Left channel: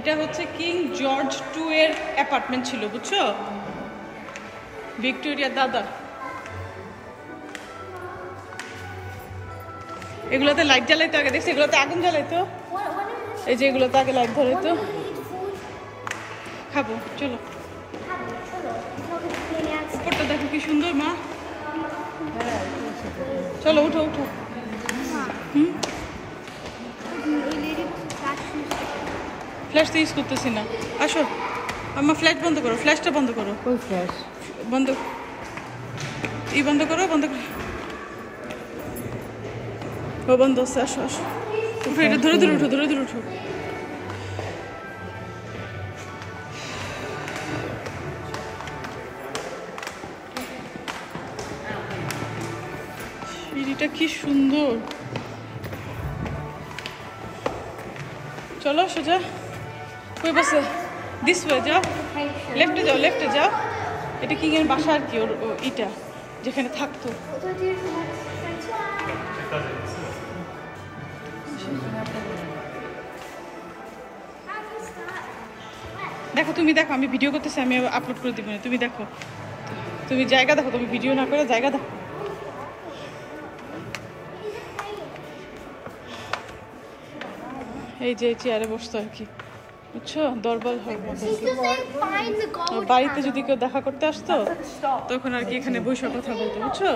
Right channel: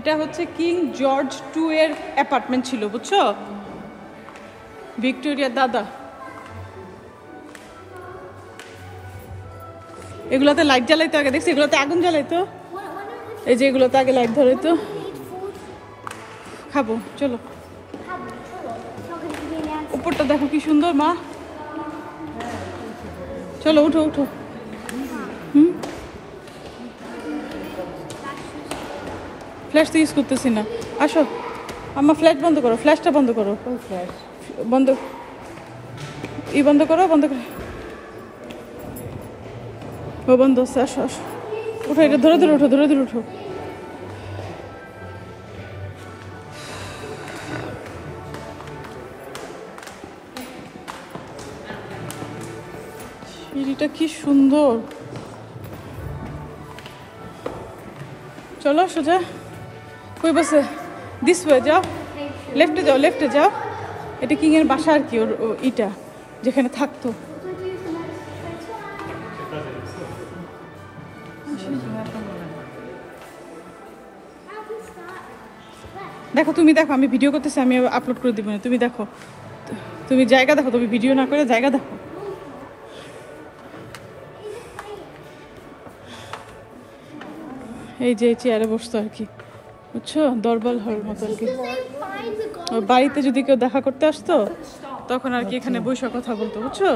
এটা হচ্ছে king George 2 এর অ্যাপার্টমেন্ট ছিল, বুঝছো? ভিক্টোরিয়ার দাদা। এগুলাতে লাইট জ্বালাইতো আগে, দেখছি এগুলোতে আগুন জ্বালাইতো। এই যে এগুলোতে আগে লাইট ধরাইতো। খাবো, চলো। উপরটা দেখো কি সুন্দর মা। চলো উঠো উঠো। ফ্ল্যাশ তো ইউজ করতেছি না, আসো। আমার ফ্ল্যাশ বন্ধ করো, ফ্ল্যাশটা বন্ধ করো। বন্ধ, বন্ধ করো, বন্ধ করো। ও বন্ধ আছে, আসো আসো। উঠো, এটা ধরে ধরে উঠো, ধরে ধরে উঠো। সিঁড়িটা কি সুন্দর। চলো সোজা। কই বসে? দিস ওয়ে যাও, লেফটে যাও, লেফটে যাও। এটা কিং এর বাসা আর কি, ইটা যেখানে থাকতো। দেখো, তুমি দেখো, আমি ভিডিও করতেছি, আমি আপলোড করে দিব না। তুমি দেখো, তুমি জায়গা দেখো, তুমি ভিডিও না করে জায়গা দেখো। এই যে চেয়ারে বসতো আর কি, বুঝছো? দরবার হয় বাড়িতে যদি কেউ দেখা করতে আসতো তখন আর কি এখানে বসে কথা বলতো, বুঝছো?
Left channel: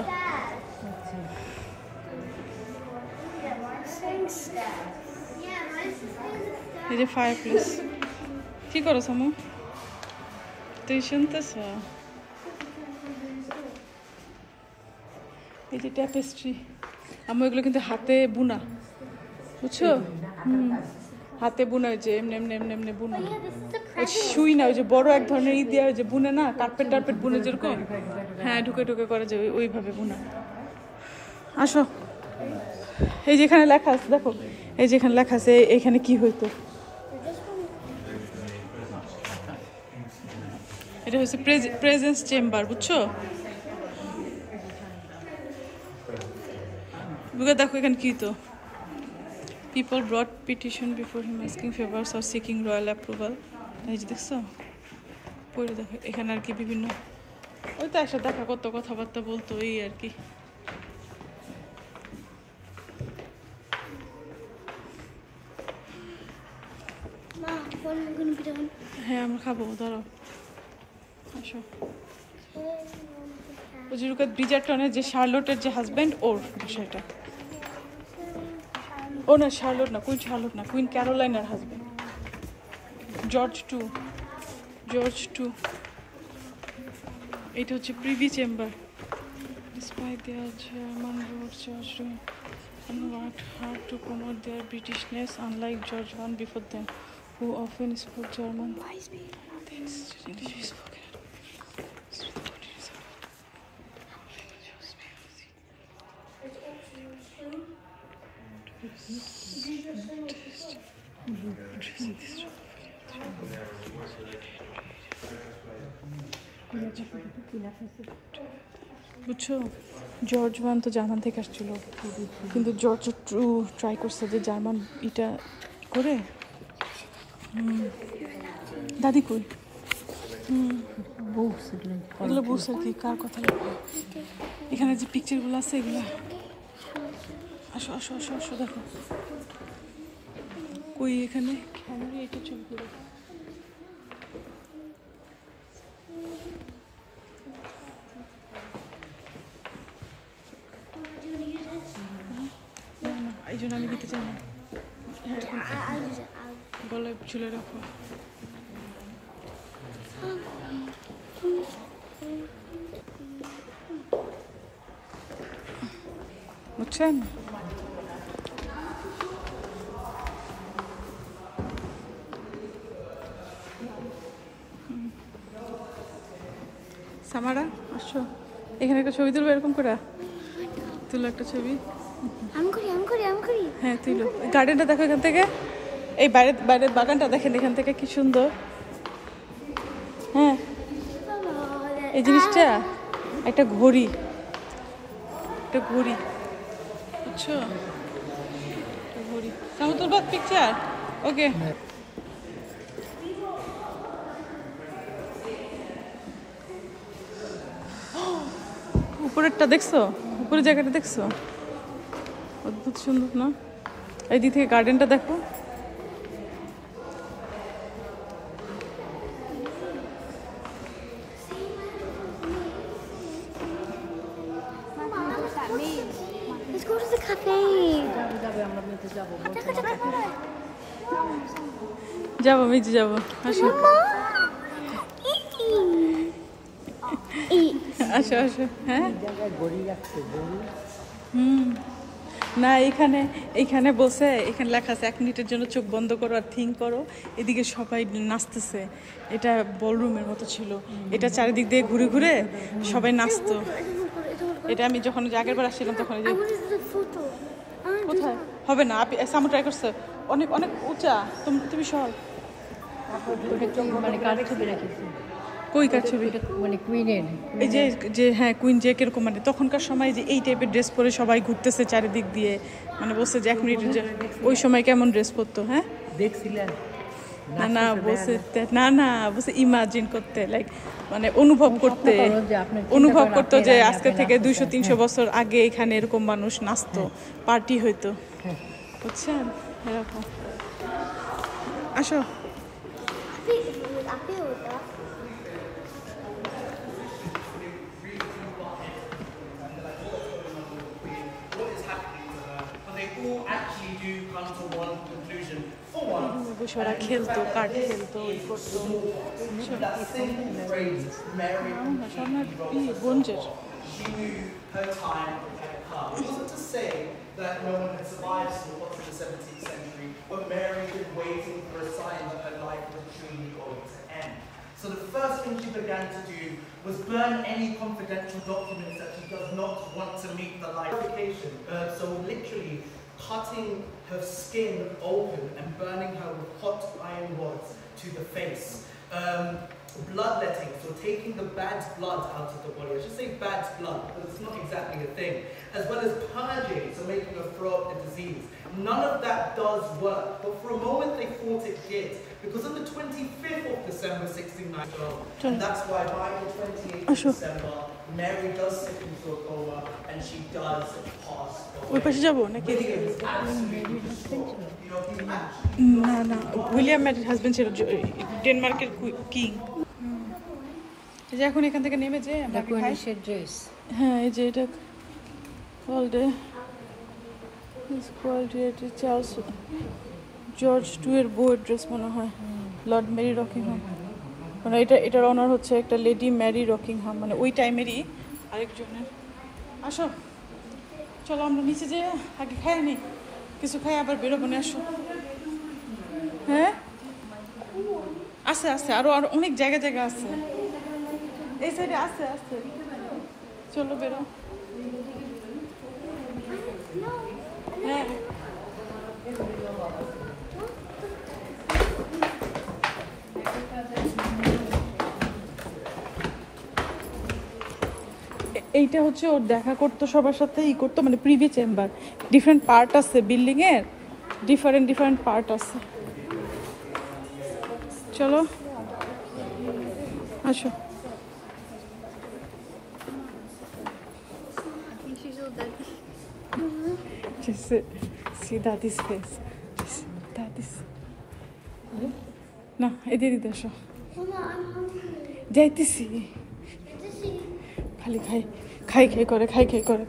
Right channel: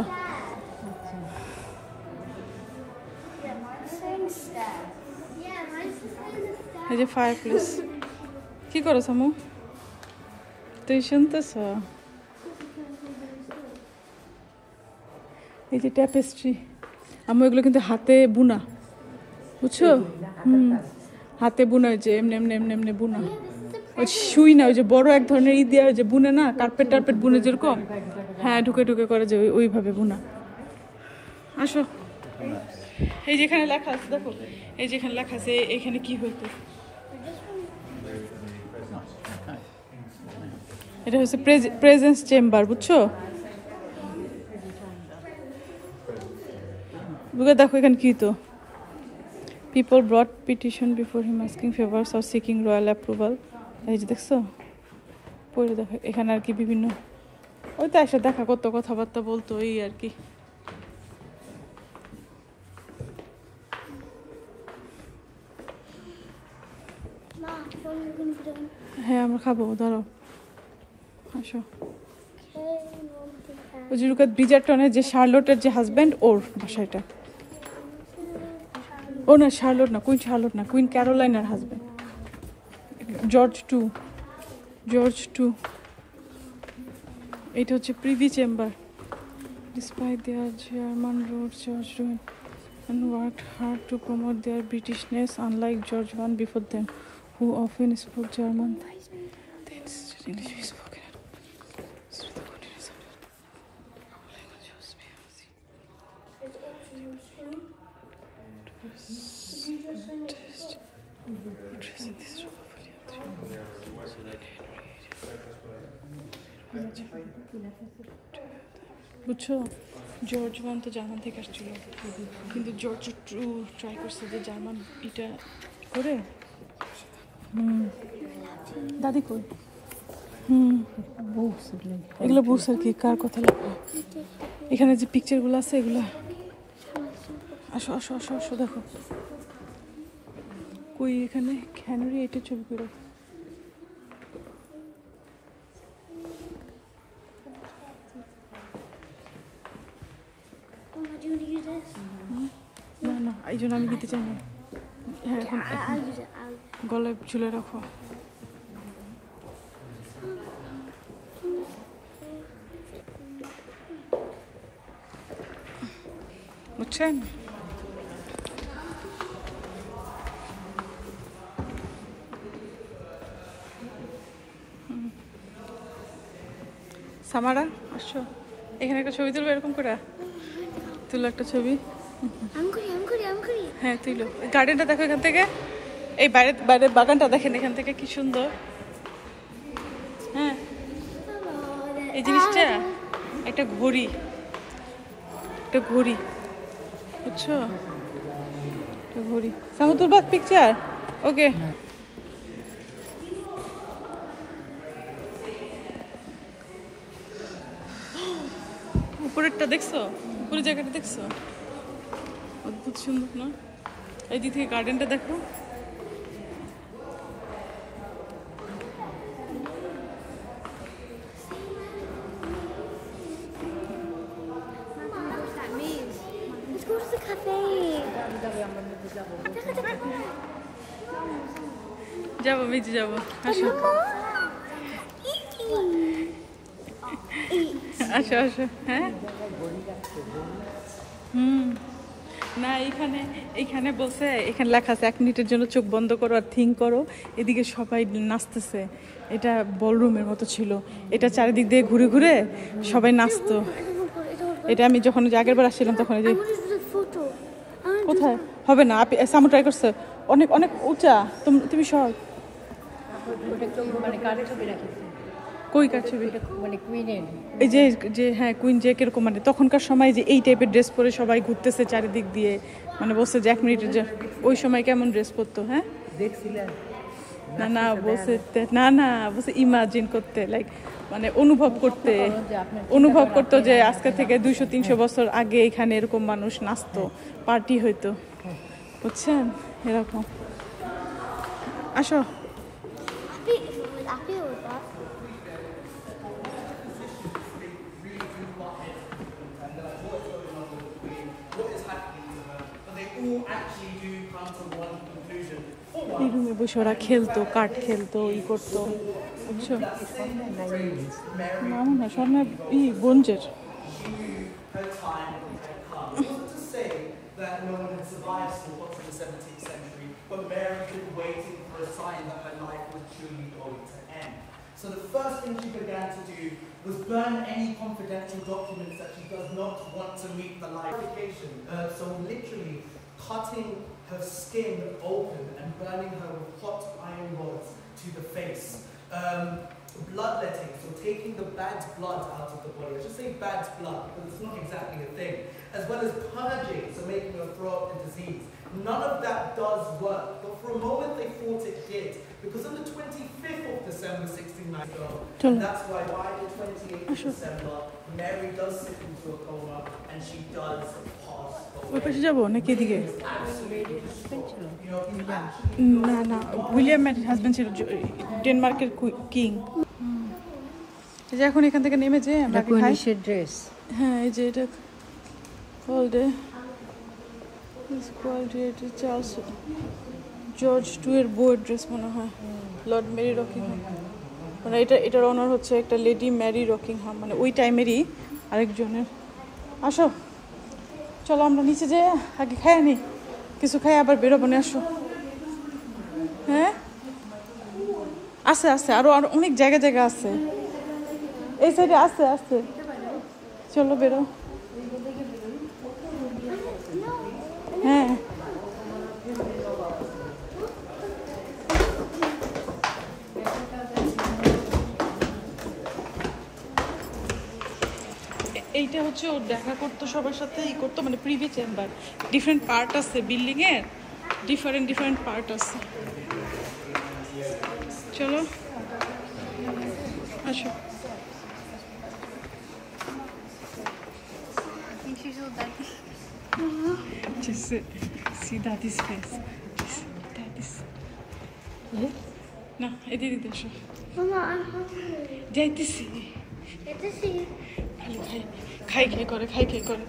এই যে ফায়ার প্লেস। কি করো সামু? তুই শুনতেছ? এই যে ট্যাপেস্ট্রি, আমি এগুলো কিন্তু হাতে বুনা, বুঝছো? হাতে বুনা, যে এমনি এমনি এমনি এমনি বুনা, শুই না। ওই যে বড় এক ধরনের ই দেওয়া, যে বুনে না, কার্পেট টার্পেট বুনে যেরকম, হ্যাঁ ঢুকে ঢুকে করে, যে ওইভাবে বুনা। আসো। এই যেখানে লেখা আছে দেখো, এই যেখানে লেখা আছে এখানে কি হইতো। এটা হচ্ছে প্রেজেন্স চেম্বার, বুঝছো? দেখো এখানে কি তো, people ব্রট petition before him asking favours or seeking royal approval. এই যে দেখছো, পড়ে দেখো এখানে আর কি বিভিন্ন, ওই তো আসে দেখা কত কথাবার্তা বলতো, এই আর কি। হ্যাঁ আমরা খাবো, ধরো আসো। ওই যে ব্রিজারটনের যে শার্লটের যে হাজব্যান্ড, ওর বাসাটা। ও না, শার্লট না, কুইন শার্লট না, কুইন ক্যারোলাইনের হাজব্যান্ড, জর্জ 2। জর্জ 2। এটা হচ্ছে privy chamber. Despite their German roots, George worked hard to promote their Britishness, unlike George I before them, who often spoke German. বুঝছো, জর্জ 1 তো German থেকে আসছিল, কিন্তু George 2 try করছে যে জার্মান এটা করে। দাদি কই? এগুলো বুঝছে আর কি, কার কথা লেখা। এখানে যে পিকচারগুলো আছে এগুলো, আসো আসো আসো আসো, দেখো কই এখানে হেনরি এটা ছবি করে। না এই জন্য আমি দিতে চাই না। হ্যাঁ এখন এখন গলায় ঝুলে রাখো। বুঝছেন? সামারা আসো, এখানে একটা ছবি তুলবো, এরকম করে তুলো একটা ছবি। হ্যাঁ তুইলো। গার্ডেনটা দেখো এখান থেকে, এই বাইরের বাগানটা দেখেন এখান থেকে কি সুন্দর। হ্যাঁ এই জিনিসটা একটা ঘড়ি, একটা ঘড়ি, বুঝছো? ঘড়ি। সামনে তুলবো পিকচার, ওকে। উপরেরটা দেখছো? উপরের জায়গাটা দেখছো? অদ্ভুত সুন্দর না? এই দিক থেকে গার্ডেনটা দেখো। Let's go to the cafe. যাবো, বেঁচে যাবো, আসো আসো আসো। হ্যাঁ না, এইখানে বলছে, এখানে লেখা আছে 1 মিনিটের জন্য চোখ বন্ধ করো আর থিঙ্ক করো। এদিকে সবাই নাচতেছে, এটা বলরুমের মতো ছিল, এটা চারিদিক দিয়ে ঘুরে ঘুরে সবাই নাচতো। এটা আমি যখন আগের বার আসছিলাম তখন। কোথায় হবে না? সামু ট্রাই করছে, অনেক অনেক উঁচা। তুমি সব কই কার ছবি? এই যে হ্যাঁ, কুইন যে কিরকম, মানে তখনকার সময় যে এই টাইপের ড্রেস পরে সবাই ঘুরতেছে চারিদিক দিয়ে, মানে বলছে যে 1 মিনিটের যে ওই সময় কেমন ড্রেস পরতো। হ্যাঁ না বলছে, না বলছে ইমাজিন করতে, লাইক মানে অনুভব করতো যে আজকে থেকে 200-300 বছর আগে এখানে এরকম মানুষ নাচতো, পার্টি হইতো, বুঝছেন? এরকম। আসো। এই রুমে বসে ওরা খেলতো, কার্ড খেলতো, ই করতো, বুঝছো? না সামনে বঞ্জের। That no one had survived still up to the 17th century, but Mary was waiting for a sign that her life was truly going to end. So the first thing she began to do was burn any confidential documents that she does not want to meet the life. So literally cutting her skin open and burning her with hot iron rods to the face. Bloodletting, so taking the bad blood out of the body. I should say bad blood, but it's not exactly a thing. As well as purging, so making her throw up the disease. None of that does work, but for a moment they thought it did. Because on the 25th of December 1692, and that's why by the 28th of December, Mary does slip into a coma and she does pass away. ওই পাশে যাবো নাকি এদিকে? না William ম্যারির husband ছিল ডেনমার্কের king. এই যে এখন এখান থেকে নেমে যে আমরা খাই ড্রেস। হ্যাঁ এই যে এটা চার্লস জর্জ টু এর বউয়ের ড্রেস মনে হয়, লর্ড মেরি রকিংহাম, মানে এটার অনার হচ্ছে একটা লেডি ম্যারি রকিংহাম, মানে ওই টাইমেরই আরেকজনের। আসো চলো আমরা নিচে যে আগে খাই নি, কিছু খাই আবার বেরোবো না। আসো। হ্যাঁ আছে আরো অনেক জায়গা আছে, এই সাইডে আছে। চলো বেরো। হ্যাঁ এইটা হচ্ছে ওর দেখা করতো সবার সাথে, ই করতো, মানে প্রিভি চেম্বার, ডিফারেন্ট পার্ট আছে বিল্ডিং এর, ডিফারেন্ট পার্ট আছে। চলো আসো। Just see Daddy's face. Daddy's. না এদিকে আসো। যাইতেছি। খালি খাই করে।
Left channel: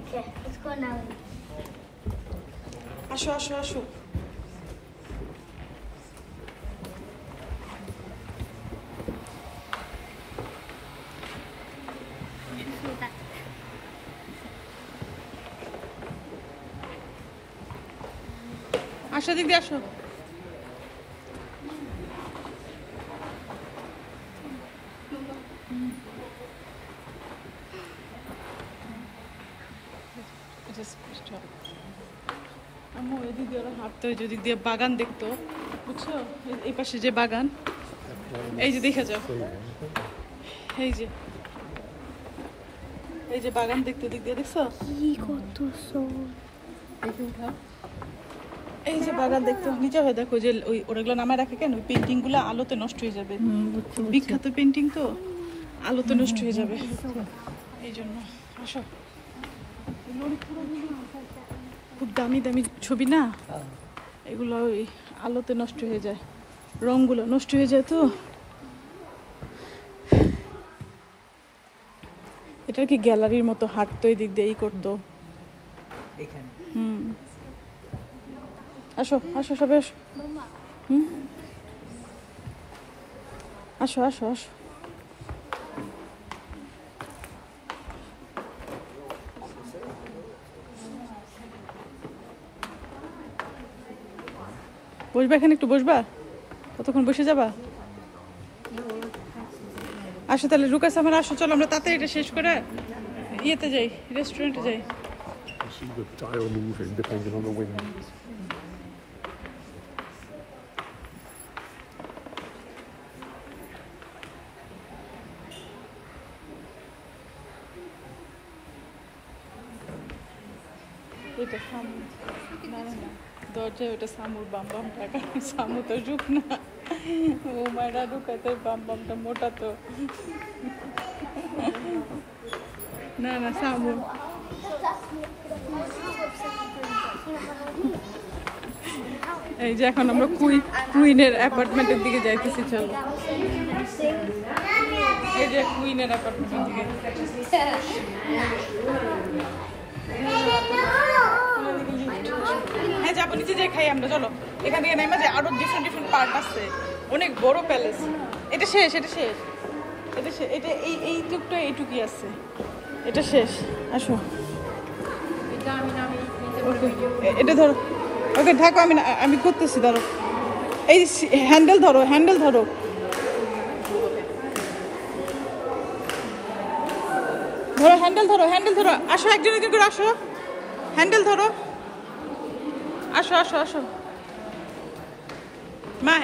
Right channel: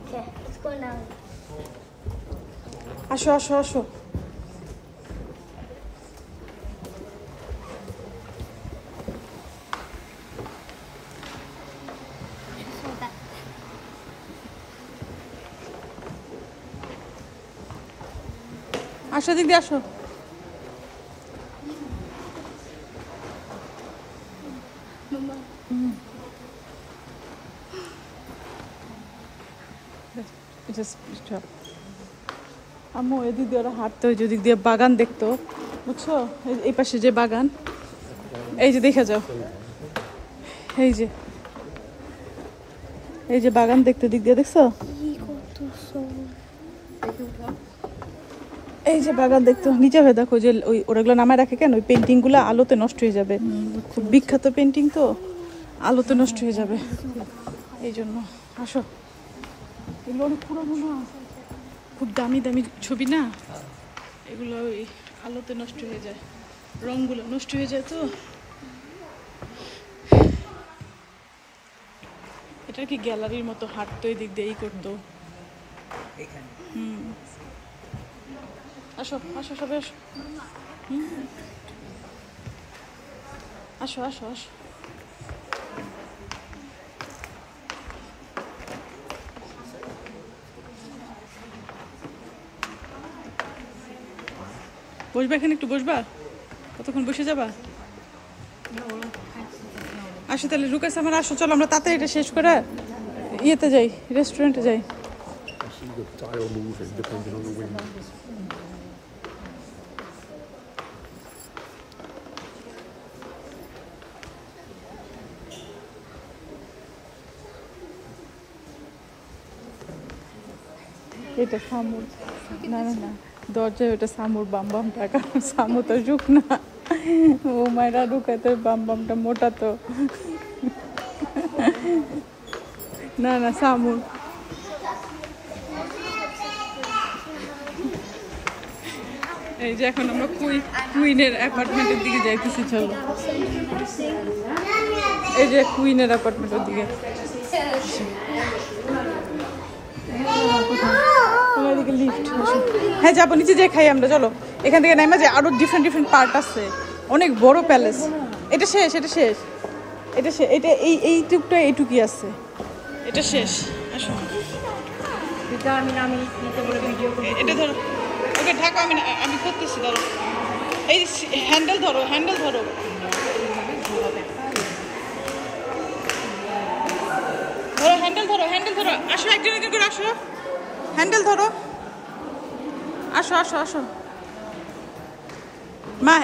Okay, let's go now. আসো। আসো দিদি আসো। আম্মু এদিক দিয়ে ওরা হাঁটতো, যদি দিয়ে বাগান দেখতো, বুঝছো? এই পাশে যে বাগান, এই যে দেখে যাও, এই যে বাগান দেখতে দিক দিয়ে দেখছো, এই যে বাগান দেখতো। নিচে হয়ে দেখো যে ওইগুলো নামায় রাখে কেন, ওই পেন্টিং গুলো আলোতে নষ্ট হয়ে যাবে, বিখ্যাত পেন্টিং তো, আলোতে নষ্ট হয়ে যাবে, এই জন্য। আসো, এগুলো অনেক পুরোনো, খুব দামি দামি ছবি না, এগুলো ওই আলোতে নষ্ট হয়ে যায়, রঙগুলো নষ্ট হয়ে যায়। তো এটা কি গ্যালারির মতো হাঁটতো, এদিক দিয়েই করতো। আসো আসো সবাই আসো। আসো আসো আসো। বসবা এখানে, একটু বসবা, কতক্ষণ বসে যাবা? আসো তাহলে লুকাস আমার, আসো চলো আমরা তাড়াতাড়ি এটা শেষ করে ইয়েতে যাই, রেস্টুরেন্টে যাই। এটা সামুর, না না না, দরজায় ওটা সামুর বাম বামটা, কারণ সামু তো ঝুঁক না, ও মায়েরা ঢুকাতে বাম বামটা মোটা তো, না না সামুর। এই যে এখন আমরা কুইনের অ্যাপার্টমেন্টের দিকে যাইতেছি, চলো। এই যে কুইনের অ্যাপার্টমেন্টের দিকে। হ্যাঁ যাবো, নিচে যাই খাই আমরা, চলো। এখান থেকে নামা যায়, আরো ডিফারেন্ট ডিফারেন্ট পার্ট আছে, অনেক বড় প্যালেস। এটা শেষ, এটা শেষ, এটা শেষ, এটা এইটুকটা এইটুকুই আছে, এটা শেষ। আসো, এটা ধরো, ওকে ঢাকো, আমি করতেছি, ধরো এই হ্যান্ডেল ধরো, হ্যান্ডেল ধরো। ধরো হ্যান্ডেল ধরো, হ্যান্ডেল ধরো। আসো একজন একজন করে আসো, হ্যান্ডেল ধরো। আসো আসো আসো মা,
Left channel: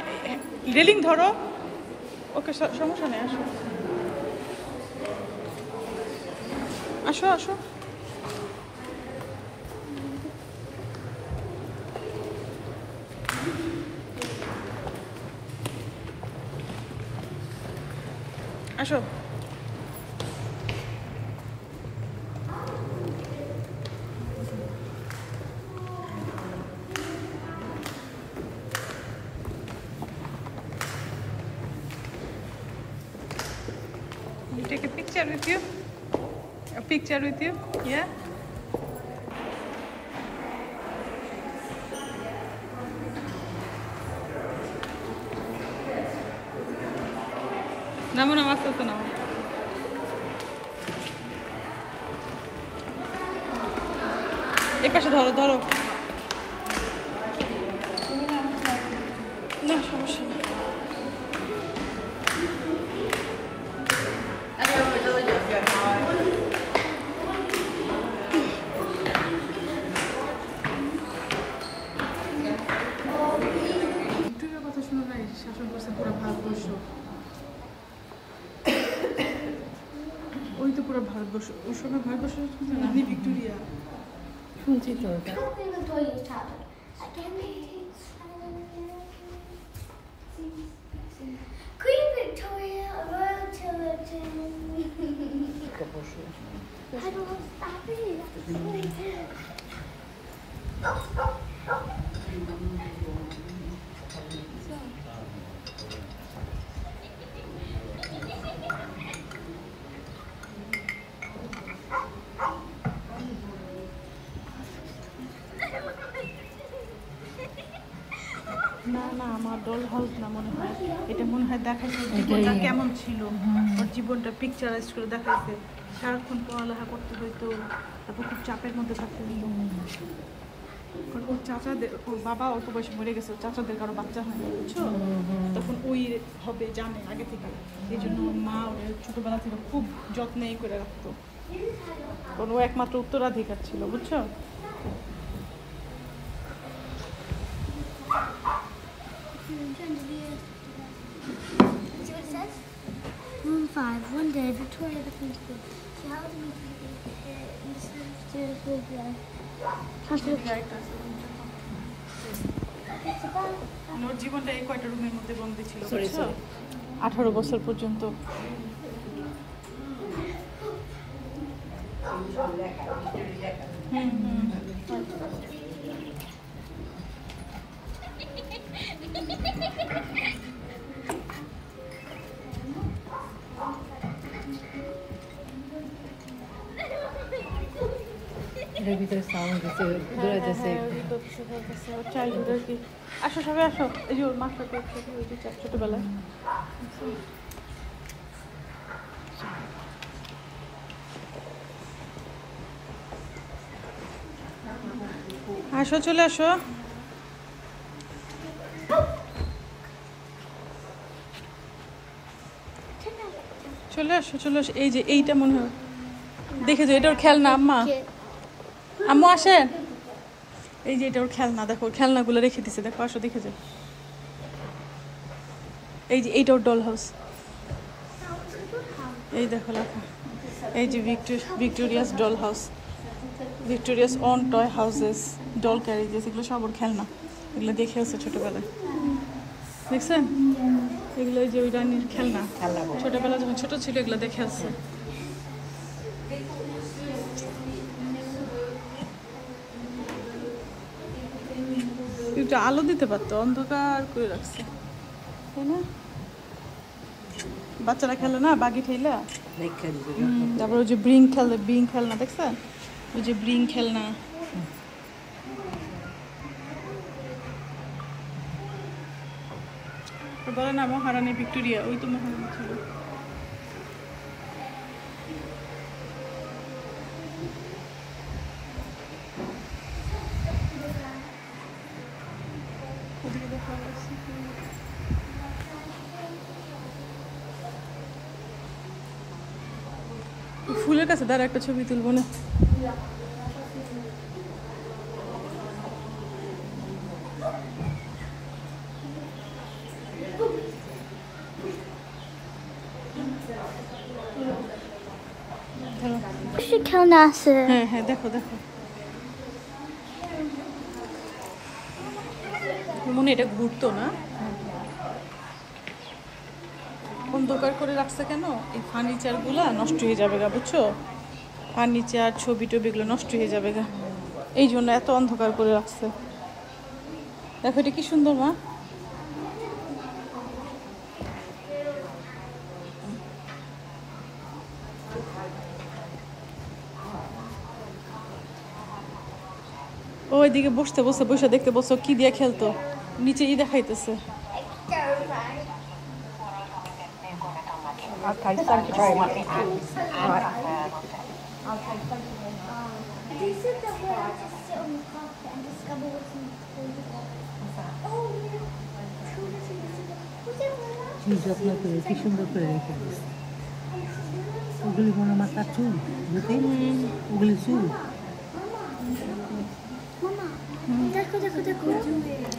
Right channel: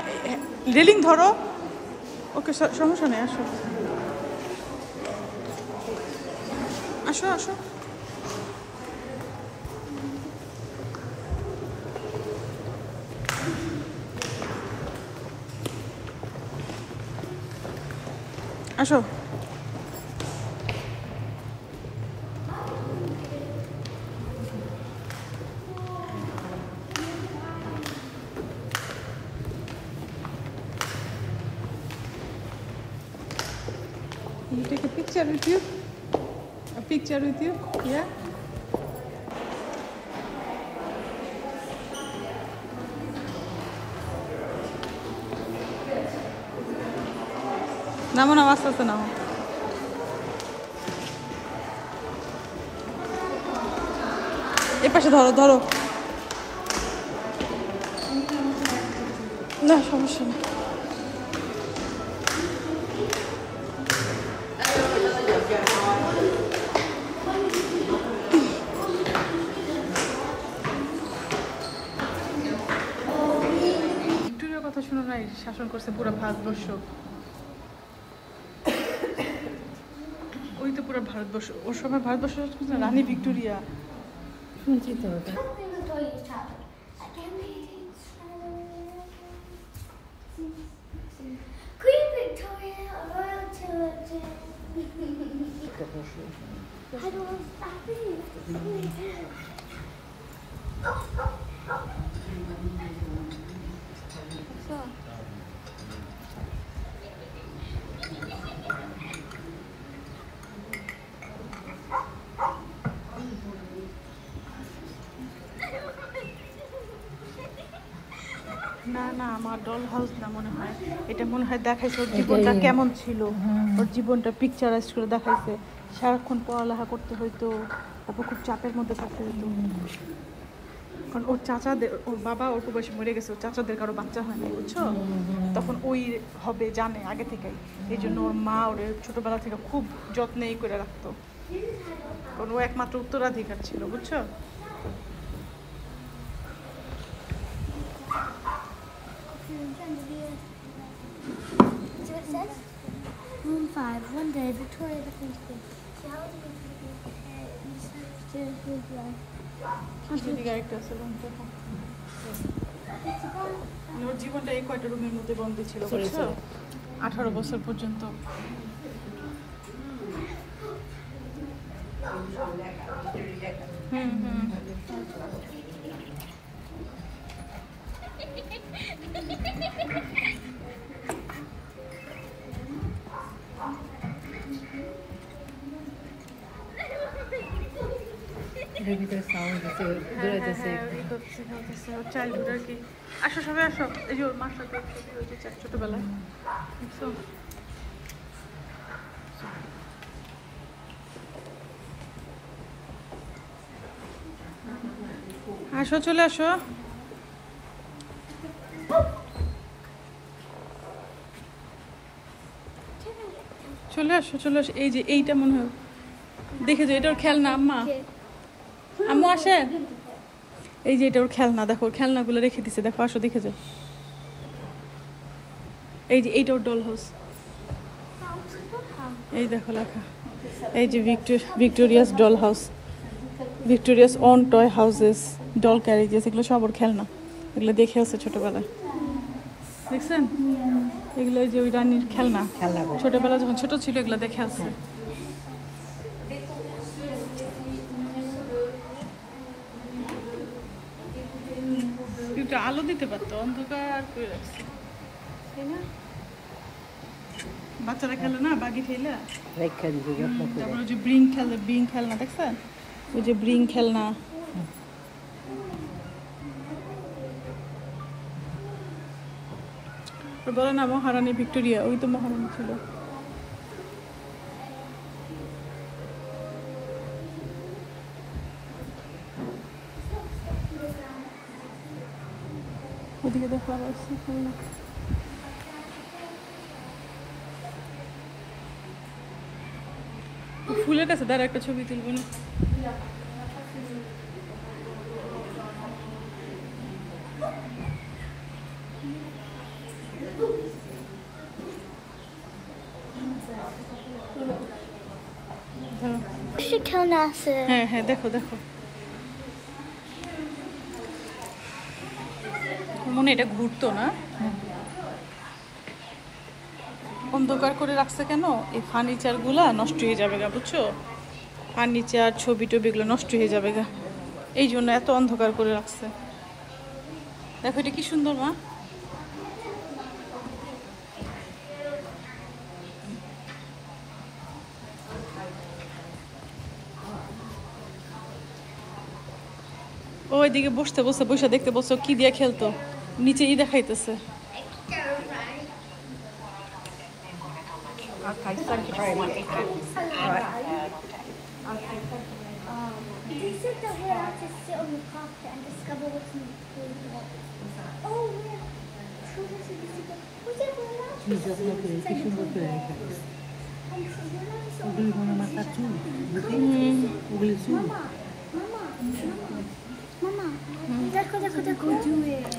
রেলিং ধরো। ওকে সমস্যা নেই, আসো আসো আসো। আসো, you take a picture with you? A picture with you? Yeah? নামো নামো, আস্তে আস্তে নামো। এ পাশে ধরো ধরো, না সমস্যা না। ভিক্টোরিয়ার কথা শোনো নাই, শাসন করছে পুরো ভারতবর্ষ, ওই তো পুরো ভারতবর্ষ, ওর সময় ভারতবর্ষ রানী ভিক্টোরিয়া, শুনছি তো। Queen Victoria, Royal Chilton. I don't stop it. না না, আমার ডল হাউস না মনে হয়, এটা মনে হয় দেখাইছে ওর জীবনটা কেমন ছিল, ওর জীবনটা পিকচারাইজ করে দেখাইছে। সারাক্ষণ পড়ালেখা করতে হইতো, তারপর খুব চাপের মধ্যে থাকতে হইতো, কারণ ওর চাচাদের, ওর বাবা অল্প বয়সে মরে গেছে, ওর চাচাদের কারো বাচ্চা হয়নি, বুঝছো? তখন ওই হবে জানে আগে থেকে, এই জন্য ওর মা ওর ছোটবেলা থেকে খুব যত্নেই করে রাখতো, কারণ ও একমাত্র উত্তরাধিকার ছিল, বুঝছো? See what it says? Room 5. One day, Victoria the Queen. She held me to the head and decided to live life. ওর জীবনটা এই কয়টা রুমের মধ্যে বন্দী ছিল, বুঝছো? 18 বছর পর্যন্ত। আসো সবাই আসো, এই যে ওর মাছটা ছোটবেলায় আসো, চলে আসো। চলে আসো, চলে আসো। এই যে এইটা মনে হয় দেখে যে এটা ওর খেলনা। আম্মা, আম্মু আসেন। এই যে এটা ওর খেলনা, দেখো খেলনাগুলো রেখে দিছে, দেখো আসো দেখে যাও। এই যে এইটা ওর ডল হাউস, এই দেখো লেখা, এই যে Victoria's doll house, Victoria's own toy houses, doll carriages, এগুলো সব ওর খেলনা। এগুলো দেখে আছে ছোটবেলায়, দেখছেন? এগুলো যে ওই রানীর খেলনা, ছোটবেলা যখন ছোট ছিল এগুলো দেখে আসছে। একটু আলো দিতে পারতো, অন্ধকার করে রাখছে, তাই না? বাচ্চারা খেলে না বাগি ঠেলা, তারপর ওই যে বিং খেলনা দেখছেন, ওই যে ব্রিং খেলনা। বলে না মহারানী ভিক্টোরিয়া, ওই তো মহারানী ছিল। ওদিকে দেখো ফুলের কাছে দাঁড়া, একটা ছবি তুলবো না? হ্যাঁ হ্যাঁ, দেখো দেখো, মনে এটা ঘুরতো না? অন্ধকার করে রাখছে কেন? এই ফার্নিচার গুলা নষ্ট হয়ে যাবে গা, বুঝছো? ফার্নিচার, ছবি টবি এগুলো নষ্ট হয়ে যাবে গা, এই জন্য এত অন্ধকার করে রাখছে। দেখো এটা কি সুন্দর মা। ওইদিকে বসতে বসে দেখতে বসে কি দিয়ে খেলতো, নিচে ই দেখাইতেছে। কি সুন্দর করে রেখে দিচ্ছে। ওগুলি কোনো মাথার চুল, ওগুলি চুল।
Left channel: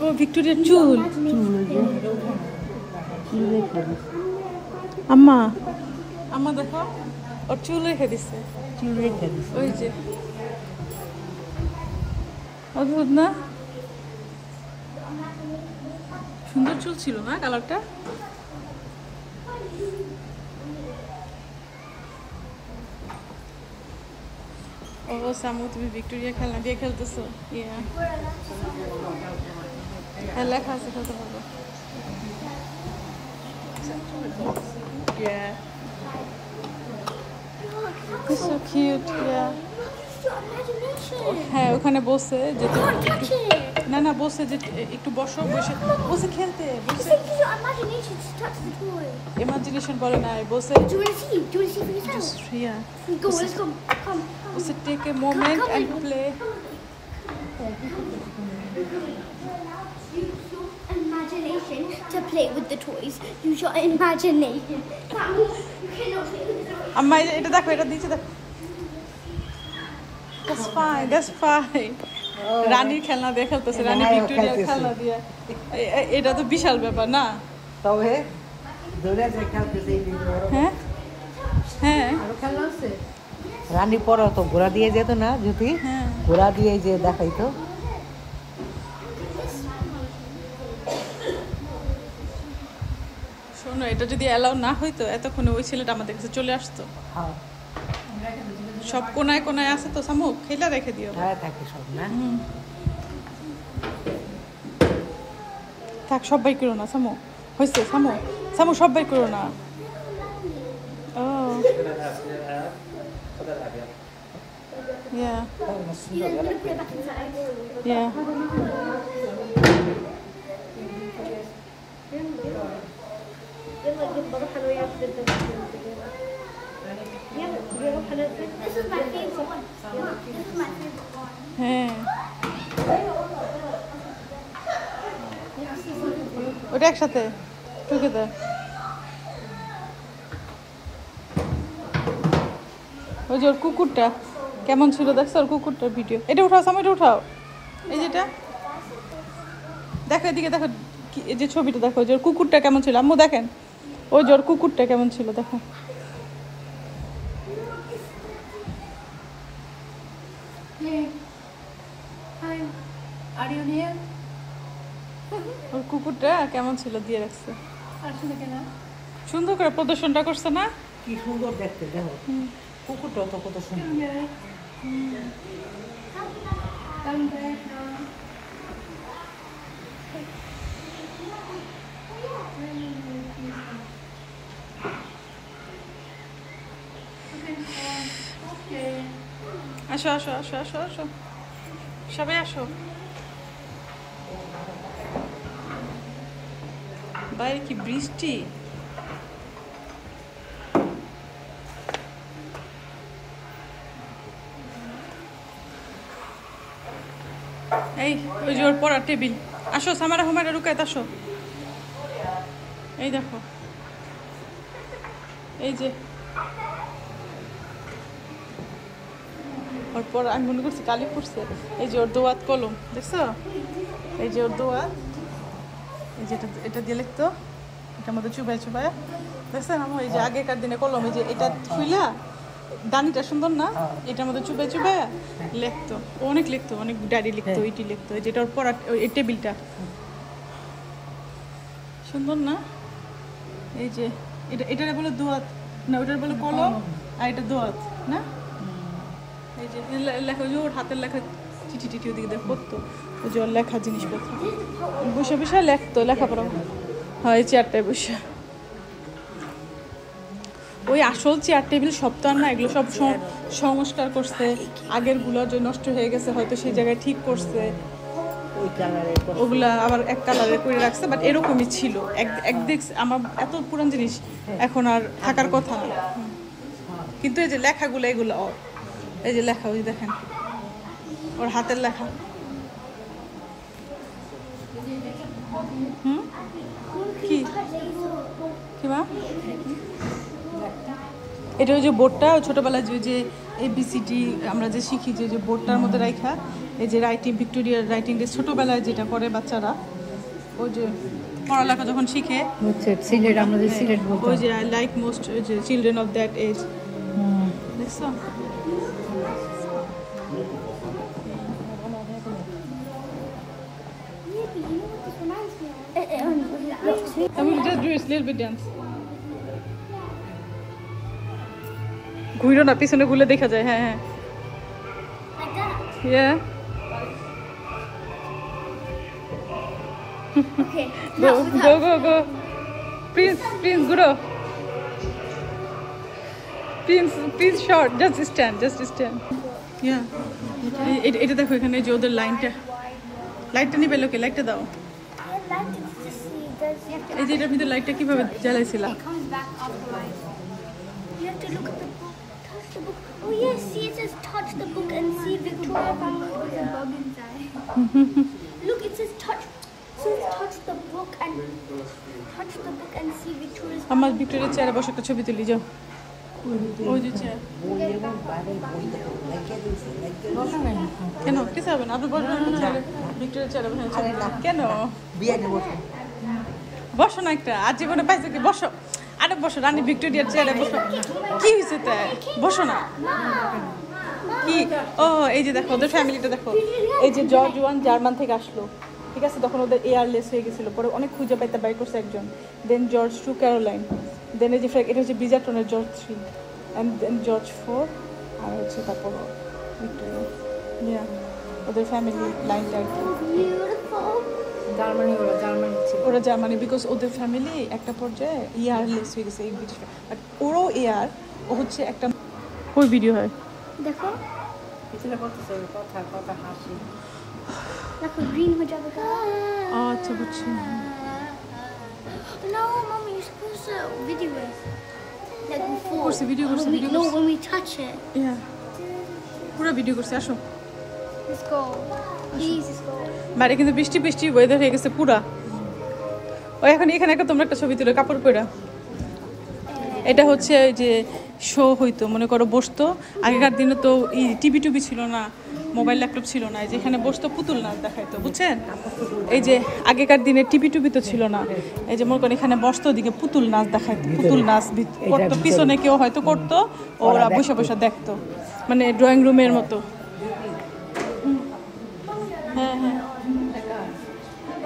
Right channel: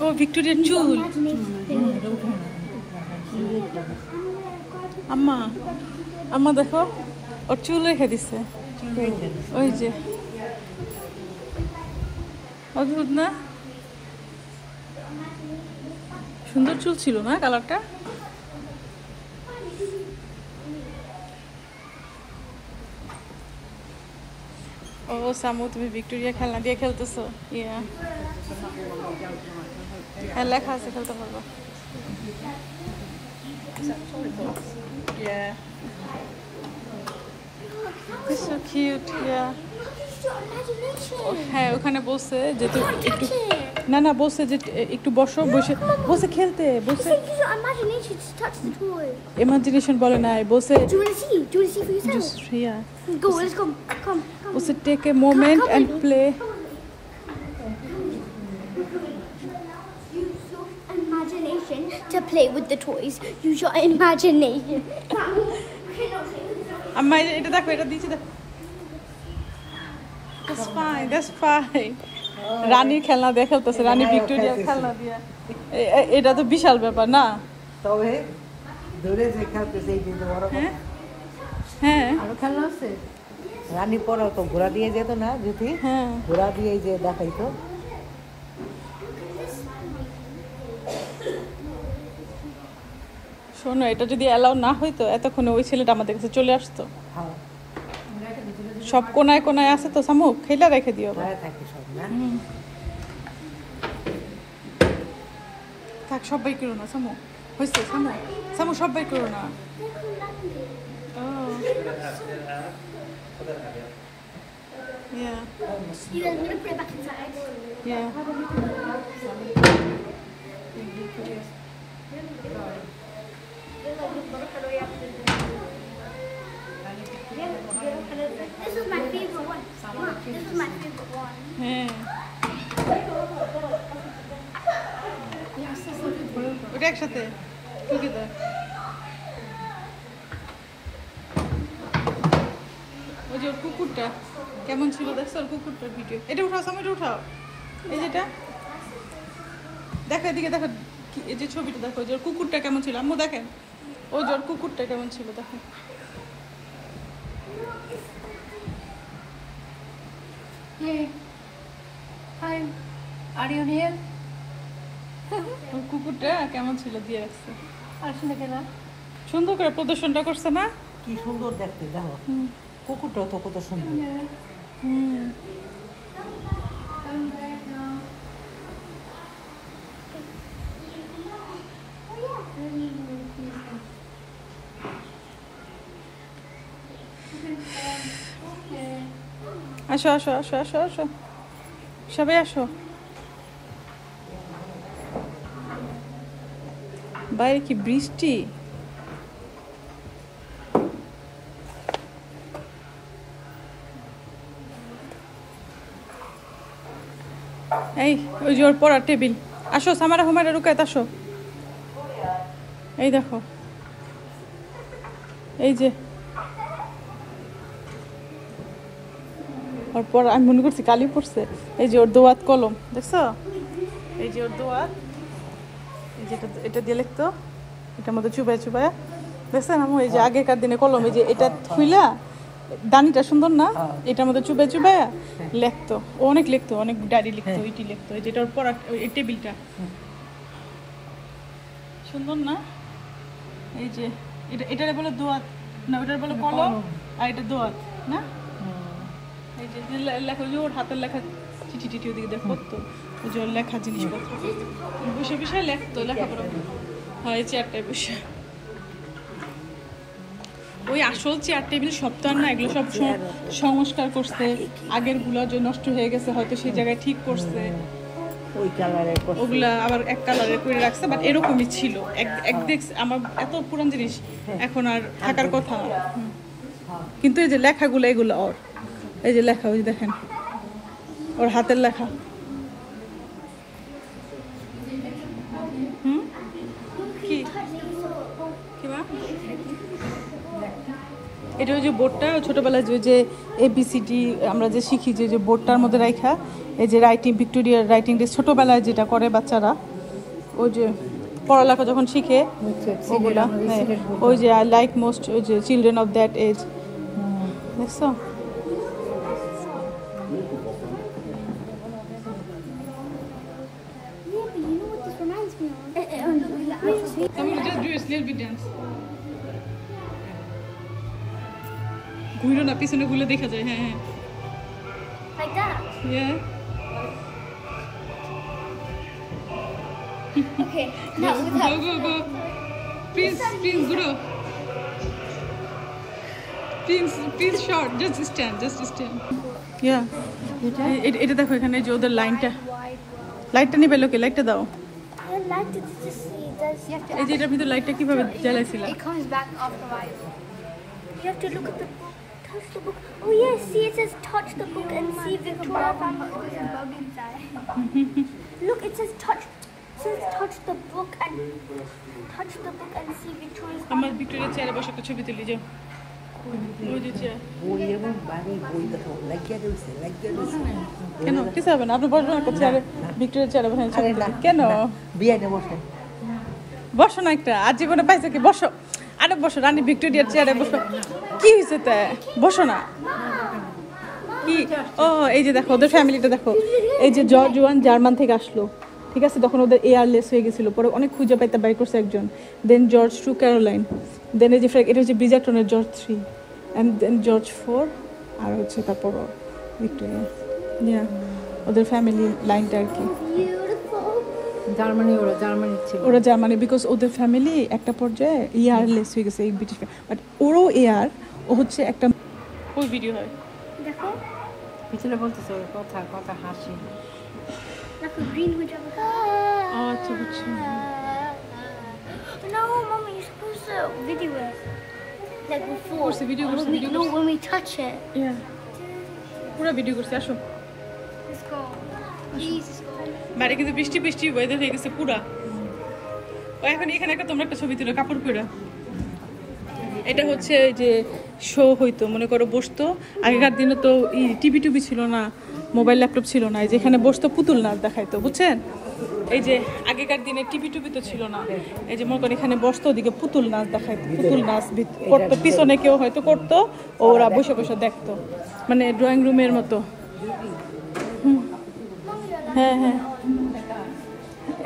ও ভিক্টোরিয়ার চুল। আম্মা আম্মা দেখো, ওর চুল রেখে দিচ্ছে, ওই যে অদ্ভুত না? সুন্দর চুল ছিল না কালারটা? ও সামু, তুমি ভিক্টোরিয়া খেলনা দিয়ে খেলতেছো? ইয়া, হ্যাঁ লেখা আছে, খেলতে পারবো। Yeah. It's so cute, yeah. হ্যাঁ ওখানে বসে যে একটু না বসে যে একটু বসো, বসে খেলতে, বসে ইমাজিনেশন বলে নাই, বসে বসে take a moment and play. To play with the toys, use your imagination. আম্মা এটা দেখো, এটা দিয়েছি দেখো। That's fine, that's fine. রানীর খেলনা দিয়ে খেলতেছে, রানী ভিক্টোরিয়ার খেলনা দিয়ে, এটা তো বিশাল ব্যাপার না? হ্যাঁ হ্যাঁ, রানী পরে তো ঘোড়া দিয়ে যেত না, যদি ঘোড়া দিয়ে যে দেখাইতো। শোনো, এটা যদি অ্যালাউ না হইতো এতক্ষণে ওই ছেলেটা আমাদের কাছে চলে আসতো। সব কোনায় কোনায় আছে তো সামু খেলা রেখে দিও থাকে সব না থাক সব বাই করো না সামু হয়েছে সামু সামু সব বাই করো না ও yeah You guys want to put it back inside? yeah This is my favorite one. Mom, this is my favorite one. হ্যাঁ ওটা একসাথে ঢুকে দাও ওই যে ওর কুকুরটা কেমন ছিল দেখছো ওর কুকুরটার ভিডিও এটা উঠাও সামনে এটা উঠাও এই যেটা দেখো এদিকে দেখো এই যে ছবিটা দেখো যে ওর কুকুরটা কেমন ছিল আম্মু দেখেন ওই যে ওর কুকুরটা কেমন ছিল দেখো Hey. Hi. Are you here? ওর কুকুরটা কেমন ছিল দিয়ে রাখছে আসলে কেনা সুন্দর করে প্রদর্শনটা করছে না কি সুন্দর দেখতে দেখো কুকুরটাও তো কত সুন্দর Come back now. Okay. আসো আসো আসো আসো আসো সবাই আসো বাইরে কি বৃষ্টি এই ওই যে ওর পড়ার টেবিল আসো সামারা হুমারা রুকায়ত আসো এই দেখো এই যে ওর পর আমি মনে করছি কালি পড়ছে এই যে ওর দোয়াত কলম দেখছো এই যে ওর দোয়াত এই যেটা এটা দিয়ে লিখতো এটার মধ্যে চুবাই চুবাই দেখছেন আমি এই যে আগেকার দিনে কলম এই যে এটা খুইলা দানিটা সুন্দর না এটার মধ্যে চুবাই চুবাই লিখতো ও অনেক লিখতো অনেক ডায়েরি লিখতো ইটি লিখতো এই যেটা ওর পড়া এই টেবিলটা সুন্দর না এই যে এটা এটারে বলে দোয়াত না ওটার বলে কলম আর এটা দোয়াত না এই যে লেখা যে ওর হাতের লেখা চিঠি টিটি ওদিকে দেখ করতো ওই যে ওর লেখা জিনিসপত্র বসে বসে লেখতো লেখাপড়া হ্যাঁ এই চেয়ারটায় বসে ওই আসল চেয়ার টেবিল সব তো আর না এগুলো সব সংস্কার করছে আগের গুলো যে নষ্ট হয়ে গেছে হয়তো সেই জায়গায় ঠিক করছে ওগুলা আবার এক কালারের করে রাখছে বাট এরকমই ছিল এক দেখছে আমার এত পুরান জিনিস এখন আর থাকার কথা না কিন্তু এই যে লেখাগুলো এগুলো এই যে লেখা ওই দেখেন ওর হাতের লেখা কি মা এটা ওই যে বোর্ডটা ছোটবেলায় যে ABCD আমরা যে শিখি যে বোর্ডটার মধ্যে রাখা এই যে রাইটিং ভিক্টোরিয়ার রাইটিং ছোটবেলায় যেটা করে বাচ্চারা ওই যে পড়ালেখা যখন শিখে ওই যে আই লাইক মোস্ট ওই যে চিলড্রেন অফ দ্যাট এজ দেখছো I will just do a little bit dance. ঘুরো না পিছনে ঘুরলে দেখা যায় হ্যাঁ হ্যাঁ Like that? yeah Okay. go prince grow prince short just stand yeah এটা দেখো এখানে যে ওদের লাইটটা নিবে লোকে লাইটটা দাও এই যে এটার ভিতরে লাইটটা কিভাবে জ্বালাইছিলা It comes back otherwise. You have to look at touch the book. Oh yes, see it says touch the book and see Victoria found a bug inside. Look, it says touch. It says touch the book and see Victoria's. আমার ভিক্টোরিয়ার চেয়ারে বসে একটা ছবি তুলি যাও ওই যে চেয়ার কেন কিছু হবে না আপনি বসবেন একটা চেয়ারে ভিক্টোরিয়ার চেয়ারে বসে কেন বসো না একটা আর জীবনে পাইছো কি বসো আরে বসো রানী ভিক্টোরিয়ার চেয়ারে বসো কি হয়েছে তা বসো না কি ও এই যে দেখো ওদের ফ্যামিলিটা দেখো এই যে জর্জ ওয়ান জার্মান থেকে আসলো ঠিক আছে তখন ওদের এয়ারলেস হয়ে গেছিল পরে অনেক খুঁজে পাইতে বাই করছে একজন দেন জর্জ 2 ক্যারোলাইন দেন এই যে এটা হচ্ছে ব্রিজারটনের জর্জ 3 and then George 4 আর হচ্ছে পাপা ভিক্টোরিয়া, ইয়া ওদের ফ্যামিলি লাইনটা আর কি। ওরা জার্মানি, বিকজ ওদের ফ্যামিলি একটা পর্যায়ে এয়ারলেস হয়ে গেছে এই ব্রিটিশ, বাট ওরও এয়ার, ও হচ্ছে একটা ওই ভিডিও হয় देखो পিছনে বলতেছে কথা কথা হাসি। देखो ग्रीन हो जाएगा। আচ্ছা বুঝছি। No, mommy, you're supposed to video it like before. করছি, video করছি, When we- video No, করছি। when we touch it. ইয়া পুরো ভিডিও করছি। আসো, Let's go. Please, let's go. বাইরে কিন্তু বৃষ্টি বৃষ্টি ওয়েদার হয়ে গেছে পুরা। ও এখন এখানে একটা তোমরা একটা ছবি তুলে কাপড় পরে, এটা হচ্ছে যে শো হইতো, মনে করো বসতো আগেকার দিনে তো টিভি টুবি ছিল না, মোবাইল ল্যাপটপ ছিল না, যেখানে বসতো পুতুল নাচ দেখাইতো, বুঝছেন? এই যে আগেকার দিনে টিভি টুবি তো ছিল না, এই যে মনে করেন এখানে বসতো, ওদিকে পুতুল নাচ দেখাইতো, পুতুল নাচ করতো, পিছনে কেউ হয়তো করতো, ওরা বসে বসে দেখতো, মানে ড্রয়িং রুমের মতো। হ্যাঁ হ্যাঁ,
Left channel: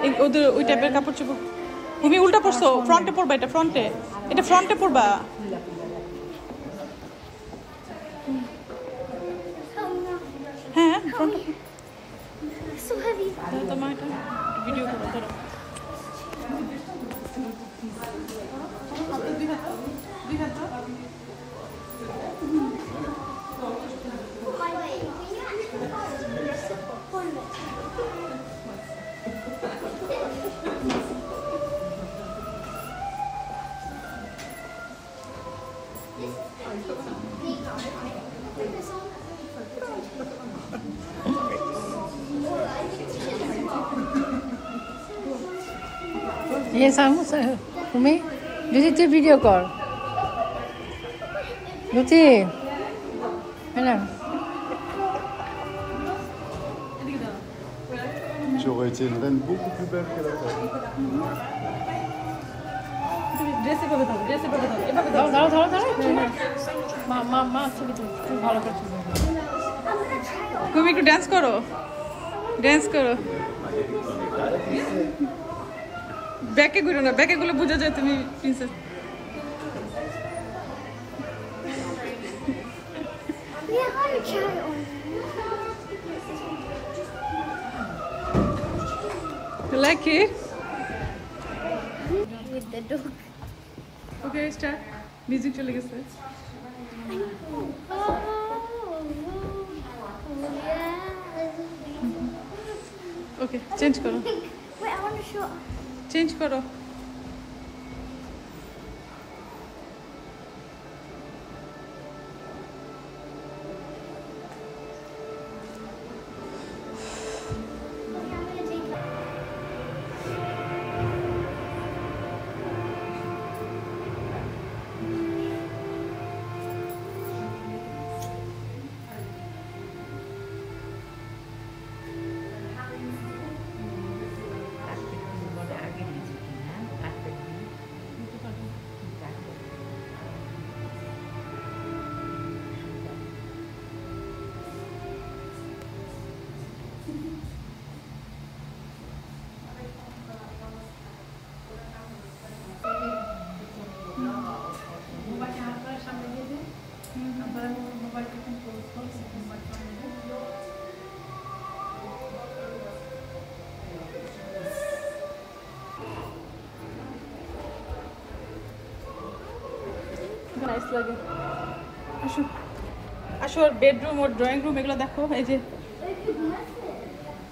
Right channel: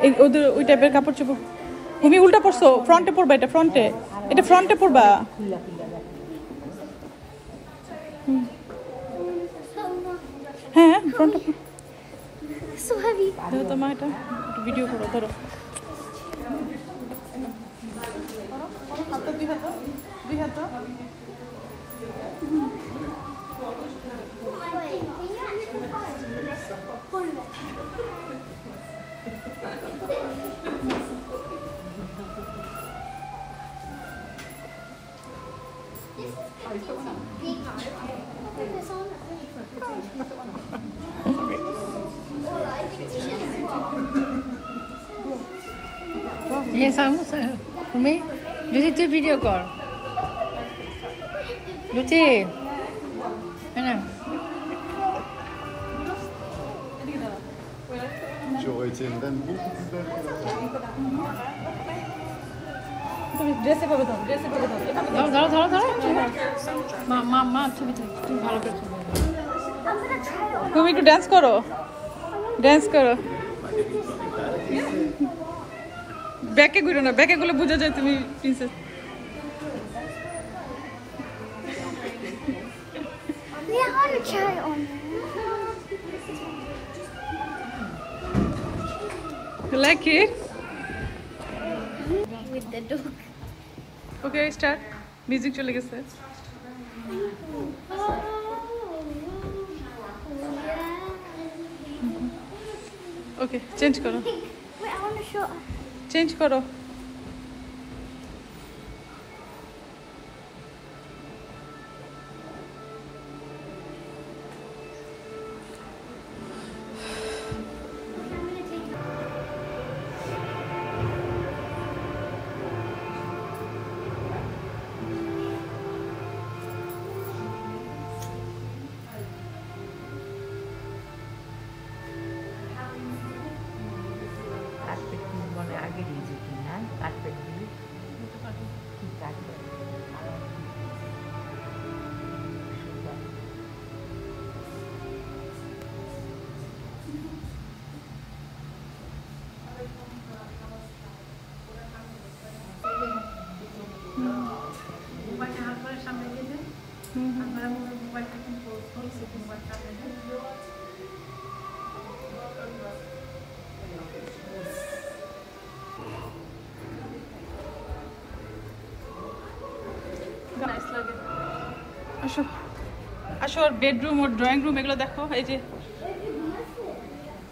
এই ওদের ওই টাইপের কাপড় চোপড়। তুমি উল্টা পড়ছো, ফ্রন্টে পড়বা, এটা ফ্রন্টে, এটা ফ্রন্টে পড়বা। হ্যাঁ ফ্রন্টে। So heavy. ধরো তোমার এটা ভিডিও করো, ধরো দুই হাত। Hold it. Yes, I'm তুমি দিদি তুই ভিডিও কর দিদি, হ্যাঁ J'aurais été vraiment beaucoup plus belle que la photo. তুমি ড্রেসে পাবে, ধরো ড্রেসে পাবে, ধরো এভাবে ধরো ধরো ধরো ধরো মা মা মা ছবি তুল, তুমি ভালো করছো। তুমি একটু ডান্স করো, ডান্স করো। ব্যাকে ঘুরো না, ব্যাকে গুলো বোঝা যায় তুমি princess. Yeah, I want to try it on. You like it? With the dog. Okay, start. Music চলে গেছে। Okay, চেঞ্জ করো, Wait, I want to show. Change করো। আসো আসো, ওর বেডরুম, ওর ড্রয়িং রুম এগুলো দেখো। এই যে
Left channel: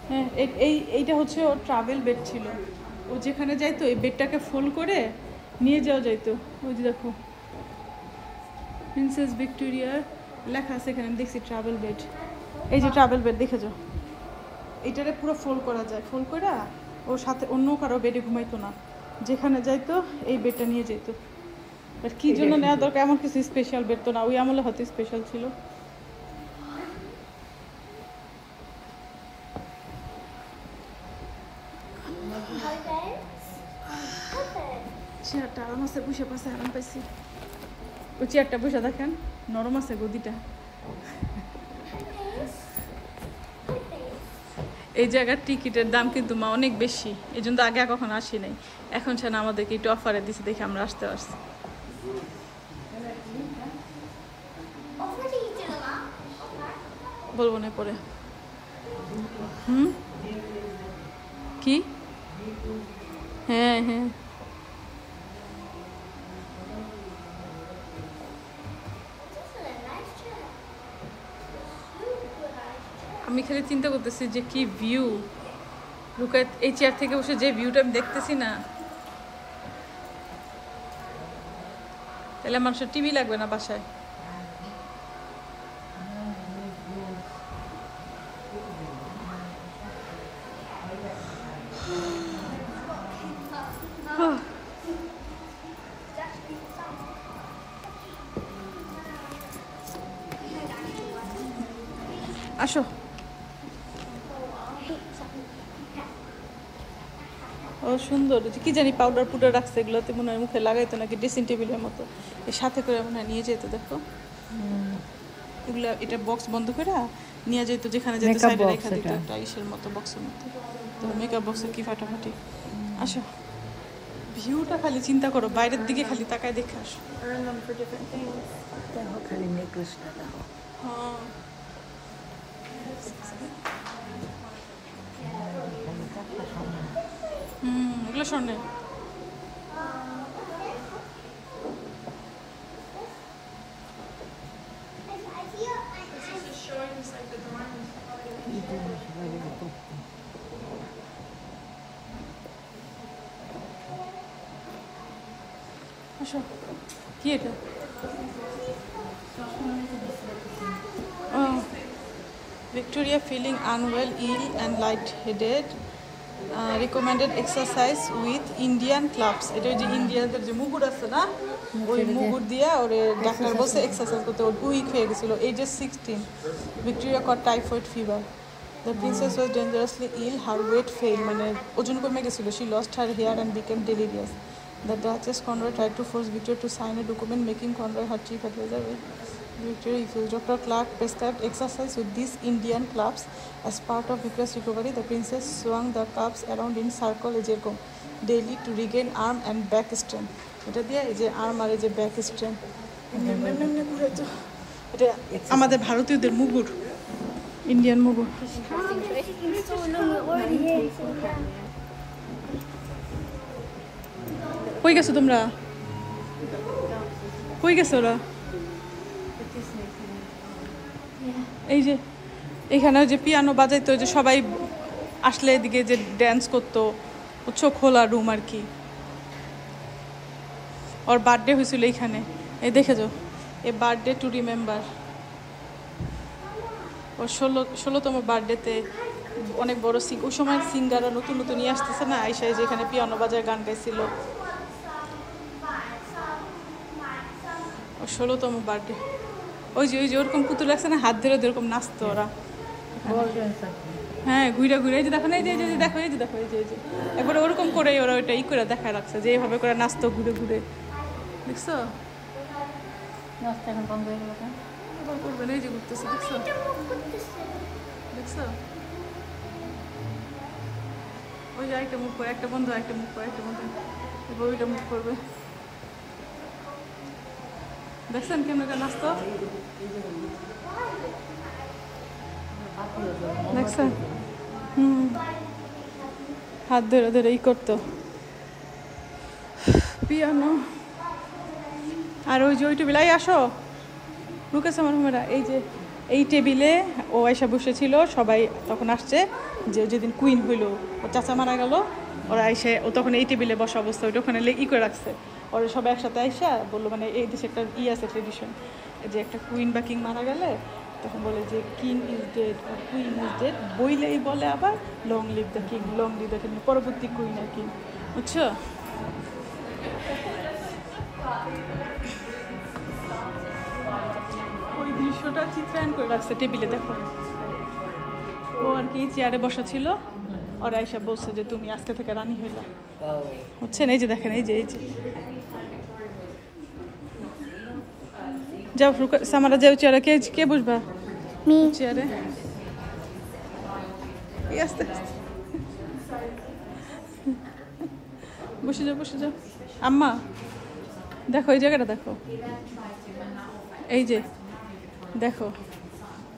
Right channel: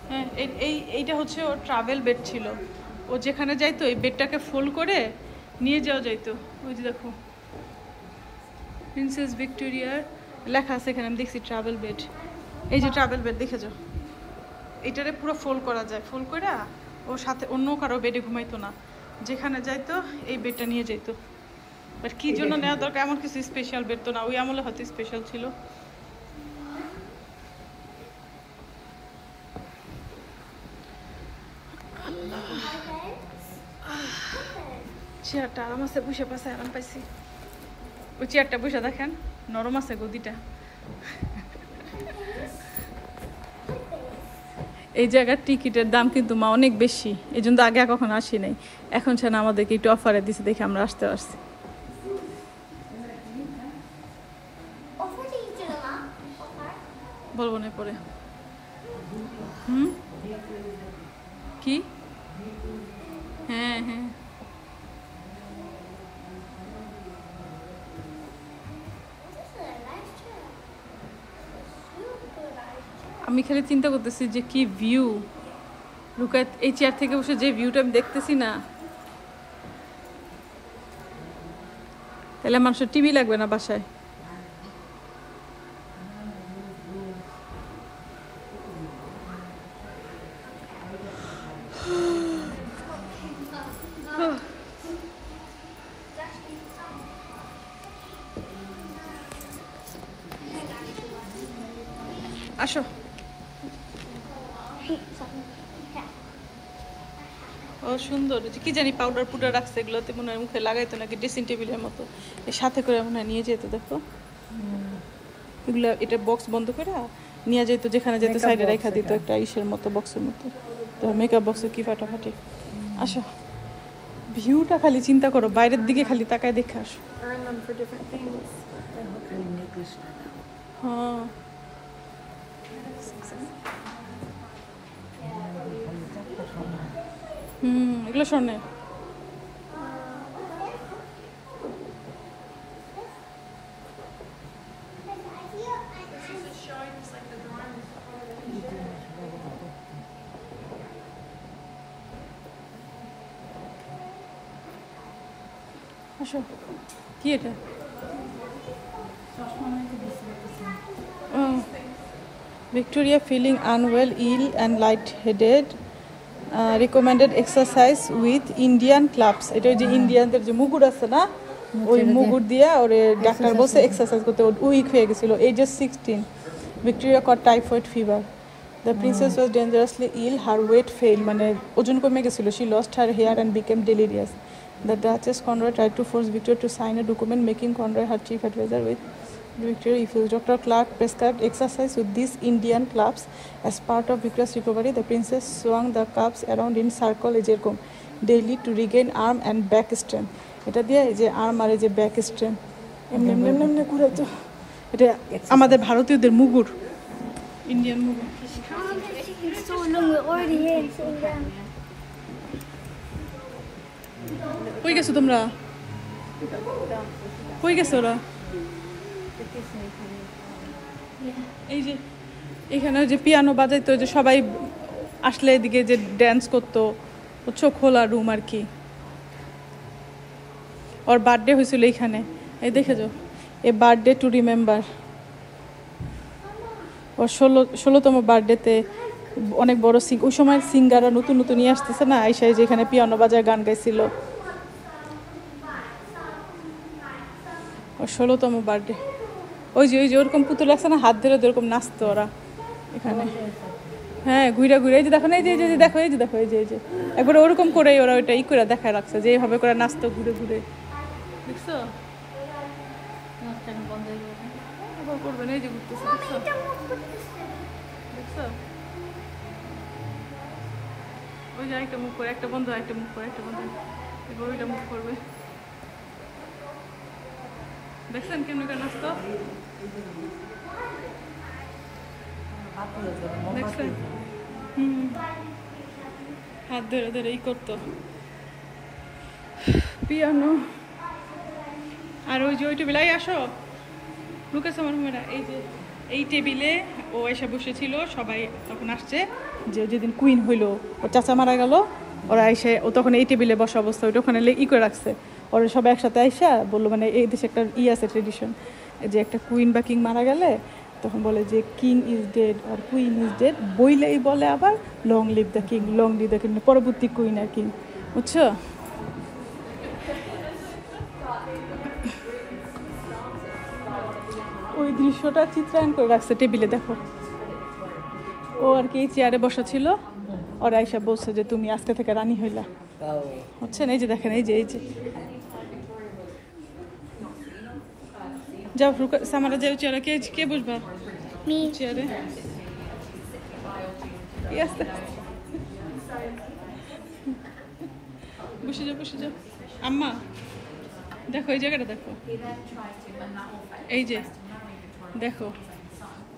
হ্যাঁ, এইটা হচ্ছে ওর ট্রাভেল বেড ছিল, ও যেখানে যাইতো এই বেডটাকে ফোল্ড করে নিয়ে যাওয়া যাইতো। ওই যে দেখো প্রিন্সেস ভিক্টোরিয়ার লেখা আছে এখানে, আমি দেখছি ট্রাভেল বেড। এই যে ট্রাভেল বেড দেখে যাও, এইটারে পুরো ফোল্ড করা যায়, ফোল্ড করে ওর সাথে অন্য কারো বেডে ঘুমাইতো না, যেখানে যাইতো এই বেডটা নিয়ে যেত। বাট কি জন্য নেওয়া দরকার, এমন কিছু স্পেশাল বেড তো না, ওই আমলে হয়তো স্পেশাল ছিল। চেয়ারটা আরাম আছে, বসে পাশে আরাম পাইছি। ওই চেয়ারটা বসে দেখেন, নরম আছে গদিটা। এই জায়গার টিকিটের দাম কিন্তু মা অনেক বেশি, এই জন্য আগে কখনো আসি নাই, এখন ছাড়া আমাদেরকে একটু অফারে দিচ্ছে দেখে আমরা আসতে পারছি। Offer to each other. বলবো না পরে। কি? হ্যাঁ হ্যাঁ আমি খালি চিন্তা করতেছি যে কি ভিউ, রুকাত এই চেয়ার থেকে বসে যে ভিউটা আমি দেখতেছি না, তাহলে মানুষের টিভি লাগবে না বাসায়। আসো। ও সুন্দর, কি জানি পাউডার পুডার রাখছে, এগুলোতে মনে হয় মুখে লাগাইতো নাকি ড্রেসিং টেবিলের মতো, এর সাথে করে মনে হয় নিয়ে যেত। দেখো এগুলো, এটা বক্স বন্ধ করে নিয়ে যেত, যেখানে যেত সাইডে রেখা দিত একটা ইসের মতো, বক্সের মতো। তো মেকআপ বক্স কি ফাটাফাটি। আসো, ভিউটা খালি চিন্তা করো, বাইরের দিকে খালি তাকায় দেখে আসো। হ্যাঁ এগুলো স্বর্ণের। আসো, কি এটা? Victoria feeling unwell, ill and light-headed. Recommended exercise with Indian clubs. এটা যে ইন্ডিয়ানদের যে মুগুর আছে না, ওই মুগুর দিয়ে ওরে ডাক্তার বলছে এক্সারসাইজ করতে। উইক হয়ে গেছিল, এজে 16। Victoria caught typhoid fever. The princess was dangerously ill. Her weight failed, মানে ওজন কমে গেছিল। She lost her hair and became delirious. The Duchess Conroy tried to force Victoria to sign a document making Conroy her chief advisor with Victoria refused. Dr. Clark prescribed exercise with these Indian clubs. As part of Victoria's recovery, the princess swung the clubs around in circle ejercom daily to regain arm and back strength. এটা দিয়ে এই যে arm আর এই যে back strength এমনি এমনি এমনি ঘুরাইতো। এটা আমাদের ভারতীয়দের মুগুর, Indian মুগুর। So long, we're already here. কই গেছো তোমরা? কই গেছো ওরা? এই যে এখানে যে পিয়ানো বাজাইতো, যে সবাই আসলে এদিকে যে ড্যান্স করতো, বুঝছো, খোলা রুম আর কি। ওর বার্থডে হয়েছিল এইখানে, এই দেখেছো, এই বার্থডে টু রিমেম্বার। ওর 16তম বার্থডেতে অনেক বড় ওই সময় সিঙ্গাররা নতুন নতুন নিয়ে আসতেছে না, আইসাই যে এখানে পিয়ানো বাজায় গান গাইছিল। ওর 16তম বার্থডে। ওই যে ওরকম পুতুল লাগছে না, হাত ধরে ওরকম নাচতো ওরা এখানে। হ্যাঁ, ঘুরা ঘুরে, এই যে দেখো না, এই যে দেখো, এই যে দেখো, এই যে একবার ওরকম করে ওরা ওইটা ই করে দেখায় রাখছে, যে এইভাবে করে নাচতো ঘুরে ঘুরে। দেখছো? আবার করবে না, এই যে ঘুরতেছে, দেখছো? দেখছো? ওই যে একটা মুখ করে, একটা বন্ধ, একটা মুখ করে, একটা বন্ধ, এবার ওইটা মুখ করবে। দেখছেন কেমন একটা নাচতো? দেখছেন? হাত ধরে ধরে ই করতো পিয়ানো। আর ওই যে ওই টেবিলে আসো, লুকেছে আমার মেয়েরা, এই যে এই টেবিলে ও এসে বসেছিল, সবাই তখন আসছে, যে যেদিন কুইন হইলো, ও চাচা মারা গেল, ওরা এসে ও তখন এই টেবিলে বসা অবস্থা, ওইটা ওখানে ই করে রাখছে। ওরা সবাই একসাথে আইসা বললো, মানে এই দেশে একটা আছে ট্রেডিশন, যে একটা কুইন বা কিং মারা গেলে তখন বলে যে কিং ইজ ডেড আর কুইন ইজ ডেড, বইলেই বলে আবার long live the king, long live the king, পরবর্তী কুইন আর কিং, বুঝছো? ওই দৃশ্যটা চিত্রায়ন করে রাখছে টেবিলে, দেখো। ও আর কি চেয়ারে বসা ছিল, ওরা আইসা বলছে যে তুমি আজকে থেকে রানী হইলা, বুঝছেন? এই যে দেখেন, এই যে যাও সামারা, যাও চেয়ারে। কে বসবা চেয়ারে? আস্তে আস্তে বসে যাও, বসে যাও। আম্মা দেখো, এই জায়গাটা দেখো, এই যে দেখো,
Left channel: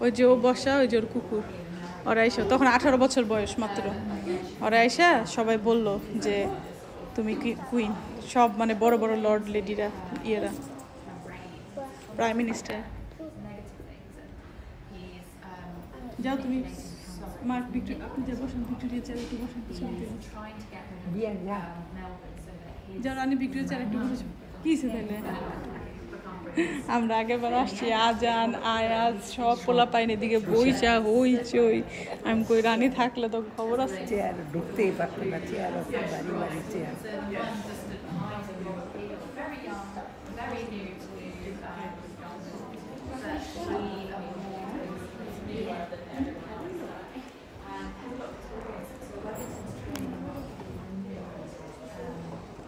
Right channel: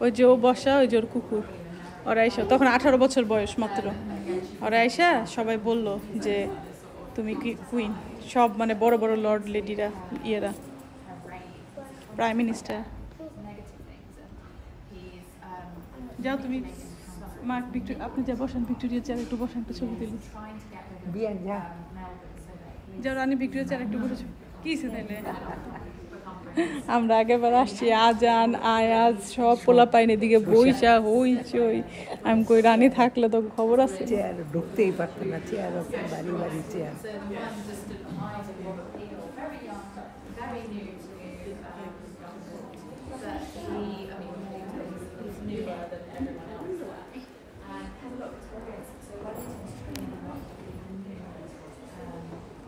ওই যে ও বসা, ওই যে ওর কুকুর। ওরা আইসা তখন 18 বছর বয়স মাত্র। ওরা আইসা সবাই বলল যে তুমি কুইন, সব মানে বড় বড় লর্ড লেডিরা, ইয়েরা, প্রাইম মিনিস্টার। যাও তুমি মা, আপনি যা বসেন, ভিক্টোরিয়া চেয়ার একটু বসেন, তো ছবি তুলি। যাও রানী ভিক্টোরিয়া চেয়ার একটু বসেছো। কি তাইলে আমরা আগেরবার আসছি, আজান আয়াজ সব পোলা পাইনি দিকে বইচা হইচই। আমি কই রানী থাকলে তো খবর আছে। চেয়ার ঢুকতেই পারতো না, চেয়ার বাড়ি বাড়ি চেয়ার।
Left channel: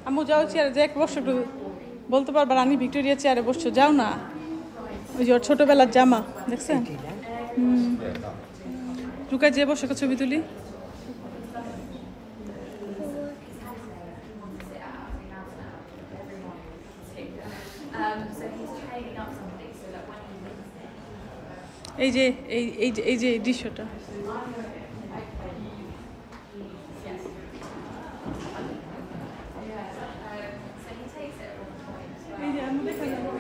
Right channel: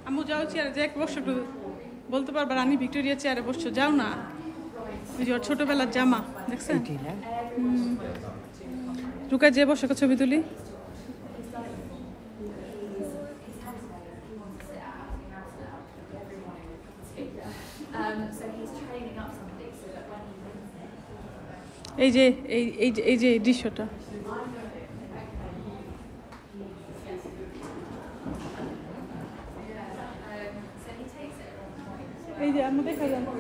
আম্মু যাও চেয়ারে, যে এক বসো, বলতে পারবা রানী ভিক্টোরিয়া চেয়ারে বসছো, যাও না। ওই যে ওর ছোটবেলার জামা দেখছেন। রুকা যে বসে ছবি তুলি। এই যে এই যে দৃশ্যটা, এই যে আমি দেখা যাবো,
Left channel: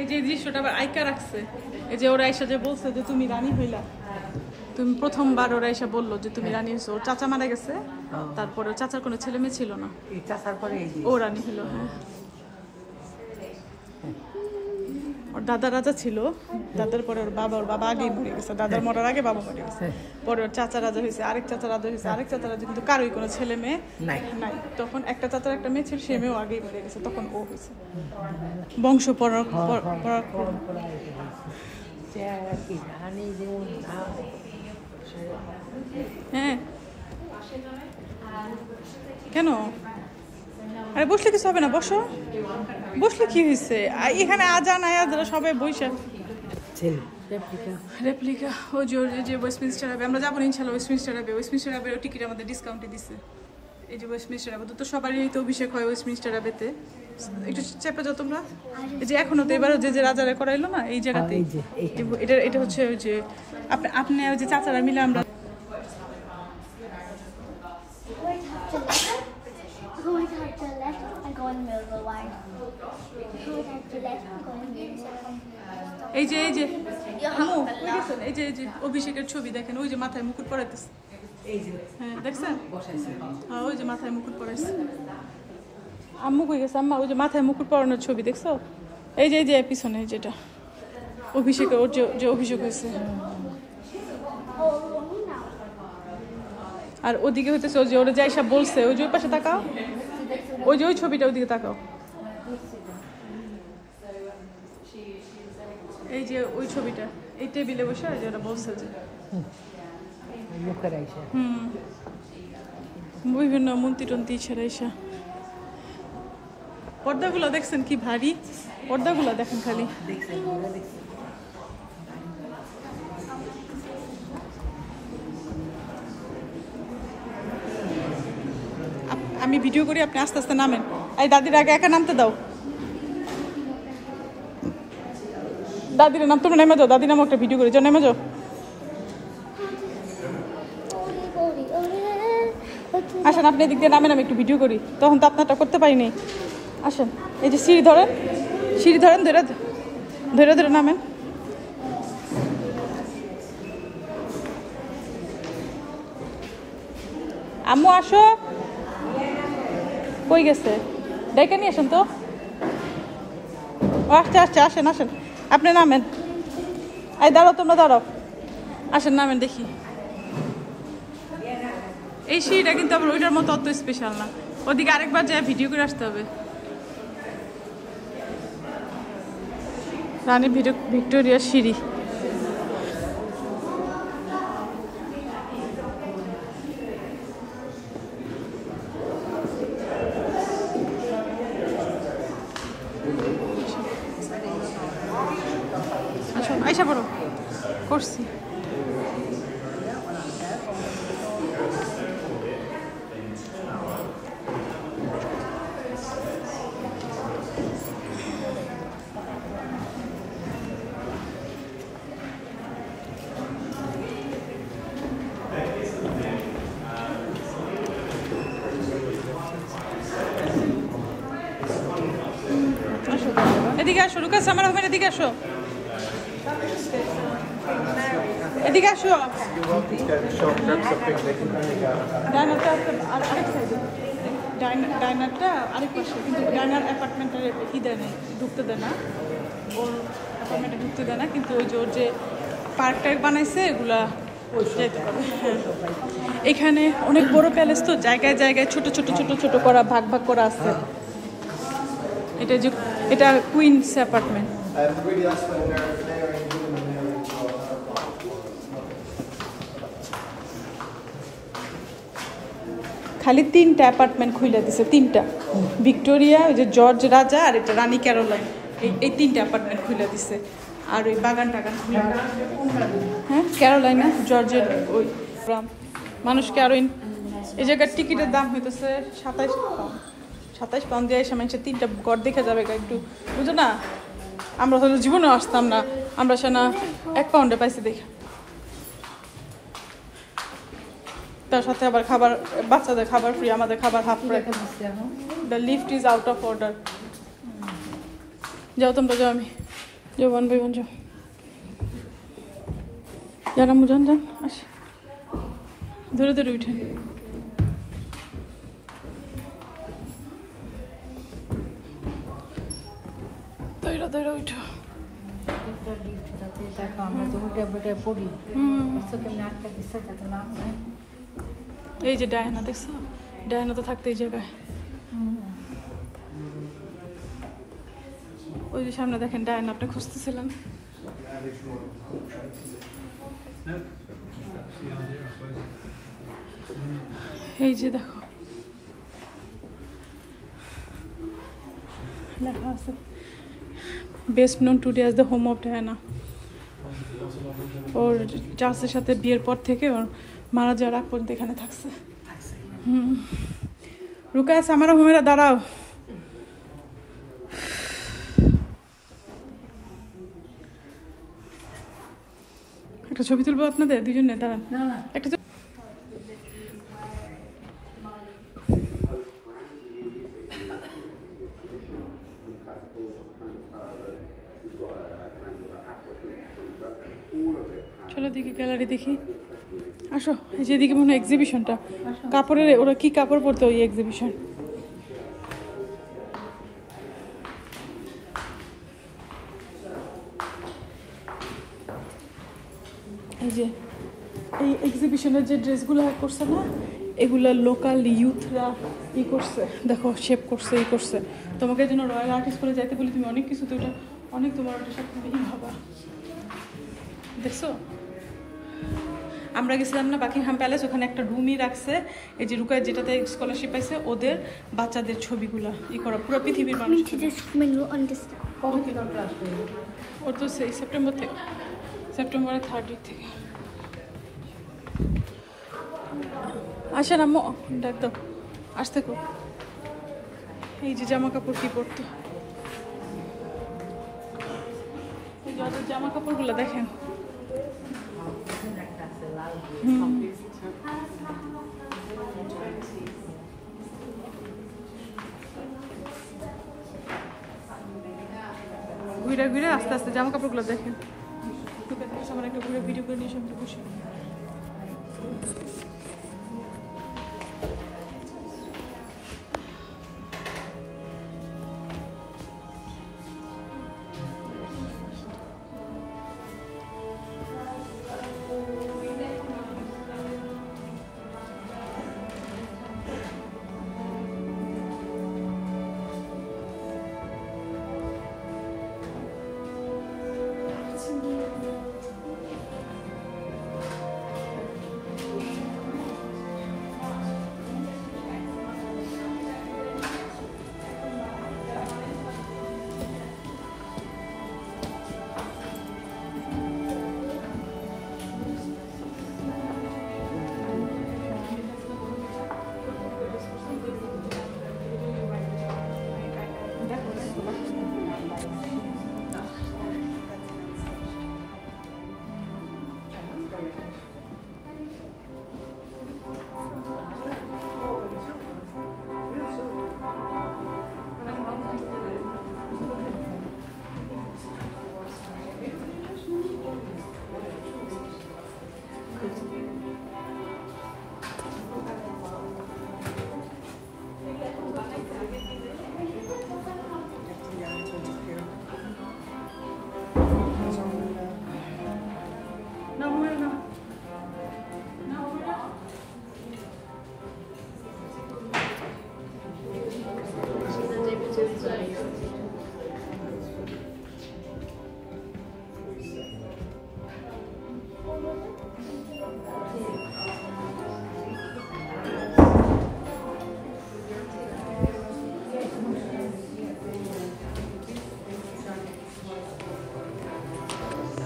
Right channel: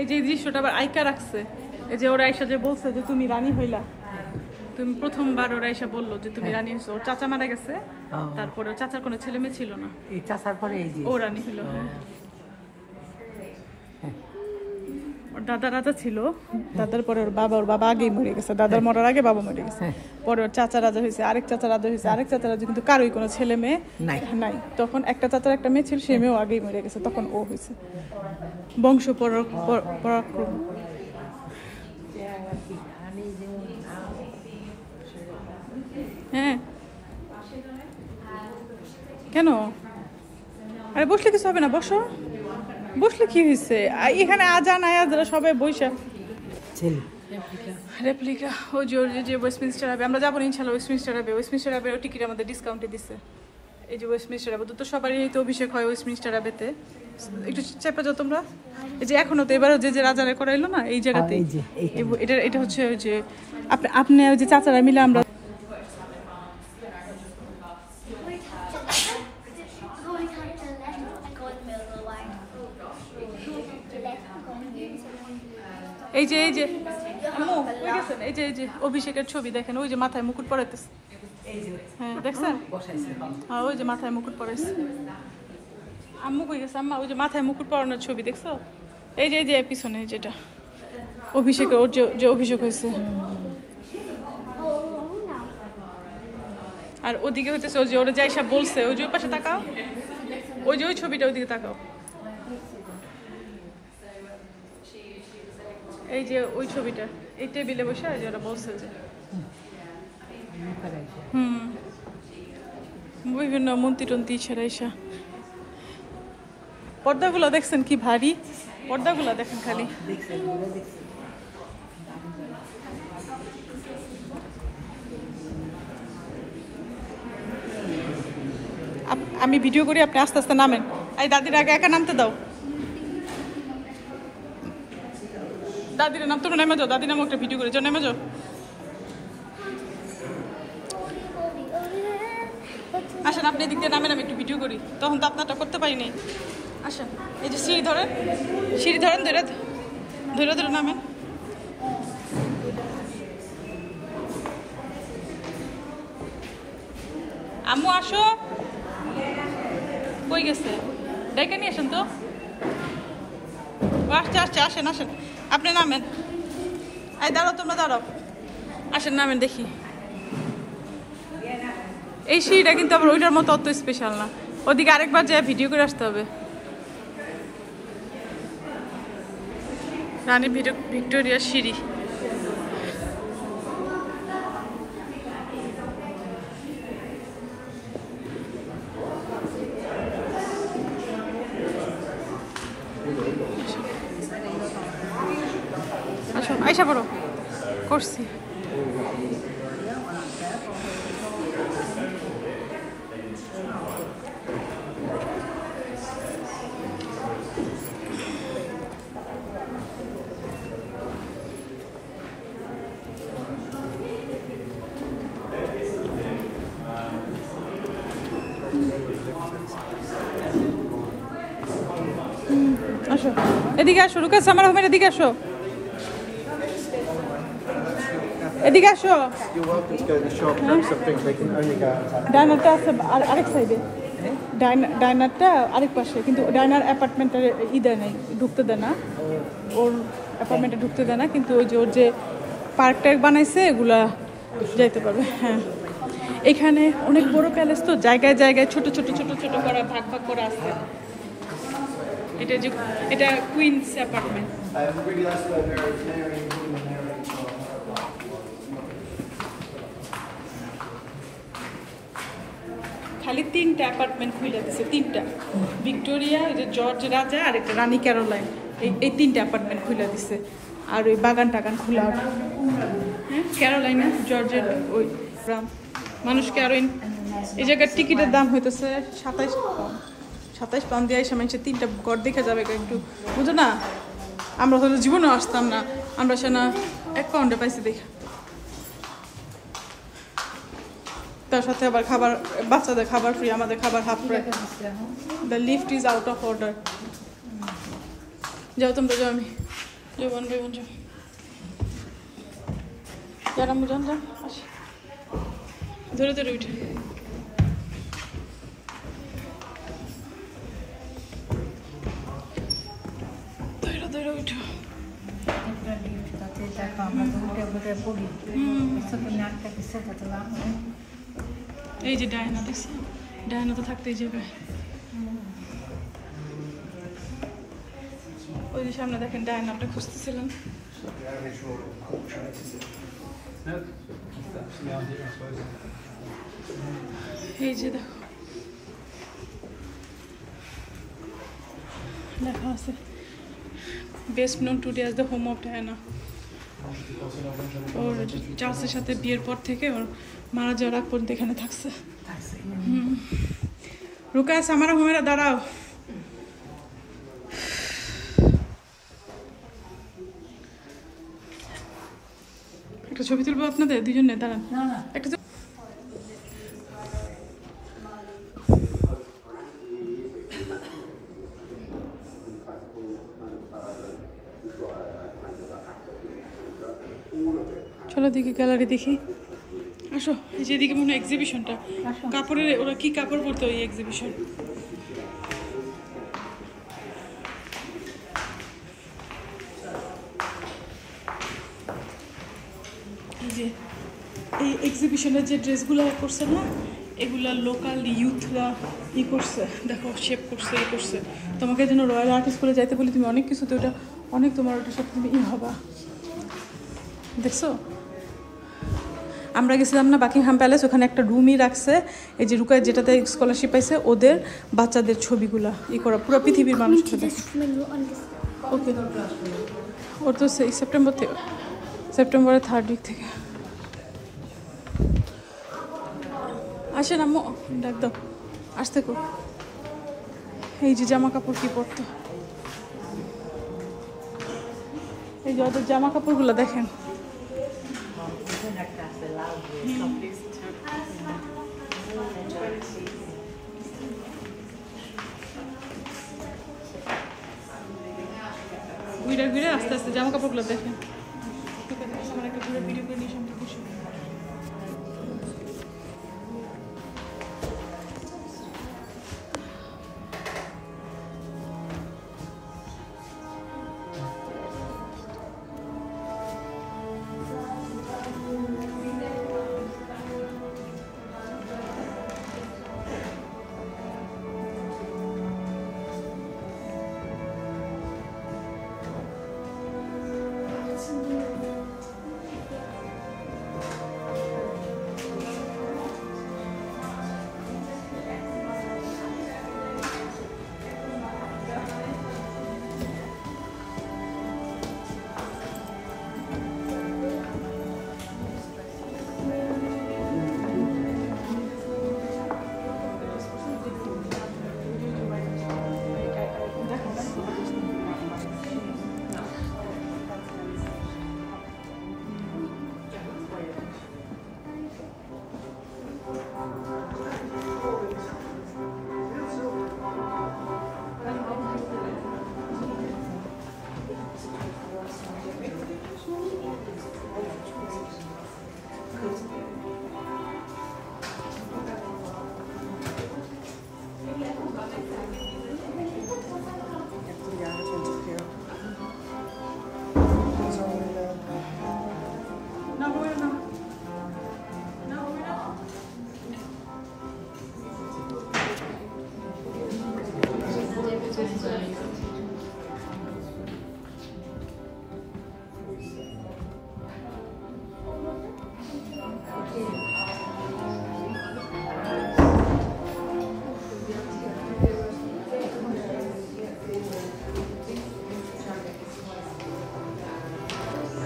এই যে দৃশ্যটা আবার আইকা রাখছে। এই যে ওরা এসে যে বলছে যে তুমি রানী হইলা, তুমি প্রথমবার ওরা এসে বললো যে তুমি রানী হইছো। ওর চাচা মারা গেছে, তারপরে ওর চাচার কোনো ছেলে মেয়ে ছিল না, ও রানী হইলো। হ্যাঁ, ওর দাদা রাজা ছিল, দাদার পরে ওর বাবা আগেই মরে গেছে, দাদার মরার আগে বাবা মরে গেছে। পরে ওর চাচা রাজা হয়েছে, আরেক চাচা রাজা হয়েছে, আরেক চাচা রাজা, কিন্তু কারোই কোনো ছেলে মেয়ে নাই। তখন একটা চাচার একটা মেয়ে ছিল, সে মেয়েও আগেই মরে গেছে, তখন ও হয়েছে। বংশ পরাক্রম। হ্যাঁ, কেন? আরে বসলে কিছু হবে না, বসো। বসলে কি হয়েছে? এখানে আজান আয়াজরা সবাই বইসা। রেপ্লিকা ওই যে ওয়েস্টমিনস্টার আবে আমরা যাবো ইনশাল্লাহ। ওয়েস্টমিনস্টার আবে টিকিট আমাদের ডিসকাউন্টে দিচ্ছে। এই যে ওয়েস্টমিনস্টার আবে তো সবারই তো অভিষেক হয় ওয়েস্টমিনস্টার আবেতে। একটু চেপে যাও তোমরা। এই যে এখনো তো এবারও যে রাজারা করাইলো না এই জায়গাতে, এটা হচ্ছে ওই যে আপনি ওই যে চাচারা মিলে আমরা এই যে অভিষেকের ছবি দেখেন, ওই যে মাথায় মুকুট পরাইতেছে। হ্যাঁ দেখছেন, হ্যাঁ ওই যে মাথায় মুকুট পরাইছে। আম্মু কই গেছে? আম্মা ওই যে মাথায় মুকুট পরানোর ছবি দেখছো? এই যে পিছনে যেটা অভিষেকের, ওর যে অভিষেক হয়েছে। আর ওদিকে হইতেছে ওই যে ওরা যা এসব বলছে, ওই যে ওই পাশে তাকাও, ওই যে ওই ছবিটা ওইদিকে তাকাও। এই যে ওই ছবিটা, এই টেবিলে বসে আর ওরা বলছে যে বিভিন্ন মন্ত্রী টন্ত্রী ছেড়াইসা। পর্দাগুলো দেখছেন কি ভারী, পর্দাগুলো দেখেন খালি। আমি ভিডিও করি, আপনি আস্তে আস্তে নামেন। এই দাদির আগে একা নামতে দাও, দাদির নাম তোমরা নেমে যাও, দাদির নাম একটা ভিডিও করি, যাও নেমে যাও। আসেন আপনি এদিক দিয়ে নামেন, আমি একটু ভিডিও করি, তখন তো আপনারটা করতে পারিনি। আসেন, এই যে সিঁড়ি ধরেন ধরে ধরে নামেন। আম্মু আসো, কই গেছে? ডেকে নিয়ে আসেন তো। আসছে আসেন আপনি নামেন। এই দাঁড়াও, তোমরা দাঁড়াও, আসেন নামেন দেখি। এই সিঁড়িটা কিন্তু আবার ওইটার মতো অত স্পেশাল না, ওদিকে আরেকবার যায় ভিডিও করে আসতে হবে। রানী ভিক্টোরিয়ার সিঁড়ি। আচ্ছা আইসা পড়ো, করছি। এদিকে আসো রুকাস আমার হোমের এদিকে আসো এদিকে আসো You're welcome to go to the shop, grab some picnic and then you go. ডাইনারটা আছে আরেক সাইডে ডাইনারটা আরেক পাশে কিন্তু ডাইনার অ্যাপার্টমেন্টে দেয় নাই ঢুকতে দেয় না ওর অ্যাপার্টমেন্টে ঢুকতে দেয় না কিন্তু ওই যে ওর যে পার্ক টার্ক বানাইছে এগুলা যাইতে পারবে হ্যাঁ এখানে অনেক বড় প্যালেস তো জায়গায় জায়গায় ছোট ছোট ছোট ছোট করা ভাগ ভাগ করা আছে এটা Queens apartment Really, that's where Mary and Woman Mary খালি 3টা অ্যাপার্টমেন্ট খুলে দিছে 3টা ভিক্টোরিয়া ওই যে জর্জ রাজা আর এটা রানী ক্যারোলাইন এই 3টা অ্যাপার্টমেন্ট খুলে দিছে আর ওই বাগান টাগান খোলা হ্যাঁ ক্যারোলাইন না জর্জের ওই মানুষকে আরো এই জায়গার টিকিটের দাম হইতেছে 27 পাউন্ড দিয়ে এসে মানুষের 3টা ঘর দেখে যাবে একটু বুঝো না আমরা হলে জীবনে আসতাম না আমরা সে না 1 পাউন্ডে পাইছি দেখে তার সাথে আবার খাবার বাচ্চাদের খাবার ফ্রি আমাদের খাবার half price the lift is out of order যাও তোমরা যাও আমি যাও ওয়ান বাই ওয়ান যাও যারা মুজান যান আসি ধরে ধরে উঠে ধরে ধরে উঠো এই যে ডায়না দেখছো ডায়না তো থাকতো এই জায়গায় ওই যে সামনে দেখেন ডায়নাটা খুঁজতেছিলাম এই যে দেখো লেখা আছে best known today as the home of Diana ওর চার্লসের সাথে বিয়ের পর থেকে ওর মারা যাওয়ার আগ পর্যন্ত এখানে থাকছে রুকাস আমার হোমেরা দাঁড়াও একটা ছবি তুলবো আপনাদের দুজনে দাঁড়ান একটা চলো দেখি গ্যালারি দেখি আসো এই যে এদিকে মনে হয় এক্সিবিশনটা কাপড়ের ওরা কি কাপড় পরতো ওই এক্সিবিশন এই যে এই এক্সিবিশনের যে ড্রেসগুলো করছে না এগুলো লোকাল ইউথরা ই করছে দেখো শেপ করছে ই করছে তোমাকে যেন রয়্যাল আর্ট স্কুলে যাইতে বলি তুমি অনেক কিছু তো ওটা অনেক তোমার ওটার সাথে তুমি ই হবা দেখছো আমরা গেছিলাম না বাকিংহাম প্যালেস ওখানে একটা রুমই রাখছে এই যে রুকায় যেটাতে স্কলারশিপ পাইছে ওদের বাচ্চাদের ছবিগুলা ই করা পুরো পৃথিবীর মানুষ ওকে ওর তো সেই সেপ্টেম্বরের 3rd উইক থেকে আসেন আম্মু ডাক দাও আসতে কো এই যে জামা কাপড় কি পরতো এই যে ওদের জামা কাপড়গুলো দেখেন ঘুরে ঘুরে আস্তে আস্তে জামা কাপড়গুলো দেখেন আমার একটা ঘুরে ভিডিও করে নিয়ে সামনে বসে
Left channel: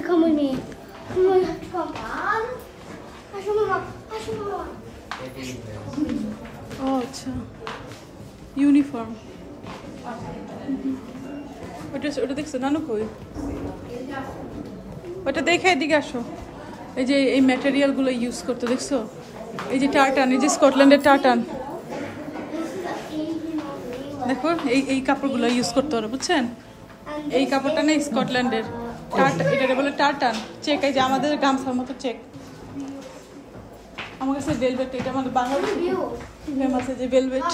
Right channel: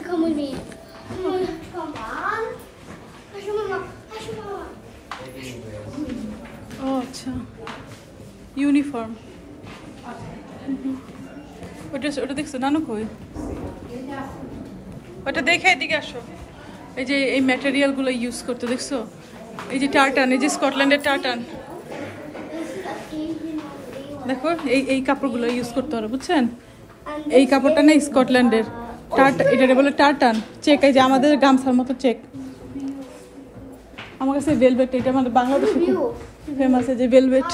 Come with me. Come on. Come on. Asha mama. Asha mama. ও আচ্ছা, ইউনিফর্ম। ওটা ওটা দেখছো নানু কই? ওটা দেখে এদিকে আসো। এই যে এই ম্যাটেরিয়ালগুলো ইউজ করতে দেখছো, এই যে টার্টান, এই যে স্কটল্যান্ডের টার্টান, দেখো এই এই কাপড়গুলো ইউজ করতে হবে, বুঝছেন? এই কাপড়টা না স্কটল্যান্ডের টার্টান, এটা বলে টার্টান চেক, এই যে আমাদের গামছার মতো চেক। আমার কাছে ভেলভেট, এটা আমাদের বাংলাদেশে ফেমাস, এই যে ভেলভেট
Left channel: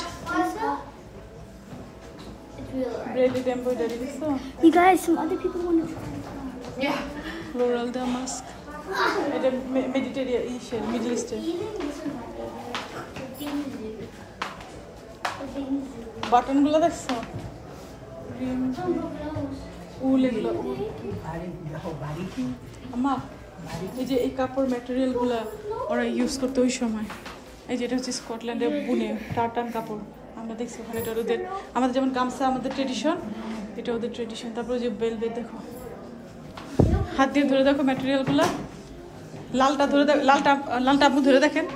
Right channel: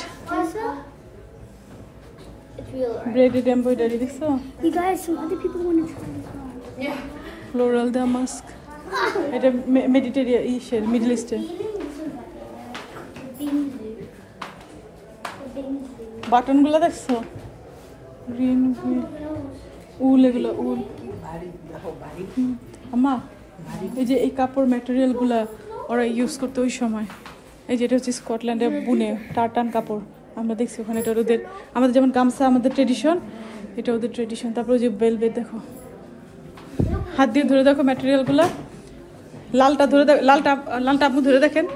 ব্রেডেড এমব্রয়ডারি দেখছো? You guys, some other people want to try. Floral damask, এটা মেডিটেরিয়ান ইস্টের, মিডল ইস্টের। বাটনগুলো দেখছো? গ্রিন উল, এগুলো উল। আম্মা এই যে এই কাপড় ম্যাটেরিয়ালগুলো ওরা ইউজ করতে ওই সময়, এই যে এটা হচ্ছে স্কটল্যান্ডের বুনে টার্টান কাপড়। আমরা দেখছি ওখানে, এটা ওদের, আমাদের যেমন গামছা আমাদের ট্রেডিশন, এটা ওদের ট্রেডিশন। তারপর ওই যে ভেলভেট দেখো, হাত দিয়ে ধরে দেখো ম্যাটেরিয়ালগুলো। লালটা ধরে দেখো, লালটা আপনি ধরে দেখেন,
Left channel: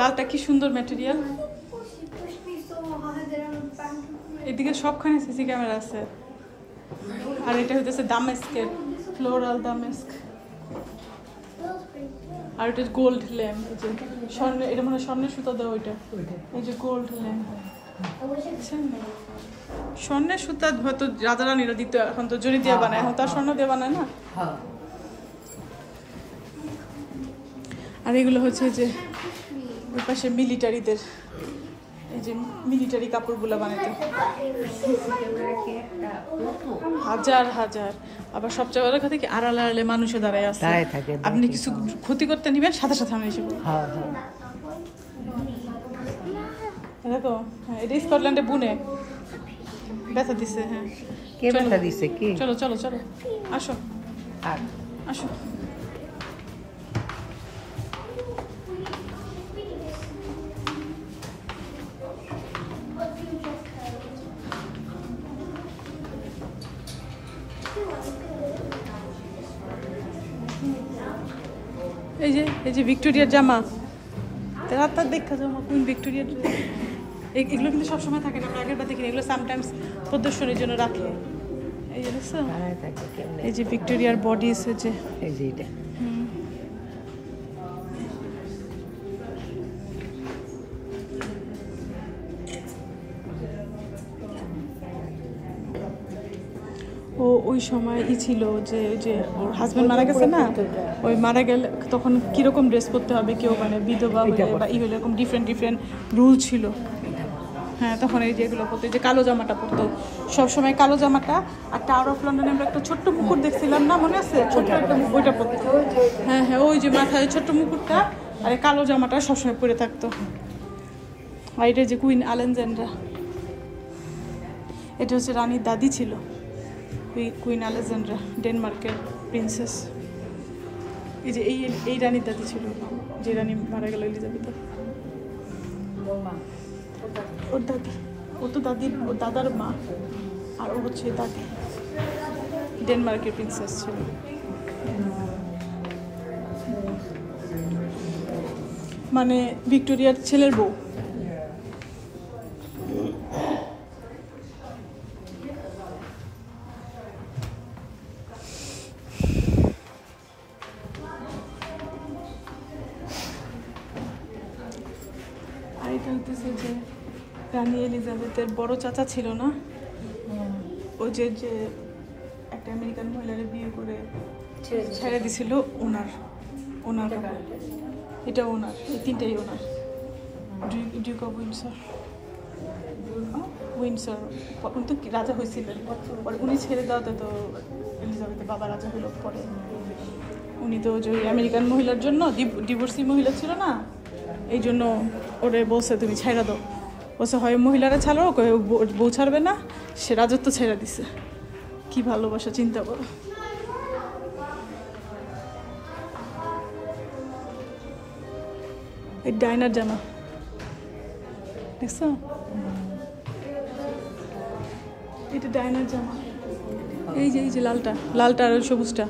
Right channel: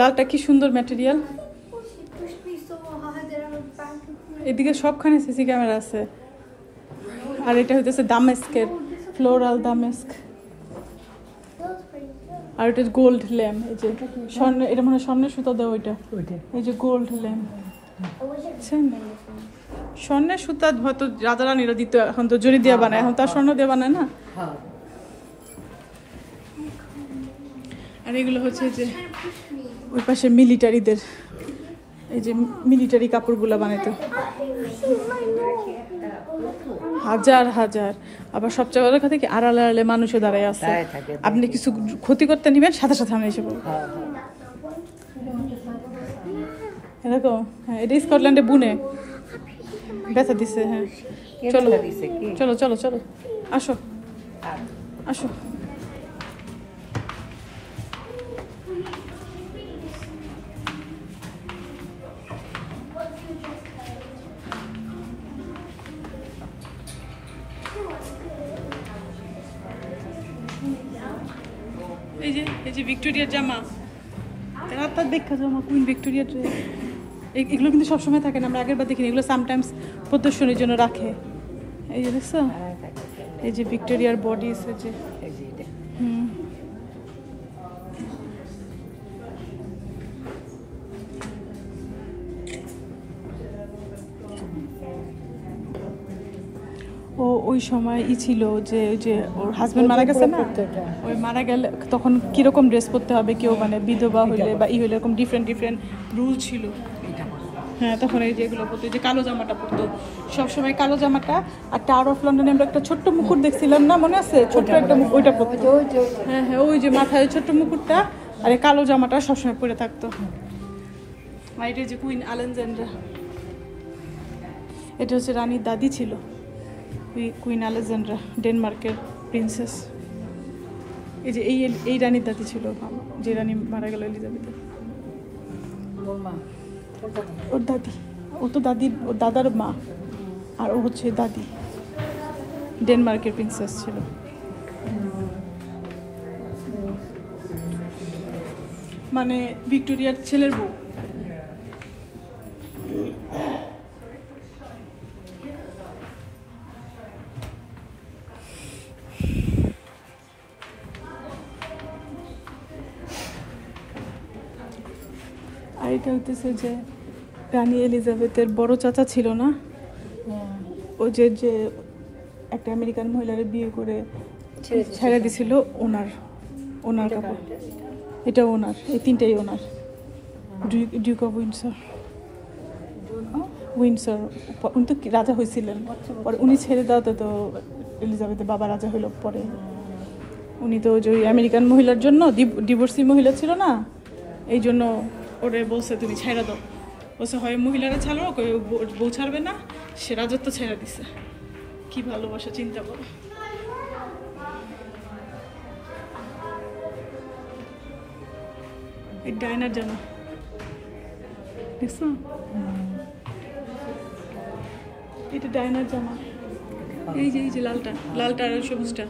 লালটা কি সুন্দর material. She pushed me so hard that I was back to free. এদিকে সবখানে সিসি ক্যামেরা আছে। আর এটা হইতেছে দামেস্কের, ফ্লোরাল দামেস্ক। আর এটা গোল্ড ল্যাম্প, এই যে স্বর্ণ, এটা মনে হয় স্বর্ণের সুতা দেওয়া, ওইটা এই যে গোল্ড ল্যাম্প। স্বর্ণের সুতা হয়তো রাজা রানীরা দিত, এখন তো জরি দিয়ে বানায়, এখন তার স্বর্ণ দিয়ে বানায় না। আর এগুলো হচ্ছে যে ওই পাশে মিলিটারিদের, এই যে মিলিটারি কাপড়গুলো বানাইতে হাজার হাজার। আবার সবচেয়ে বড় কথা কি, আড়ালে আড়ালে মানুষে দাঁড়ায় আছে, আপনি কিছু ক্ষতি করতে নিবেন সাথে সাথে আমি এসে এরকম। হ্যাঁ, এটা স্কটল্যান্ডে বুনে বেচা দিছে। হ্যাঁ, চলো চলো চলো, আসো আসো। এই যে ভিক্টোরিয়ার জামা, রাতার দেখা জামা, কুইন ভিক্টোরিয়ার। এগুলো কিন্তু সবসময় থাকে না, আমরা আগের বার দেখিনি, এগুলো সামটাইমস প্রদর্শনীর জন্য রাখে। এই যে দেখছো, এই যে ভিক্টোরিয়ার বডিস, এই যে ও ওই সময় ছিল যে ওই যে ওর হাজবেন্ড মারা গেছে না, ওই মারা গেলে তখন কিরকম ড্রেস পরতে হবে, কেউ মানে বিধবা হলে বা ই হলে এরকম ডিফারেন্ট ডিফারেন্ট রুল ছিল। হ্যাঁ, তখন এই যে এগুলো পরতো, যে কালো জামাটা পরতো সবসময়, কালো জামাটা। আর টাওয়ার অফ লন্ডনে আমরা একটা ছোট্ট মুকুট দেখছিলাম না, মনে আছে? ছোট্ট একটা মুকুট, ওইটা পরতো। হ্যাঁ হ্যাঁ, ওই যে মাথায় ছোট্ট মুকুটটা আর এই কালো জামাটা সবসময় পরে থাকতো। আর এটা যে কুইন আলেকজান্ড্রা, এটা হচ্ছে রানীর দাদি ছিল, কুইন আলেকজান্ড্রা, ডেনমার্কের প্রিন্সেস। এই যে এই রানীর দাদি ছিল, যে রানী মারা গেল, এলিজাবেথ। ওর দাদি, ও তো দাদি, ওর দাদার মা, আর ও হচ্ছে দাদি, ডেনমার্কের প্রিন্সেস ছিল। মানে ভিক্টোরিয়ার ছেলের বউ। আর এটা হইতেছে যে রানী এলিজাবেথের বড় চাচা ছিল না, ওই যে যে একটা আমেরিকান মহিলারে বিয়ে করে ছেড়ে দিছিল, ওনার কাপড়। এটা ওনার, এই তিনটেই ওনার। ডিউক অফ উইন্ডসর, উইন্ডসর উনি তো রাজা হয়েছিলেন, পরে উনি ছেড়ে দেওয়াতে তো এলিজাবেথের বাবা রাজা হলো পরে। উনি তো যে আমেরিকান মহিলার জন্য ডিভোর্সি মহিলা ছিল না, এই জন্য ওরে বলছে তুমি ছাইরা দাও, বলছে হয় মহিলারা ছাড়ো, বউ ছাড়বে না, সে রাজত্ব ছেড়ে দিছে। কি ভালোবাসা চিন্তা করো। এই ডাইনার জামা দেখছো, এটা ডাইনার জামা। এই যে লালটা, লালটা আর সবুজটা,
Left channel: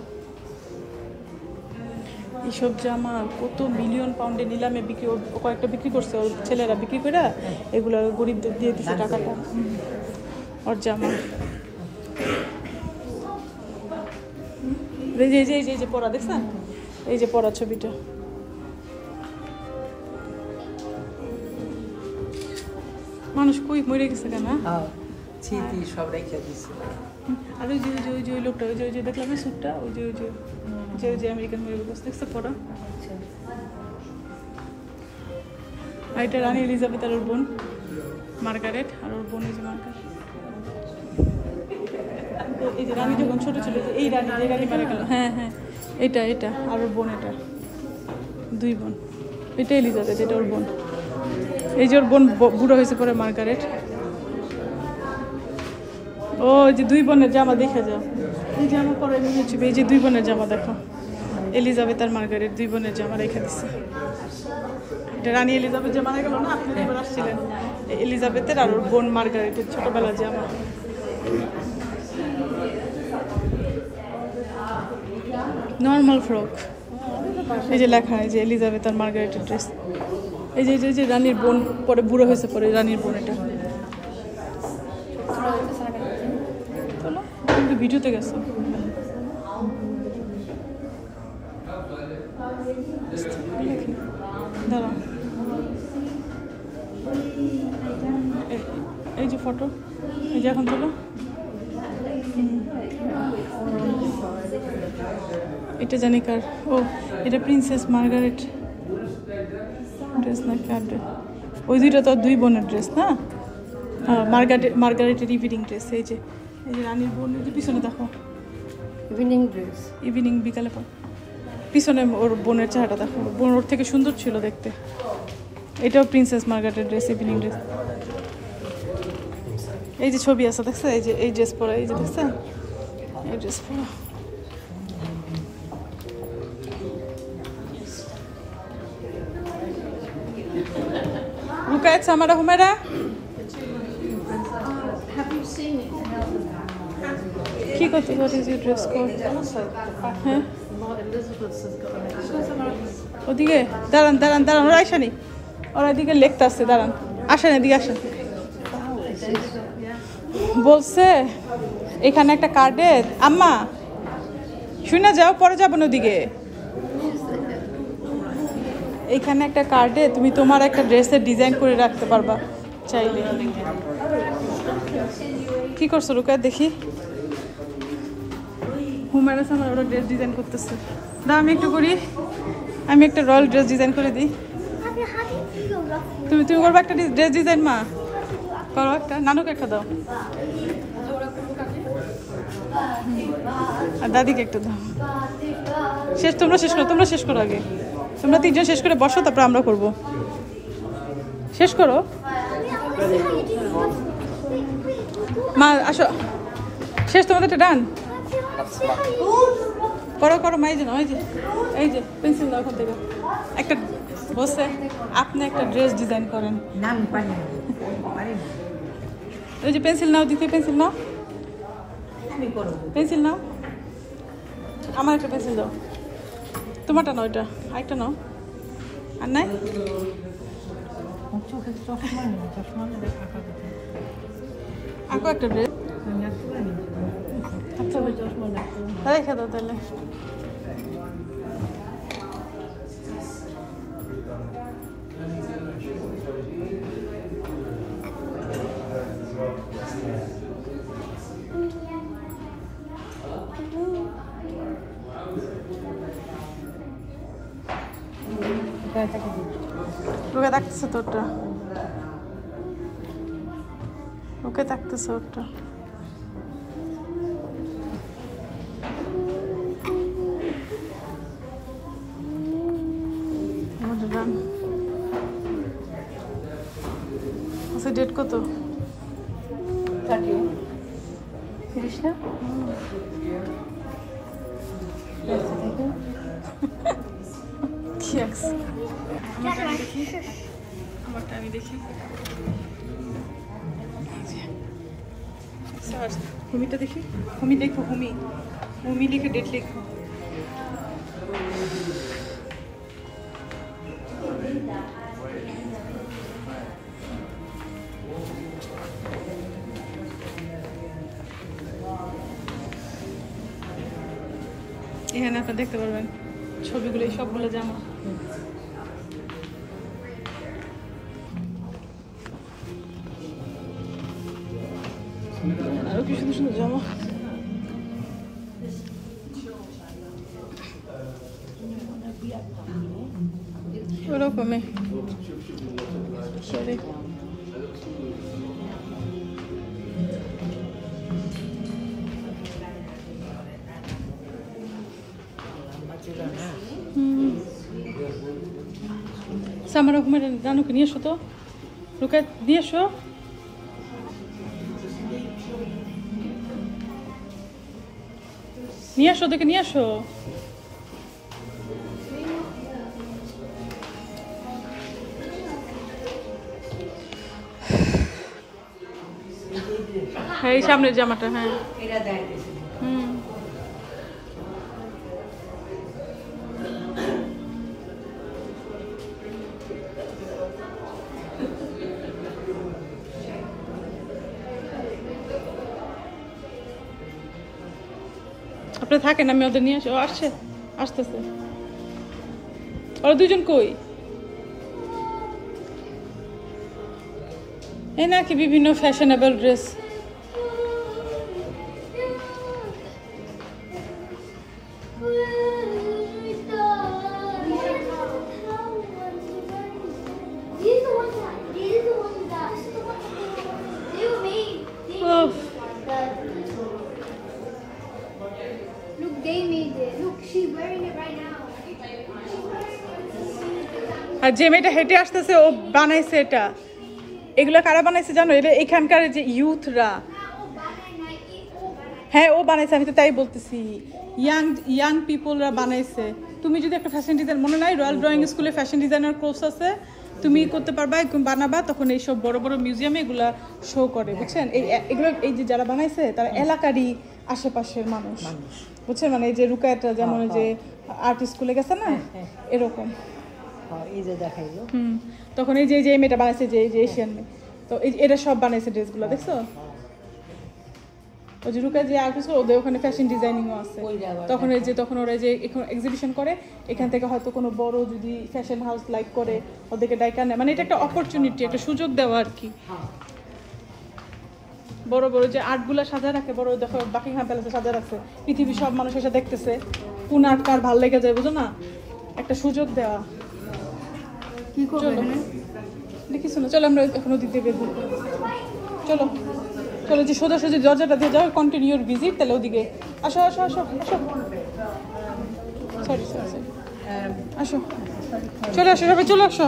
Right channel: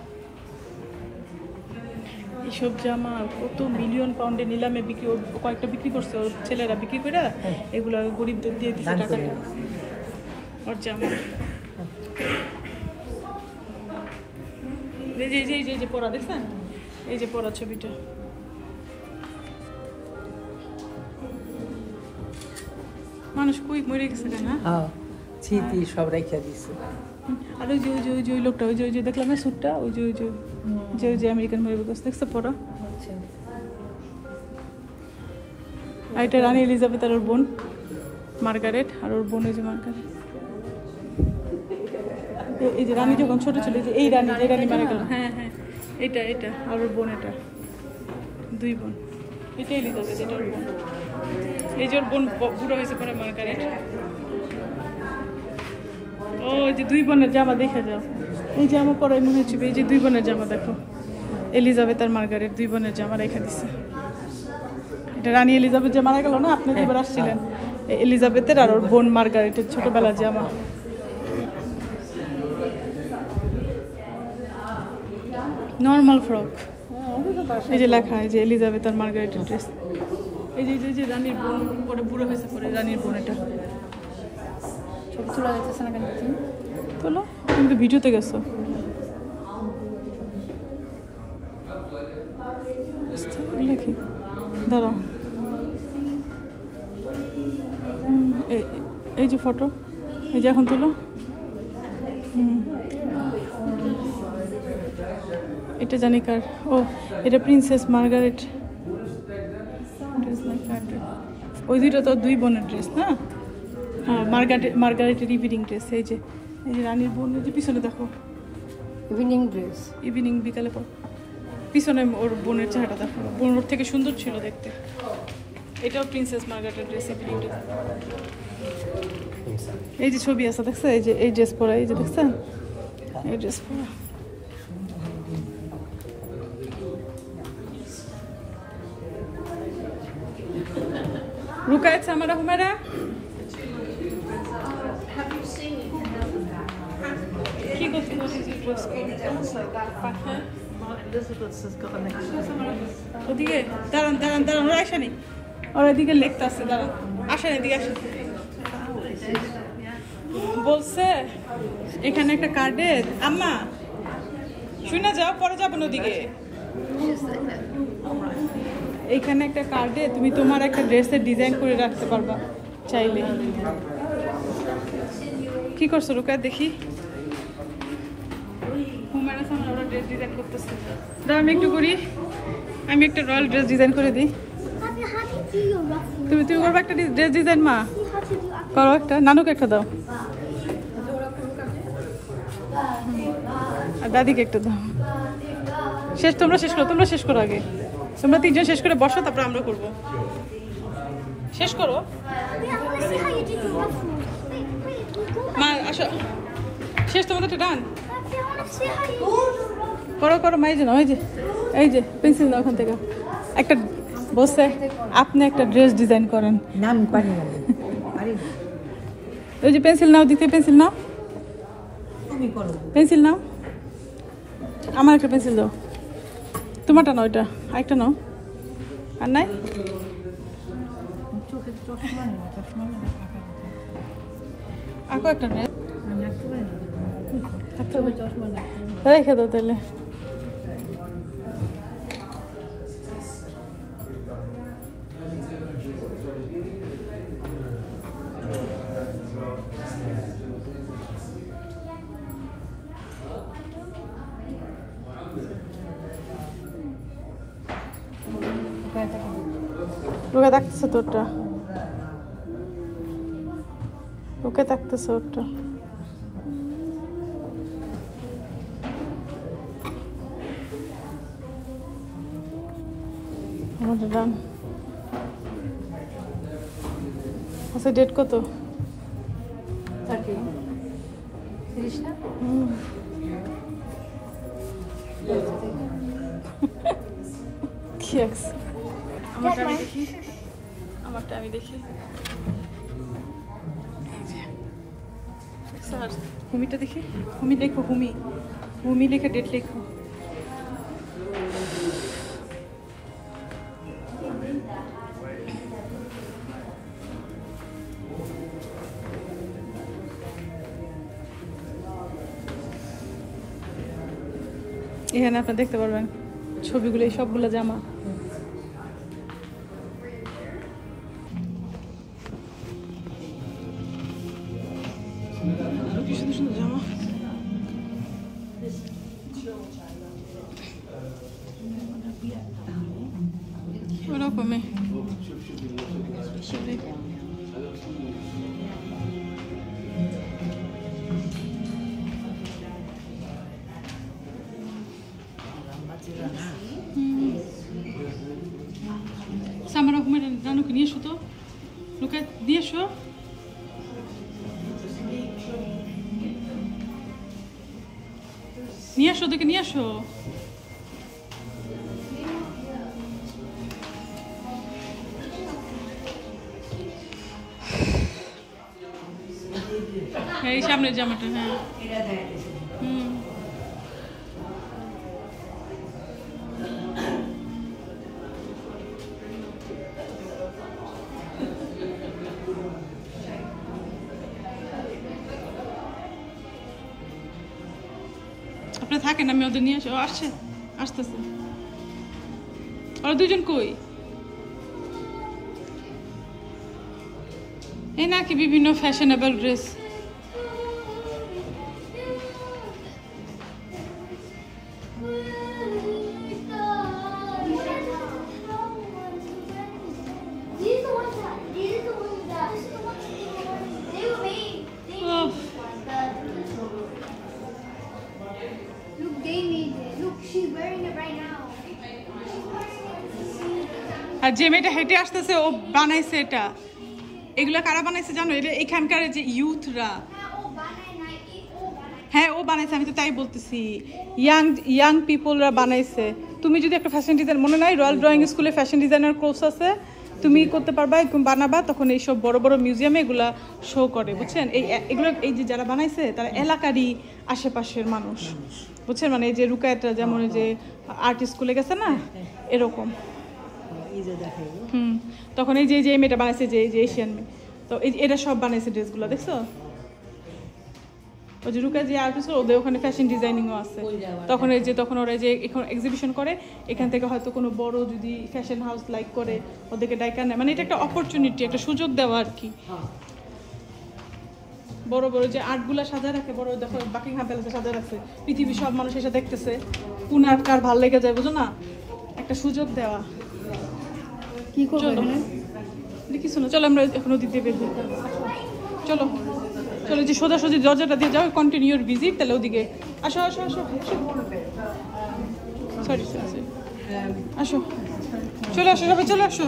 এইসব জামা কত মিলিয়ন পাউন্ডে নিলামে বিক্রি, কয়েকটা বিক্রি করছে ওর ছেলেরা, বিক্রি করে এগুলো গরিবদের দিয়ে দিচ্ছে টাকাটা। ওর জামা এই যে পরা দেখছেন, এই যে পরা ছবিটা। মানুষ কই মরে গেছে কেন, স্মৃতি সব রেখে দিচ্ছে। আর ওই যে লোকটা, ওই যে দেখলাম না স্যুটটা, ওই যে আমেরিকান মেয়ে দেখছে পরা। আর এটা রানী এলিজাবেথ আর ওর বোন মার্গারেট, আর ওর বোন এই যে মার্গারেট। এই যে রানী যখন ছোট ছিল, এই রানী, যে রানী মারা গেল, হ্যাঁ এটা আর ওর বোন, এটা দুই বোন। এটা এলিজাবেথ, এটা ওর বোন। এই যে ওর বোন বুড়ো হয়েছে পরে মার্গারেট। ও যে দুই বোনের জামা দেখে যাও, এই জামা পরে মনে হচ্ছে, এই যে দুই বোনের জামা দেখো, এলিজাবেথ আর মার্গারেট দুই বোনের জামা রেখে দিচ্ছে। এটা রানী এলিজাবেথ যে মারা গেল না, আপনি দুবার আসছিলেন, এলিজাবেথের আর ওর বোন মার্গারেটের ছোটবেলার জামা। নর্মাল ফ্রক, এই যে লেখা, এই যে এলিজাবেথ আর মার্গারেটের ড্রেস। এই যে রানীর বোন পরে বুড়ো হয়েছে পরে রানীর বোন, এটা তোলো, কিন্তু ভিডিওতে গেছো। দাঁড়া, এই যে ফটো, এই যে এখন তোলো। এটা জানি কার, ও এটা প্রিন্সেস মার্গারেট ড্রেস না কার ড্রেস? ওই দুইটা তো দুই বোনের ড্রেস না? হ্যাঁ, মার্গারেটের ইভিনিং ড্রেস। এই যে রানীর বোনের যে পিছনে দেখো, ইভিনিং ড্রেস, ইভিনিং বিকালে পর পিছনে ওর বোনের চেহারাটা দেখো, বোন ওর থেকে সুন্দর ছিল দেখতে। এটাও প্রিন্সেস মার্গারেটের ড্রেস, ইভিনিং ড্রেস। এই যে ছবি আছে দেখছে, এই যে এই ড্রেস পরা, এই যে দেখছেন এই ড্রেস পরা। Rukayet Samara Humera. কি করতে, what is your dress code? হ্যাঁ ওদিকে দাঁড়ান ওরা আসেনি, ওরা এদিকে লেখতে আসছে, দাঁড়ান, আসেন এদিকে আসেন। বলছে এখানে একটা কার্ডে, আম্মা শুনে যাও, পরে যাবেন ওদিকে। এইখানে একটা কার্ডে তুমি তোমার একটা ড্রেসের ডিজাইন করে রাখতে পারবা চাইলে। কি করছো রুকায় দেখি? হুমায়রা আমার ওরা ড্রেস ডিজাইন করতেছে। দাও আমি একটু করি, আমি একটা রয়্যাল ড্রেস ডিজাইন করে দিই। তুমি করবো একটা ড্রেস ডিজাইন? মা করো একটা, নানুকে একটা দাও, আর দাদিকে একটা দাও। তোমরা শেষ করো আগে, তোমরা তিনজন শেষ করে বসো, তারপর আমরা করবো। শেষ করো মা, আসো, শেষ তোমাদের ডান করো মা। এই যে পেন্সিল নাও ওখান থেকে একটা, বসে আপনি একটা ড্রেস ডিজাইন করেন। নাম পারি না, ওই যে পেন্সিল নাও, দ্বিতীয় পেন্সিল নাও, তুমি করো, পেন্সিল নাও, আমার একটা পেন্সিল দাও, তোমারটা নাও, ওইটা একটা নাও, আর নাই আঁকো একটা ড্রেস, রেখে দাও তাহলে। রুকা থাকতেছে তোরটা, ওকে থাকতেছে ওরটা। আমাদের রান আচ্ছা, ডেট কত? কি আছে আমারটা আমি দেখি, আমারটা আমি দেখি। স্যার হুমিটা দেখি, হুমি দেখো, হুমি হুমি লিখে ডেট লিখো। এখানে আপনারা দেখতে পারবেন ছবিগুলো, এই সবগুলো জামা। আরো কি সুন্দর সুন্দর জামা। ওরকমই সরি। সামার রকমের রানুকে নিয়ে এসো তো, রুকা নিয়ে এসো। নিয়ে আসো, ওদেরকে নিয়ে আসো। হ্যাঁ, এই সামনের জামাটা। হ্যাঁ হুম, আপনি থাকেন, আমি ওদের নিয়ে আসি। ও আসছে, আসতেছে। ওরা দুজন কই? এই নাকি বিভিন্ন ফ্যাশনেবল ড্রেস। আর যে মেয়েটা হেঁটে আসতেছে ও বানাইছে এটা। এগুলো কারা বানাইছে জানো? এটা এখানকার যে ইউথরা। হ্যাঁ, ও বানাইছে, আমি তো তাই বলতেছি। ইয়াং পিপলরা বানাইছে। তুমি যদি একটা ফ্যাশন ডিজাইন, মনে নাই রয়্যাল ড্রয়িং স্কুলে ফ্যাশন ডিজাইনার কোর্স আছে, তুমি করতে পারবা, বানাবা, তখন এইসব বড় বড় মিউজিয়ামে এগুলা শো করে, বুঝছেন? এগুলো এই যে যারা বানাইছে তারা এলাকারই আশেপাশের মানুষ, বুঝছেন? মানে এই যে রুকায়তরা যেমন যে আর্ট স্কুলে গেছে না, এরকম। তখন এই যে মেয়েটা বানাইছে, যে এশিয়ান মেয়ে, তো এটা সব বানাইছে ড্রেসগুলো, দেখছো? ওই যে রুকায় যে আর্ট স্কুল, ওদের ওখানে ফ্যাশন ডিজাইনিংও আছে। তখন এই যে তখন ওরা যে এখন এক্সিবিশন করে, এখান থেকে হয়তো কোনো বড় যদি ফ্যাশন হাউস লাইক করে ওদেরকে ডাইকা নেয়। মানে এটা একটা অপরচুনিটি, একটা সুযোগ দেওয়া আর কি। বড় বড় যে আর্টগুলা সাজায় রাখে, বড় দেখো বাকিংহাম প্যালেসে সাজায় রাখছে, পৃথিবীর সব মানুষ এসে দেখতেছে, কোন আর্ট কার ভাল লেগে যায়, বুঝো না? একটা সুযোগ দেওয়া। কি করবো কিছু না, চলো আমরা এখন ওদিক দিয়ে বের করবো। চলো চলো, যে সোজাসুজি দরজাটা দিয়ে যাও, কন্টিনিউর ভিজিট, তাহলে ওদিকে আসো আসো আসো আসো। সরি সরি সরি, আসো, চলে আসো সবাই, চলে আসো।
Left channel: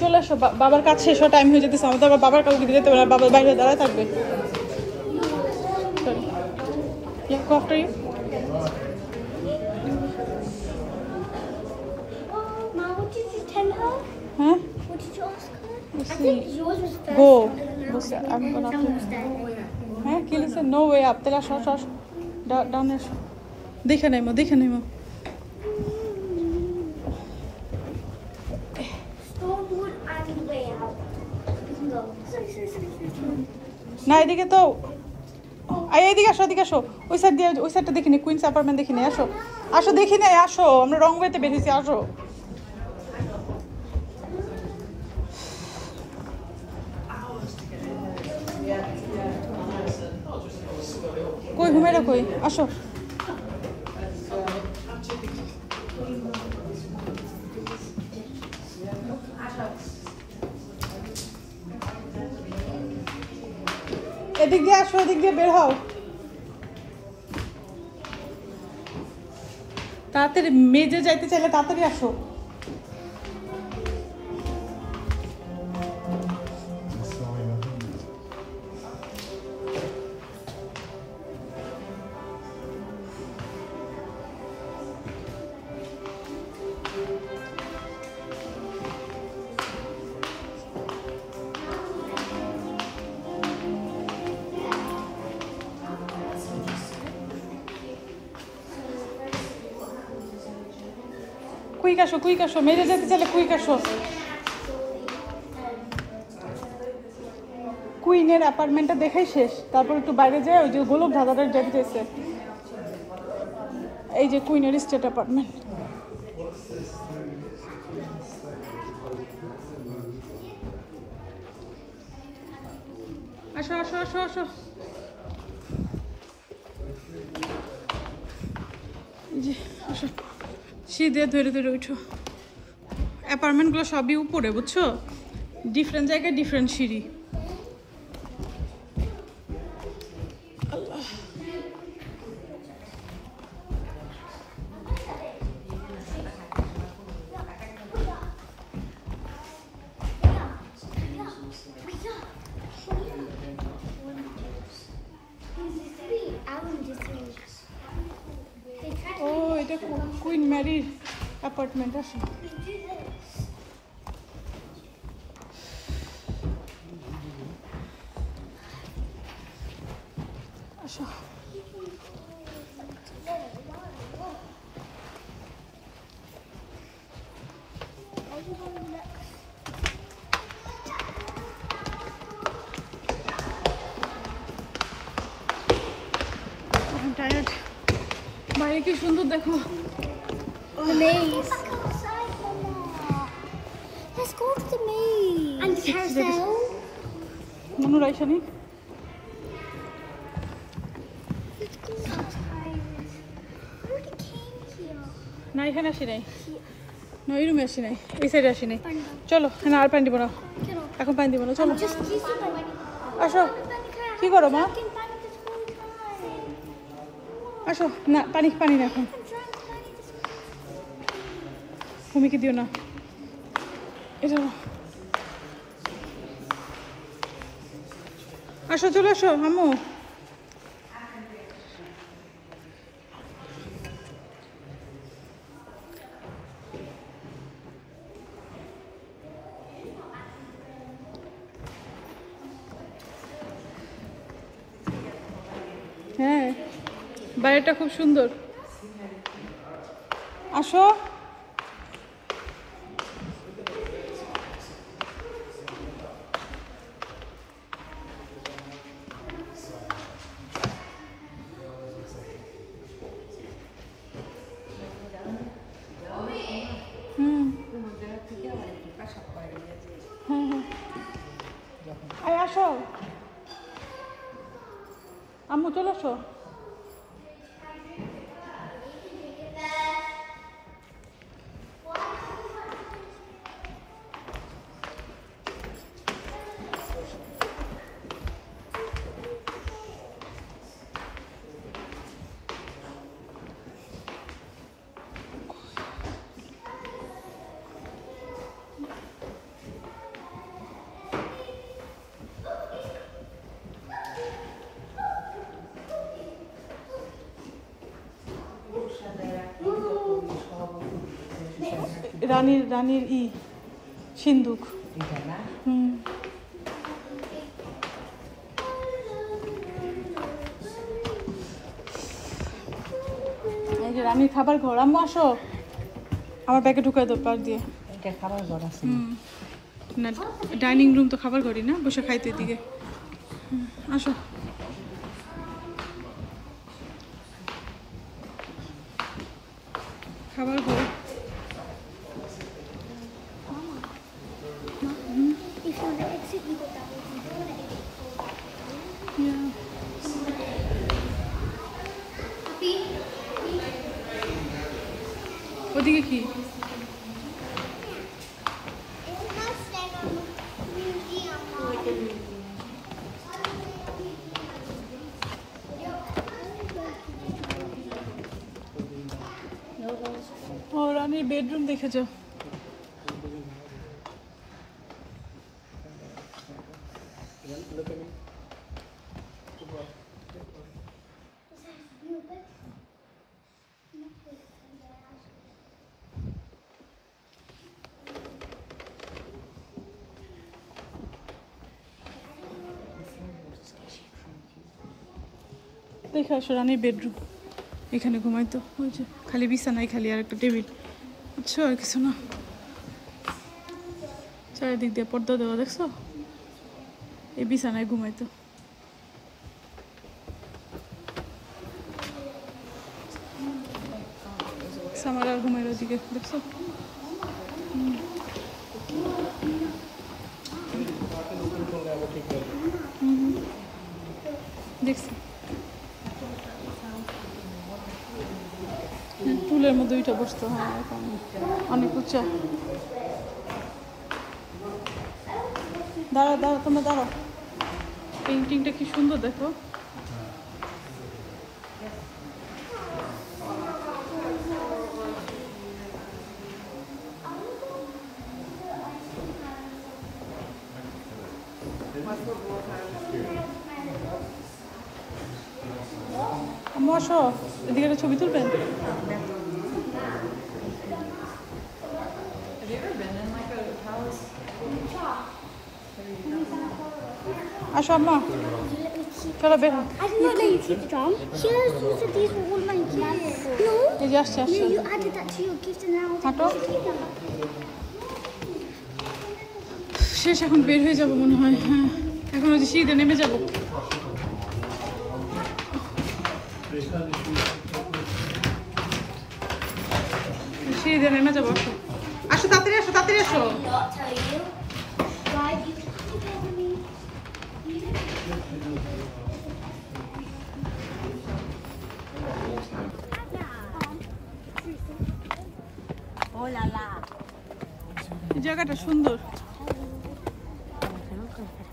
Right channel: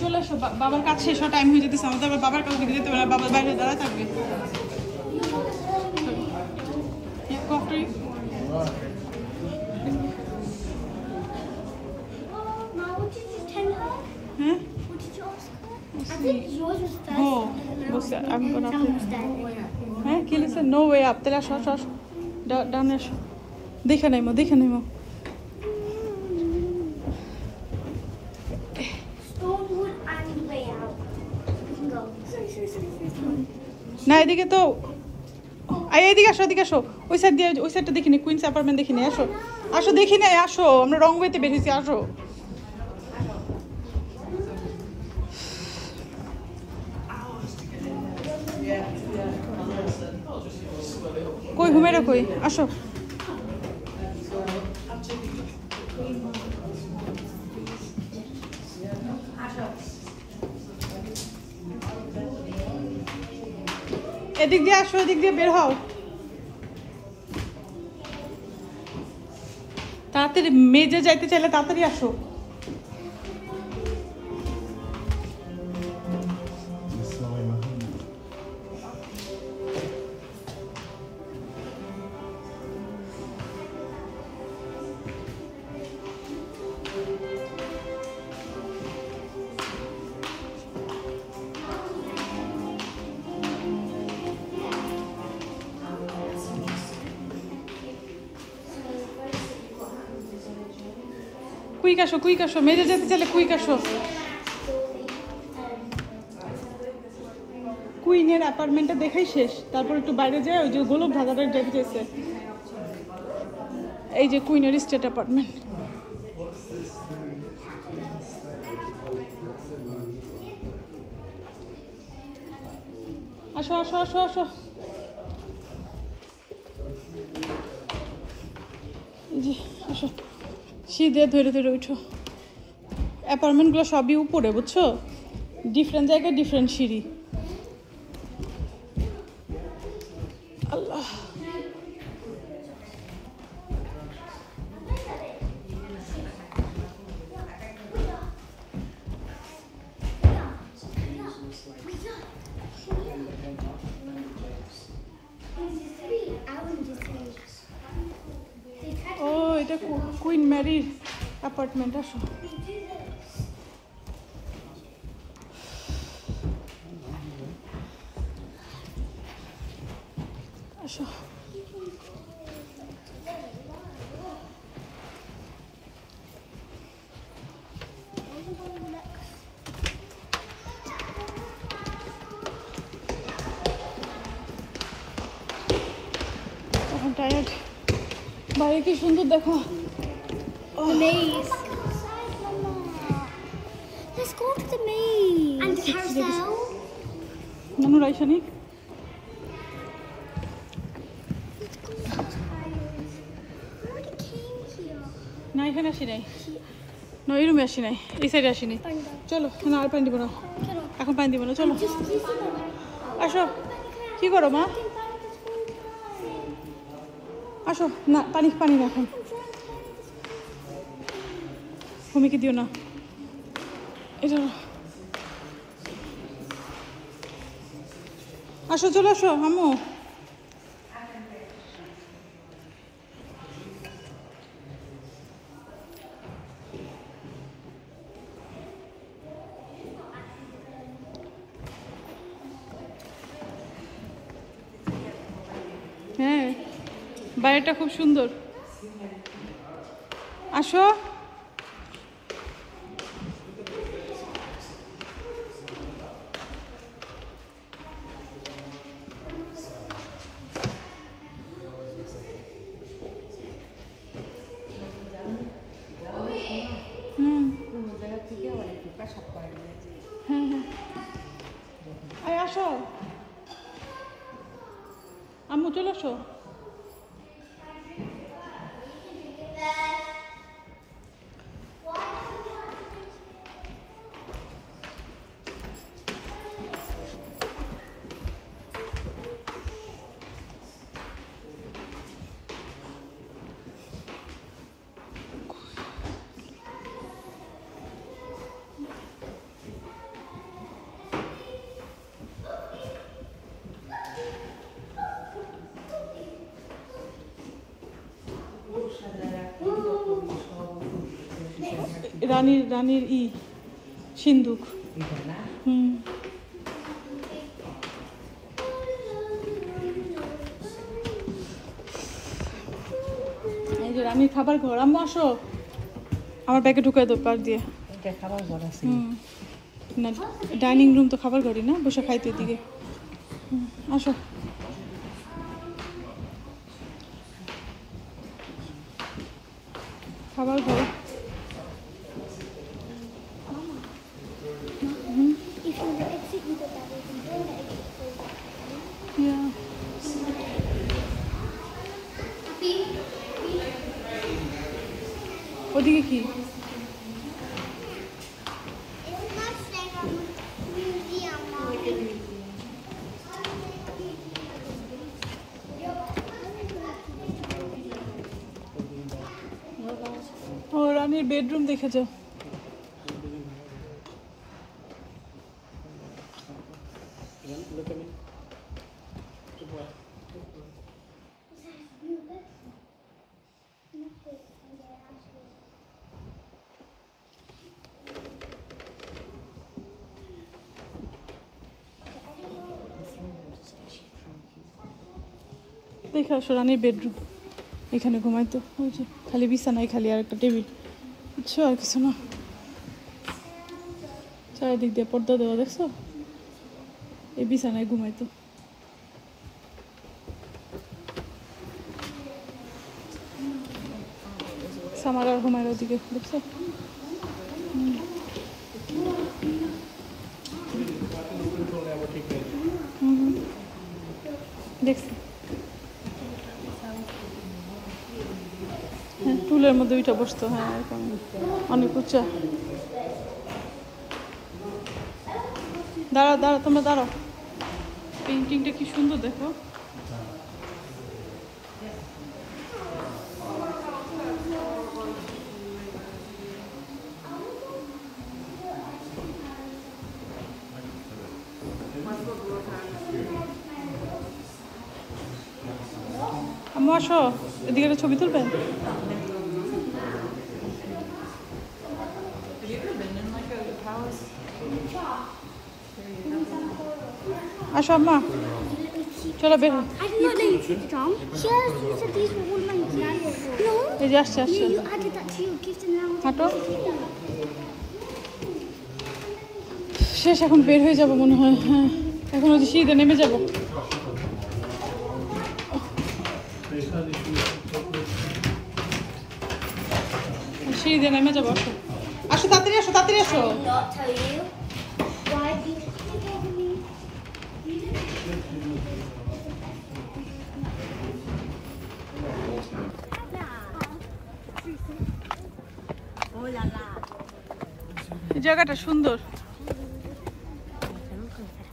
চলে আসো, বাবার কাছে এসো, টাইম হয়ে যেতেছে আমাদের। আবার বাবার কাউকে যেতে পারে, বাবার বাইরে দাঁড়ায় থাকবে। Huh? What did you ask her? Let's I see. think yours was first. Go. and then Go, I sir. was- I'm gonna Someone put- was there. হ্যাঁ, কি লিখছে? No way up. তাহলে আসো আসো আসো, ডাউন আসো, দেখে নাইমো, দেখে নাইমো। Stonewood and way out. We can go. Sorry. না, এদিকে তো এদিকে আসো, এদিকে আসো। ওই সাইড দিয়ে, ওই সাইডটা দেখিনি, কুইন্স অ্যাপার্টমেন্ট দেখিনি। আসো আসো, দেখি না, আসো, আমরা রং ওয়েতে বেরিয়েছি, আসো। কই হুমেরা কই আসো এদিক দিয়ে আসো এদিক দিয়ে বের হও তাড়াতাড়ি মেজে যাইতে চাইলে তাড়াতাড়ি আসো কুইক আসো মেজে যেতে চাইলে কুইক আসো কুইনের অ্যাপার্টমেন্টটা দেখাই শেষ তারপর একটু বাইরে যায় ওই যে গোলক ধাঁধাটা যেতে চাইছে এই যে কুইনের স্টেট অ্যাপার্টমেন্ট আসো আসো আসো আসো এই যে আসো সিধে ধরে ধরে উঠো অ্যাপার্টমেন্টগুলো সবই উপরে বুঝছো ডিফারেন্ট জায়গায় ডিফারেন্ট সিঁড়ি আল্লাহ ও এটা কুইন ম্যারির অ্যাপার্টমেন্ট আসো আসো টায়ার্ড বাইরে কি সুন্দর দেখো The maze. Outside, Mama. Let's go to the maze. And the carousel. মনে রাইসা নি না এখানে আসি নাই না ওই রুমে আসি নাই এই সাইডে আসি নাই চলো না আর পানি দিব না এখন পানি দিব না চলো আসো কি করো মা আসো না পানি পানি না এখন ভূমিকে দিও না এটা আসো চলো আসো আম্মু হ্যাঁ বাইরেটা খুব সুন্দর আসো হ্যাঁ আসো আম্মু চলো আসো রানীর সিন্দুক এই যে রানীর খাবার ঘর আম্মু আসো আমার ব্যাগে ঢুকাই দাও পাক দিয়ে এটা খাবার ঘর আছে না ডাইনিং রুম তো খাবার ঘরই না বসে খাইতে দিকে আসো খাবার ঘর If you want to exit, you go that way. If you don't want to exit, go that way. Yeah. ওদিকে কি? It looks like a museum. ও রানীর বেডরুম দেখে যাও। Look at me. দেখে আসো রানীর বেডরুম। এখানে ঘুমাইতো, ওই যে খালি বিছানায় খালি আর একটা টেবিল, বুঝছো, আর কিছু না। চারিদিক দিয়ে পর্দা দেওয়া, দেখছো? এই বিছানায় ঘুমাইতো। সামার আর ঘুমাইর ওদিকে, দেখছো? দেখছি টুলের মধ্যে ওইটা বসতো। হ্যাঁ, অনেক উঁচা। দাঁড়াও দাঁড়াও, তোমরা দাঁড়াও। পেইন্টিংটা কি সুন্দর দেখো। আম্মু আসো, এদিকে একটা ছবি তুলবেন? আসো আম্মা, চলো বের। I did not know you took the drum. She said these were all my gifts. No. এই যে আসছে আসছে। No, you added that to your gift and now হাঁটো। শেষ, এখন বের হয়ে যাবো মনে হয়। হ্যাঁ, এখন ওই যে সিঁড়িতে নেমে যাবো। সিঁড়িতে নেমে যাবো। আসো আসো, তাড়াতাড়ি আসো, তাড়াতাড়ি আসো। not tell you why you together me. Oh la la. এই জায়গাটা সুন্দর।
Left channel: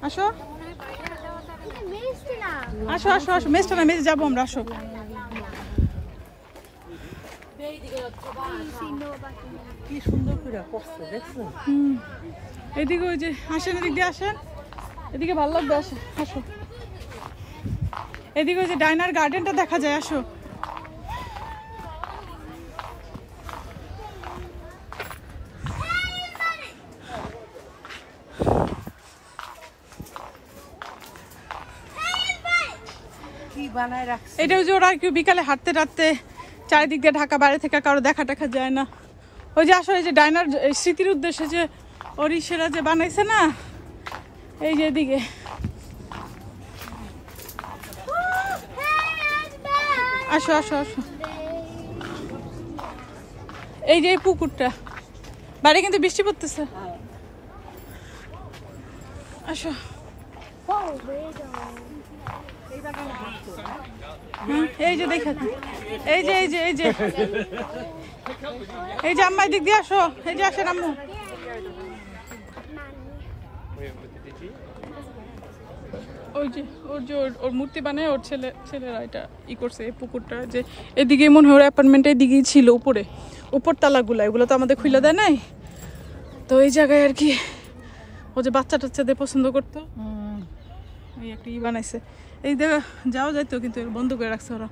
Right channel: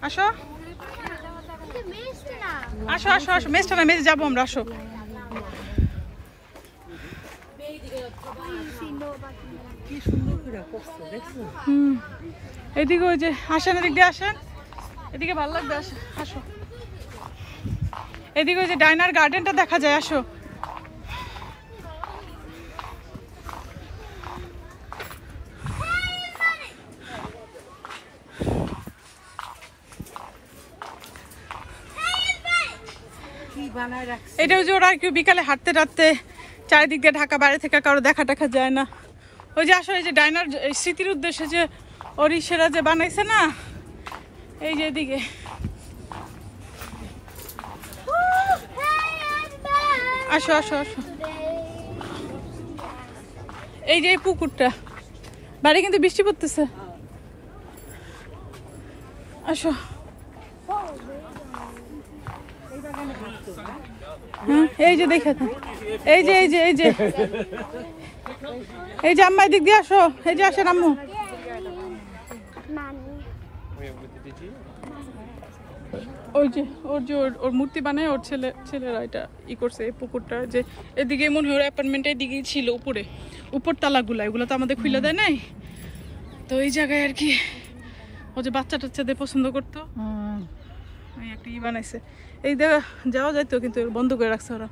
আসো আসো আসো আসো, মেজটা না, মেজে যাবো আমরা। আসো। কি সুন্দর করে করছে, দেখছো? এদিকে ওই যে আসেন, এদিক দিয়ে আসেন, এদিকে ভালো লাগবে। আসো আসো, এদিকে ওই যে ডাইনার গার্ডেনটা দেখা যায়। আসো। কি বানায় রাখছে। এটা ওই যে ওরা কেউ বিকালে হাঁটতে টাটতে চারিদিক দিয়ে ঢাকা, বাইরে থেকে কারো দেখা টাকা যায় না। ওই যে আসলে এই যে ডাইনার স্মৃতির উদ্দেশ্যে যে ওড়িশেরা যে বানাইছে না, এই যে এদিকে। আসো আসো আসো, এই যে এই পুকুরটা, বাইরে কিন্তু বৃষ্টি পড়তেছে। আসো। এই যে দেখে, এই যে এই যে এই যে এই যে আম্মা এদিক দিয়ে আসো। এই যে আসেন আম্মু। ওই যে ওর মূর্তি বানায় ওর ছেলেরা এটা ই করছে। এই পুকুরটা যে এদিকে মনে হয় ওর অ্যাপার্টমেন্ট এদিকেই ছিল, উপর তালাগুলা, এগুলো তো আমাদের খুলে দেয় নাই। তো এই জায়গায় আর কি ও যে বাচ্চা টাচ্চাদের পছন্দ করতো, এই একটা ই বানাইছে। এই জায়গা যাওয়া যাইতো, কিন্তু বন্ধ করে রাখছে ওরা।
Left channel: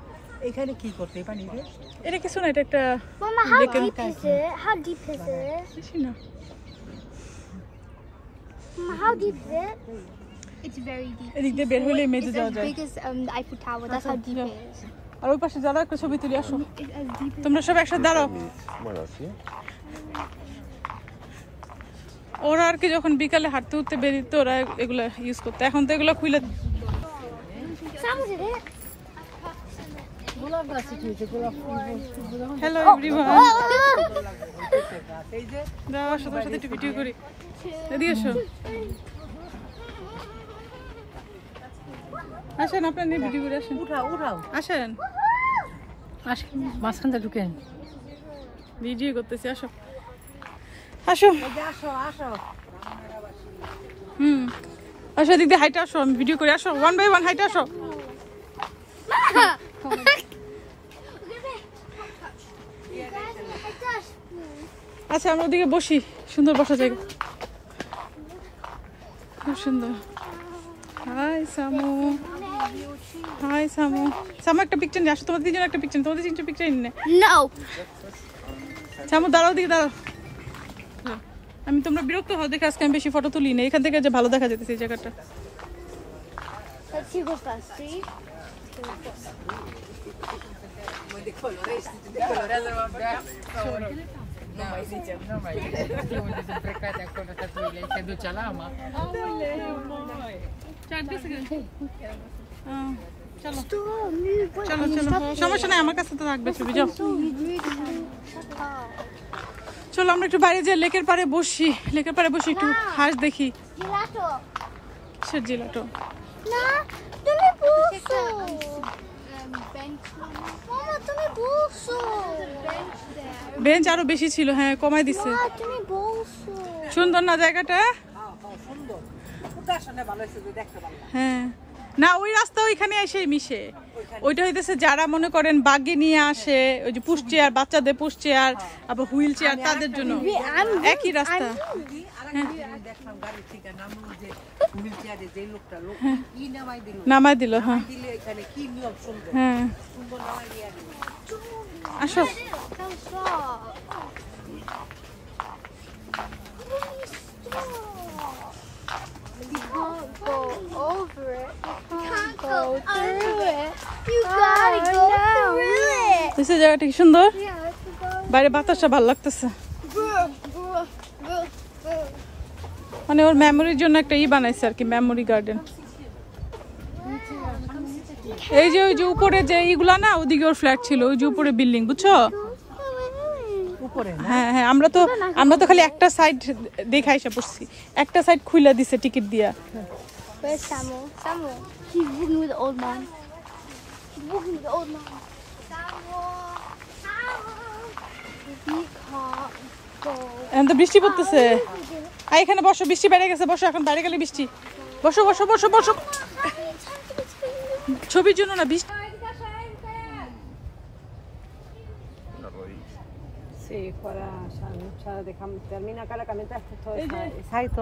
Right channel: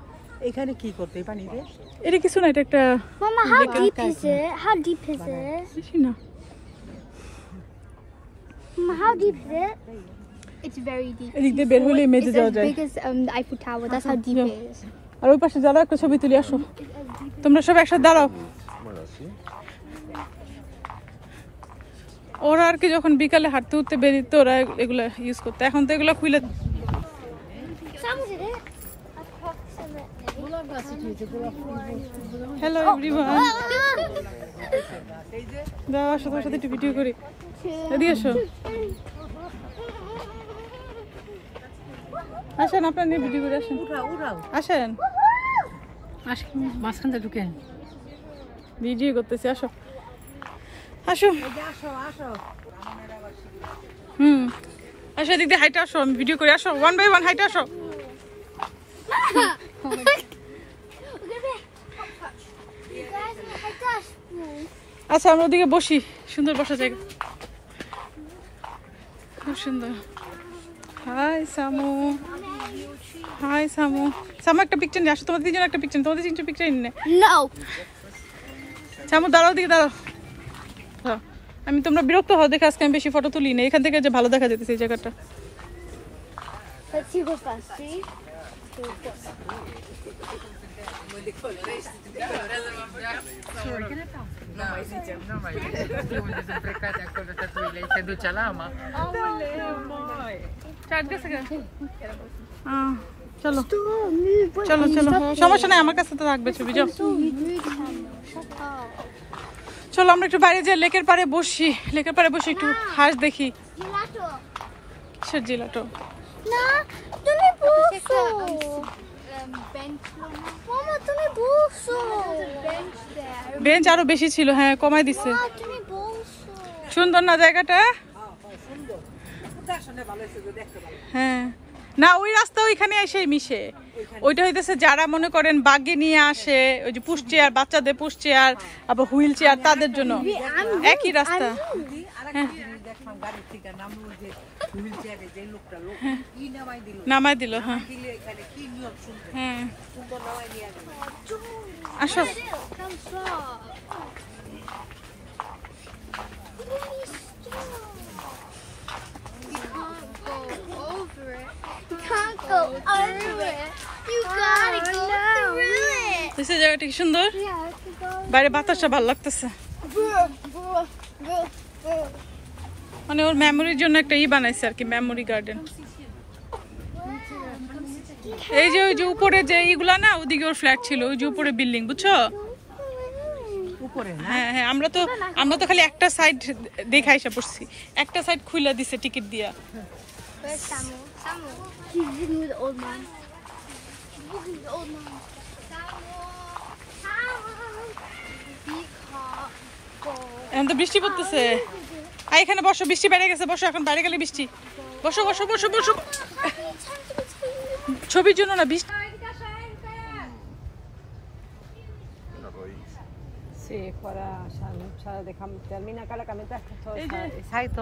এখানে কি করতে এই পানিতে? এটা কিছু না, এটা একটা Mama, how deep is it? How deep is it? বেশি না। Mama, how deep is it? It's very deep. এদিক দিয়ে বের হলে মেজে It's যাওয়া as যায়। big as the Eiffel Tower. That's how deep it is. আর ওই পাশে যারা একটা ছবি তুলি। আসো, তোমরা সব একসাথে দাঁড়াও। ওরা আর কি যখন বিকালে হাঁটতে উঠতে বেরিত ওরা এগুলা ইউজ করতো, এখন তো এগুলো খুলে। Sounds it. হ্যালো এভরিওয়ান, যাও আসো, তোমার সাথে একটু ভিডিও করি। এদিকে এসো, আসেন আপনার নিয়ে ভিডিও করে। আসেন উঠাও উঠাও, আসেন। আসেন মাঝখানটা ঢুকেন। ভিডিও করতেছি, আসো আসো। আসো দিদি, হাইটে আসো, আমি ভিডিও করে। আসো 1 by 1 হাইটে আসো। আচ্ছা আমরা ওদিকে বসি, সুন্দর বসা জায়গা, খুব সুন্দর। High সামু, high সামু। সামু একটা পিকচার নিয়ে আসো, তোমাদের তিনজন একটা পিকচার, তোমাদের তিনজন পিকচার নিয়ে। No. সামু দাঁড়াও, দিকে দাঁড়াও। আমি তোমরা বিরক্ত হও দেখে আজকে আমি বেশি ফটো তুলি না, এখান থেকে যে ভালো দেখা যেতেছে এই জায়গাটা। Let's see who's first. See? চলো চলো চলো, সমস্যা নাই, আমার কাছে তো রাখবে ছবি। যাও চলো আমরা একটু বাইরে যাই, লেকের পাড়ে বসি, লেকের পাড়ে বসে একটু হাঁস দেখি। Gelato. কিসের জিলাটো? No, তুমি বসো। Bench. Mama, তুমি বসো। Bench there. বেঞ্চ আরো বেশি ছিল, হ্যাঁ কমাই দিছে। Mama, তুমি বসো। সুন্দর না জায়গাটা? হ্যাঁ না, ওই রাস্তা ওইখানে এসে মিশে। ওইটা হইতেছে যারা মনে করেন বাগি নিয়ে আসে, ওই যে পুশ চেয়ার, বাচ্চাদের পুশ চেয়ার, আবার হুইল চেয়ার, তাদের জন্য একই রাস্তা। হ্যাঁ নামাই দিল। হ্যাঁ হ্যাঁ আসো। Go over it. Can't go through it. You gotta go through it. জায়গাটা কি সুন্দর, Yeah, বাইরে বাতাসটা ভালো লাগতেছে। মানে ওর মেমোরির জন্য একটা বানাইছে আর কি, মেমোরি গার্ডেন। এই যে ওই যে উপরে যে এইগুলা না, ওদিকে ওর ফ্ল্যাট ছিল, ওই যে উপরে বিল্ডিং, বুঝছো? হ্যাঁ হ্যাঁ, আমরা তো খালি একটা সাইড দেখা এসে পড়ছি, একটা সাইড খুলে দিছে টিকিট দিয়া। Where's Samuel? Samuel. He's walking with the old man. He's walking with the old man. এখন তো বৃষ্টি পড়তেছে। এখানে বসো, বৃষ্টি বেড়ে গেছে, বসো, এখন বাইরে গেলে বৃষ্টি। বসো বসো বসো বসো, ছবির জন্য না, বৃষ্টি।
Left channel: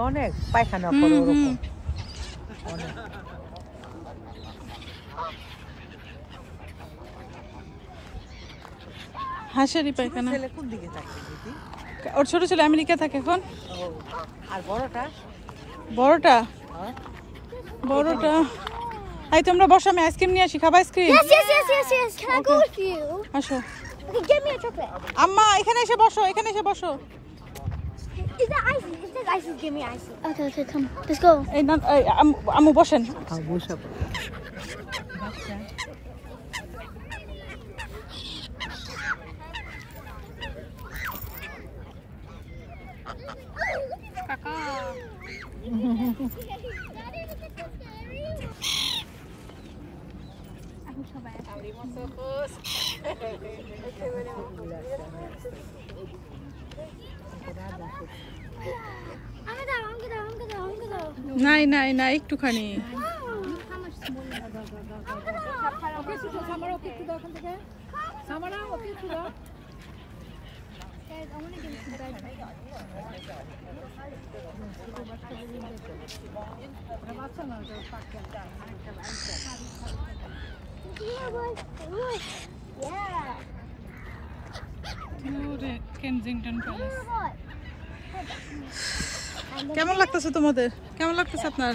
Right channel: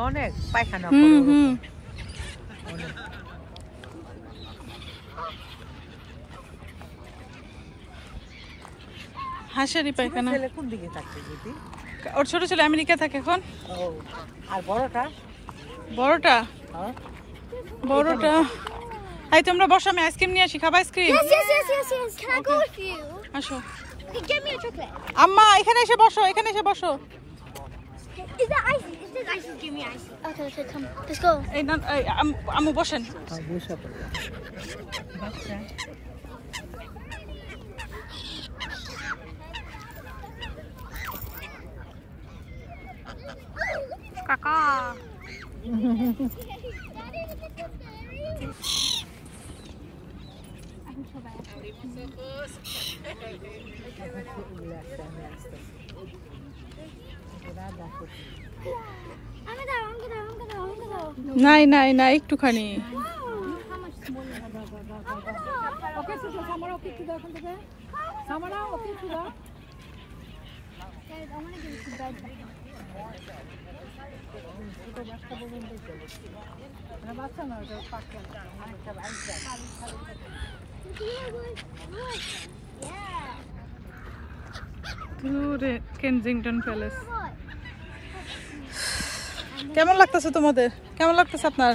অনেক পায়খানা হাঁসেরই পায়খানা। ওর ছোট ছেলে আমেরিকা থাকে এখন। আর বড়টা বড়টা এই তোমরা বসো, আমি আইসক্রিম নিয়ে আসি, খাবা ice cream? Yes. Can I go with you? আসো। Okay, get me a chocolate. আম্মা এখানে এসে বসো, এখানে এসে বসো। Is that icy? It says icy. Give me icy. Okay, come. Let's go. এই না, আম্মু বসেন। কাকা নাই নাই নাই, একটুখানি। কেনজিংটন প্যালেস। কেমন লাগতেছে তোমাদের? কেমন লাগতেছে আপনার?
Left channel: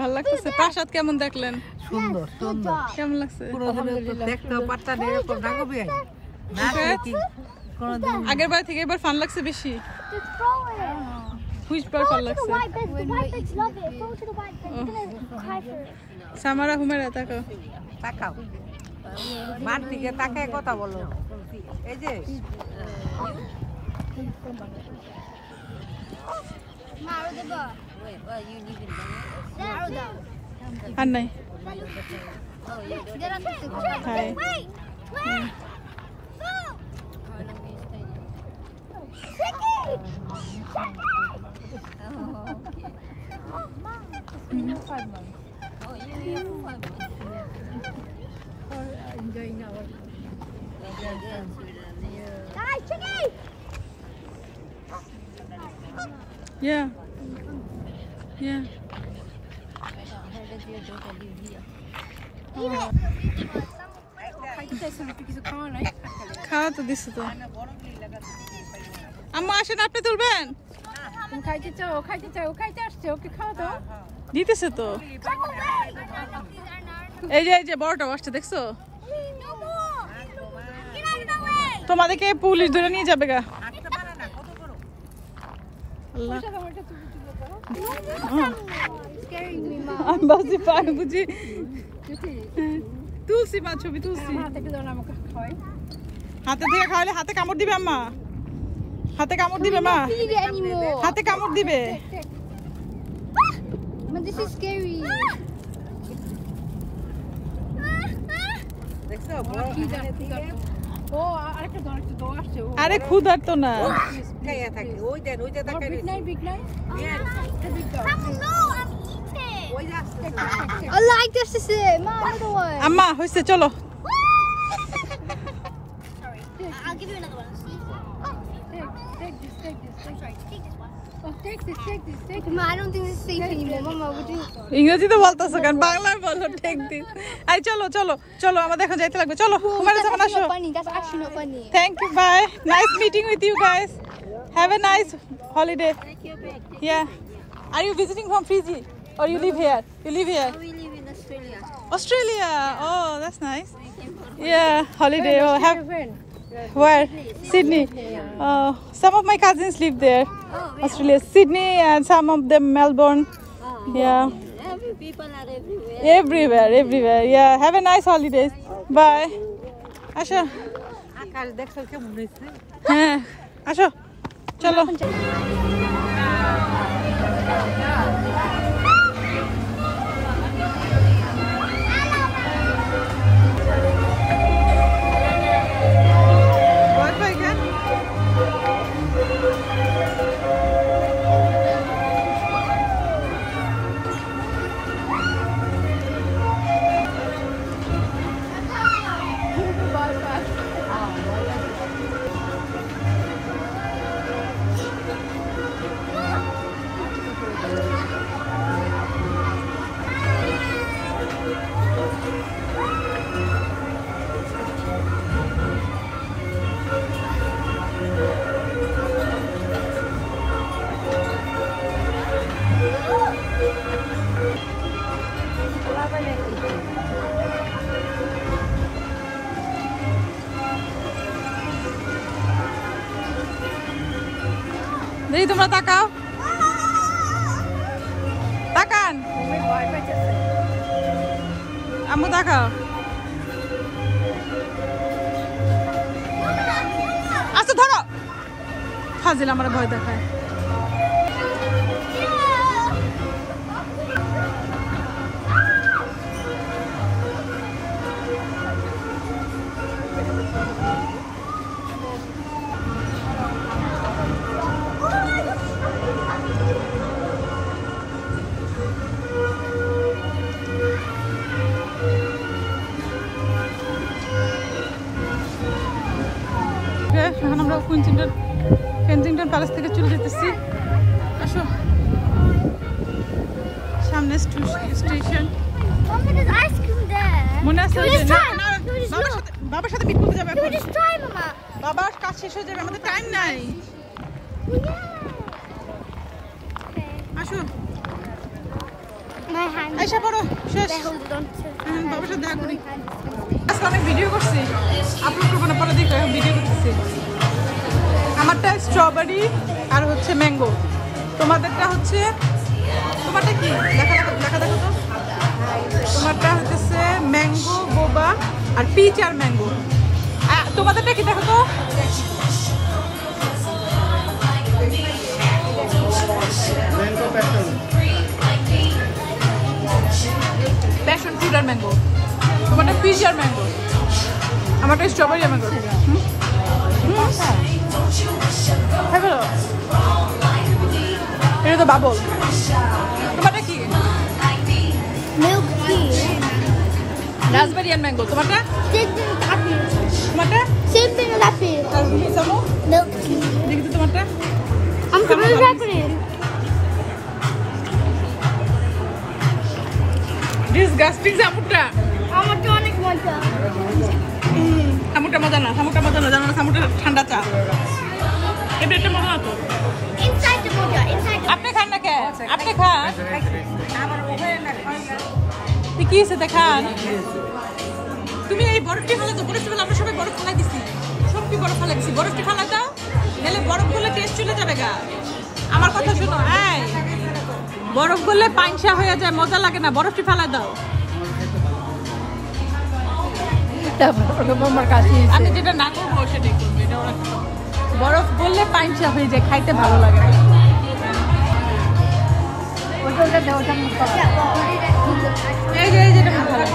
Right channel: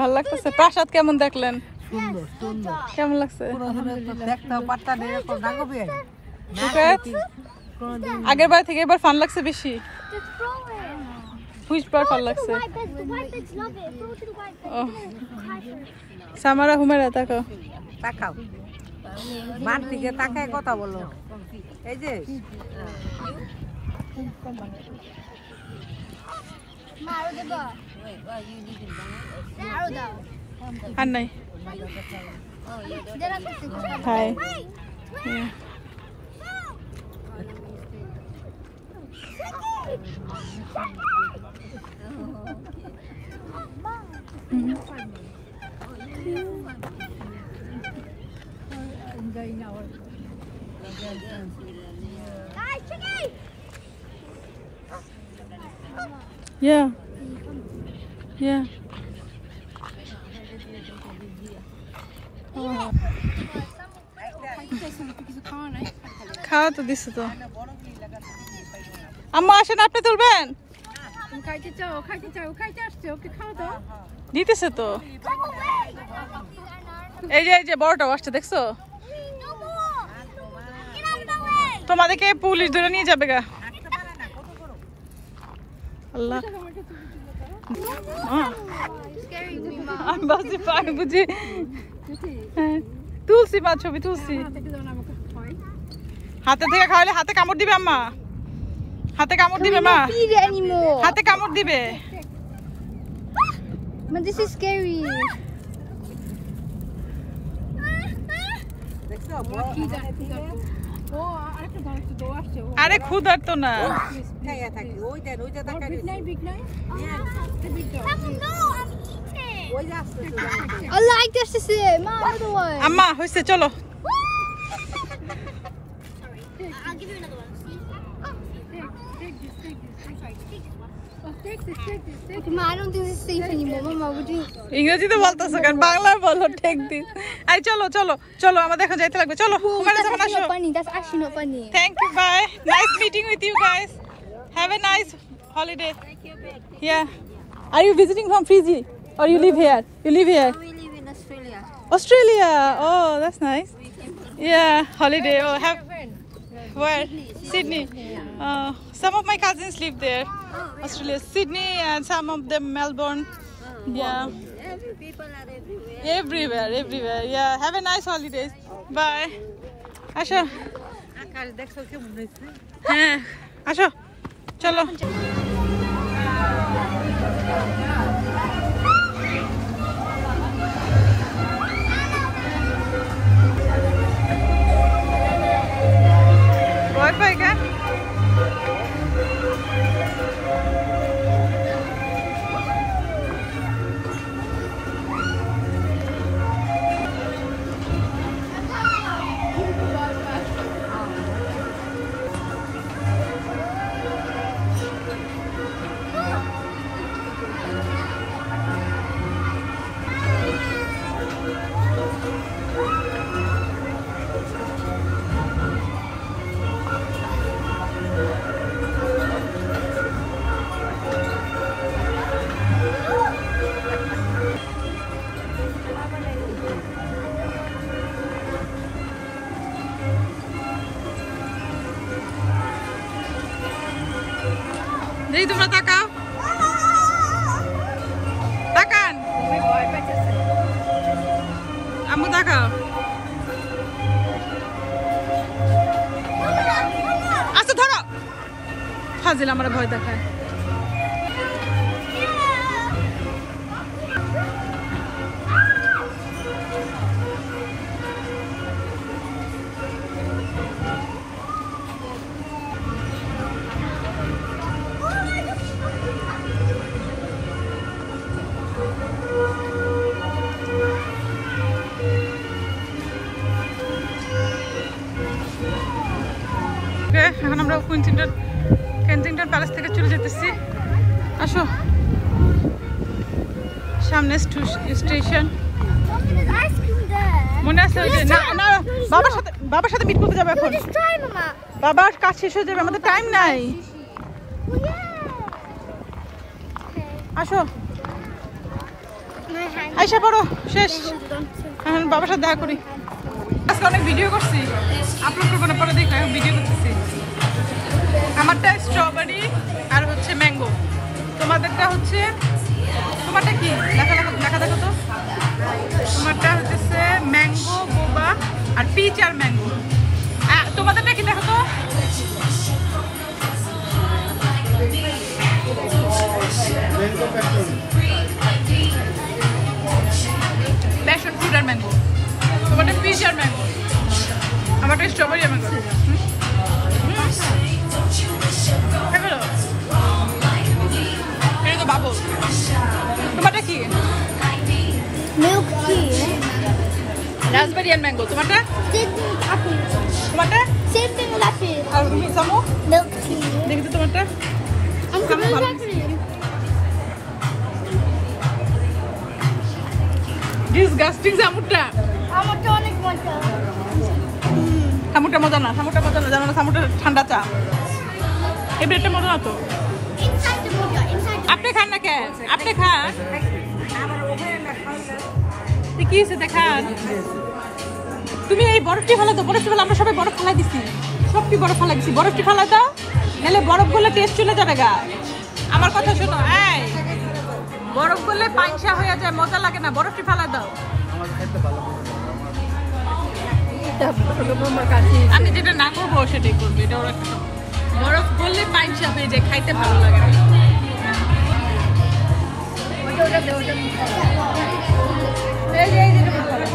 ভালো লাগতেছে। প্রাসাদ কেমন দেখলেন? সুন্দর সুন্দর। কেমন লাগছে? দেখতেও পারতাম এরকম রাগবে আগের বার থেকে এবার ফান লাগছে বেশি। হুইচ বার ফান লাগছে? সামারা হুমেরা তাকাও, তাকাও, মান দিকে তাকায় কথা বলো। এই যে আর নাই। Hi Enjoying our Guys, Chicky! Yeah. Yeah. খাওয়া তো দিছে তো আম্মা আসেন আপনি তুলবেন দিতেছে তো এই যে বড়টাও আসছে দেখছো তোমাদেরকে পুলিশ ধরে নিয়ে যাবে গা আল্লাহ বুঝি তুলসি মা ছবি তুলসি হাতে থেকে খাওয়ালে হাতে কামড় দিবে আম্মা হাতে কামড় দিবে মা হাতে কামড় দিবে But this is scary. আরে ক্ষুধার তো না Papa, no, I'm eating. I like this. Is it? My other one. আম্মা হইছে চলো Sorry. I'll give you another one. See? Take this. I'm sorry. Take this one. Oh, take this. Mama, I don't think this is safe anymore. Mama, would you? ইংরেজিতে বলতেছো কেন বাংলায় বলো take this I চলো চলো চলো আমাদের এখন যাইতে লাগবে চলো হুমায়রা That's জামান actually আসো not funny. That's actually not funny. Thank you bye nice meeting with you guys have a nice holiday Yeah. Are you visiting from Fiji or you live here? You live here? We live in Australia. Australia. Oh, that's nice. Yeah, holiday. Oh, have where? Sydney. Some of my cousins live there. Australia, Sydney, and some of them Melbourne. Yeah. Every people are Everywhere. Yeah. Have a nice holidays. Bye. Asha. হ্যাঁ আসো চলো Wi-Fi can? দেখি তোমরা তাকাও তাকান আম্মু তাকাও আচ্ছা ধরো ফাজিল আমার ভয় দেখায় এখন আমরা কেনজিংটন প্যালেস থেকে চলে যেতেছি আসো সামনে স্টেশন মনে আছে না বাবার সাথে মিট করতে যাবে এখন বাবার কাজ শেষ হয়ে যাবে আমাদের টাইম নাই আসো আইসা পড়ো শেষ এখন বাবার সাথে দেখা করি আজকে অনেক ভিডিও করছি আপলোড করবো না পরে দেখো এখন ভিডিও করতেছি আমারটা স্ট্রবেরি আর হচ্ছে ম্যাঙ্গো তোমাদেরটা হচ্ছে তোমারটা কি দেখা দেখো তো তোমারটা হচ্ছে ম্যাঙ্গো বোবা আর পিচ আর ম্যাঙ্গো তোমাদেরটা কি দেখো তো প্যাশন ফ্রুট আর ম্যাঙ্গো তোমারটা পিচ আর ম্যাঙ্গো আমারটা স্ট্রবেরি আর ম্যাঙ্গো এটা তো বাবল তোমারটা কি? Milk tea. রাসবেরি আর ম্যাঙ্গো। তোমারটা? Same thing with apple. তোমারটা? Same thing with apple. আর তুমি সামু? Milk tea. দেখি তো তোমারটা। I'm Come coming on. back in. Disgusting সামুটা। I'm a tonic water. সামুটা মজা না, সামুটা মজা না, জানো না সামুটা ঠান্ডা চা। এই ব্রেডটা মজা না তো। Inside the Buddha. Inside the আপনি খান না কে? আপনি খান। কি হয়েছে দেখান? তুমি এই বরফটি ফেলো তো, বরফটি ফেলো, আমরা সবাই বরফ ফেলা দিছি, সবটি বরফ ফেলা দিছি, বরফটি ফেলা দাও, নাহলে বরফ গুলো টেস্ট চলে যাবে গা। আমার কথা শোনো, এই বরফ গুলো পাংশা হয়ে যায়, মজা লাগে না, বরফটি ফেলা দাও। আমি যেটা না করবো সেটাই করবো, এটা ওরা বরফ বললে পাংশা হয়ে যায়, খাইতে ভালো লাগে না। এই যে এটা ভালো।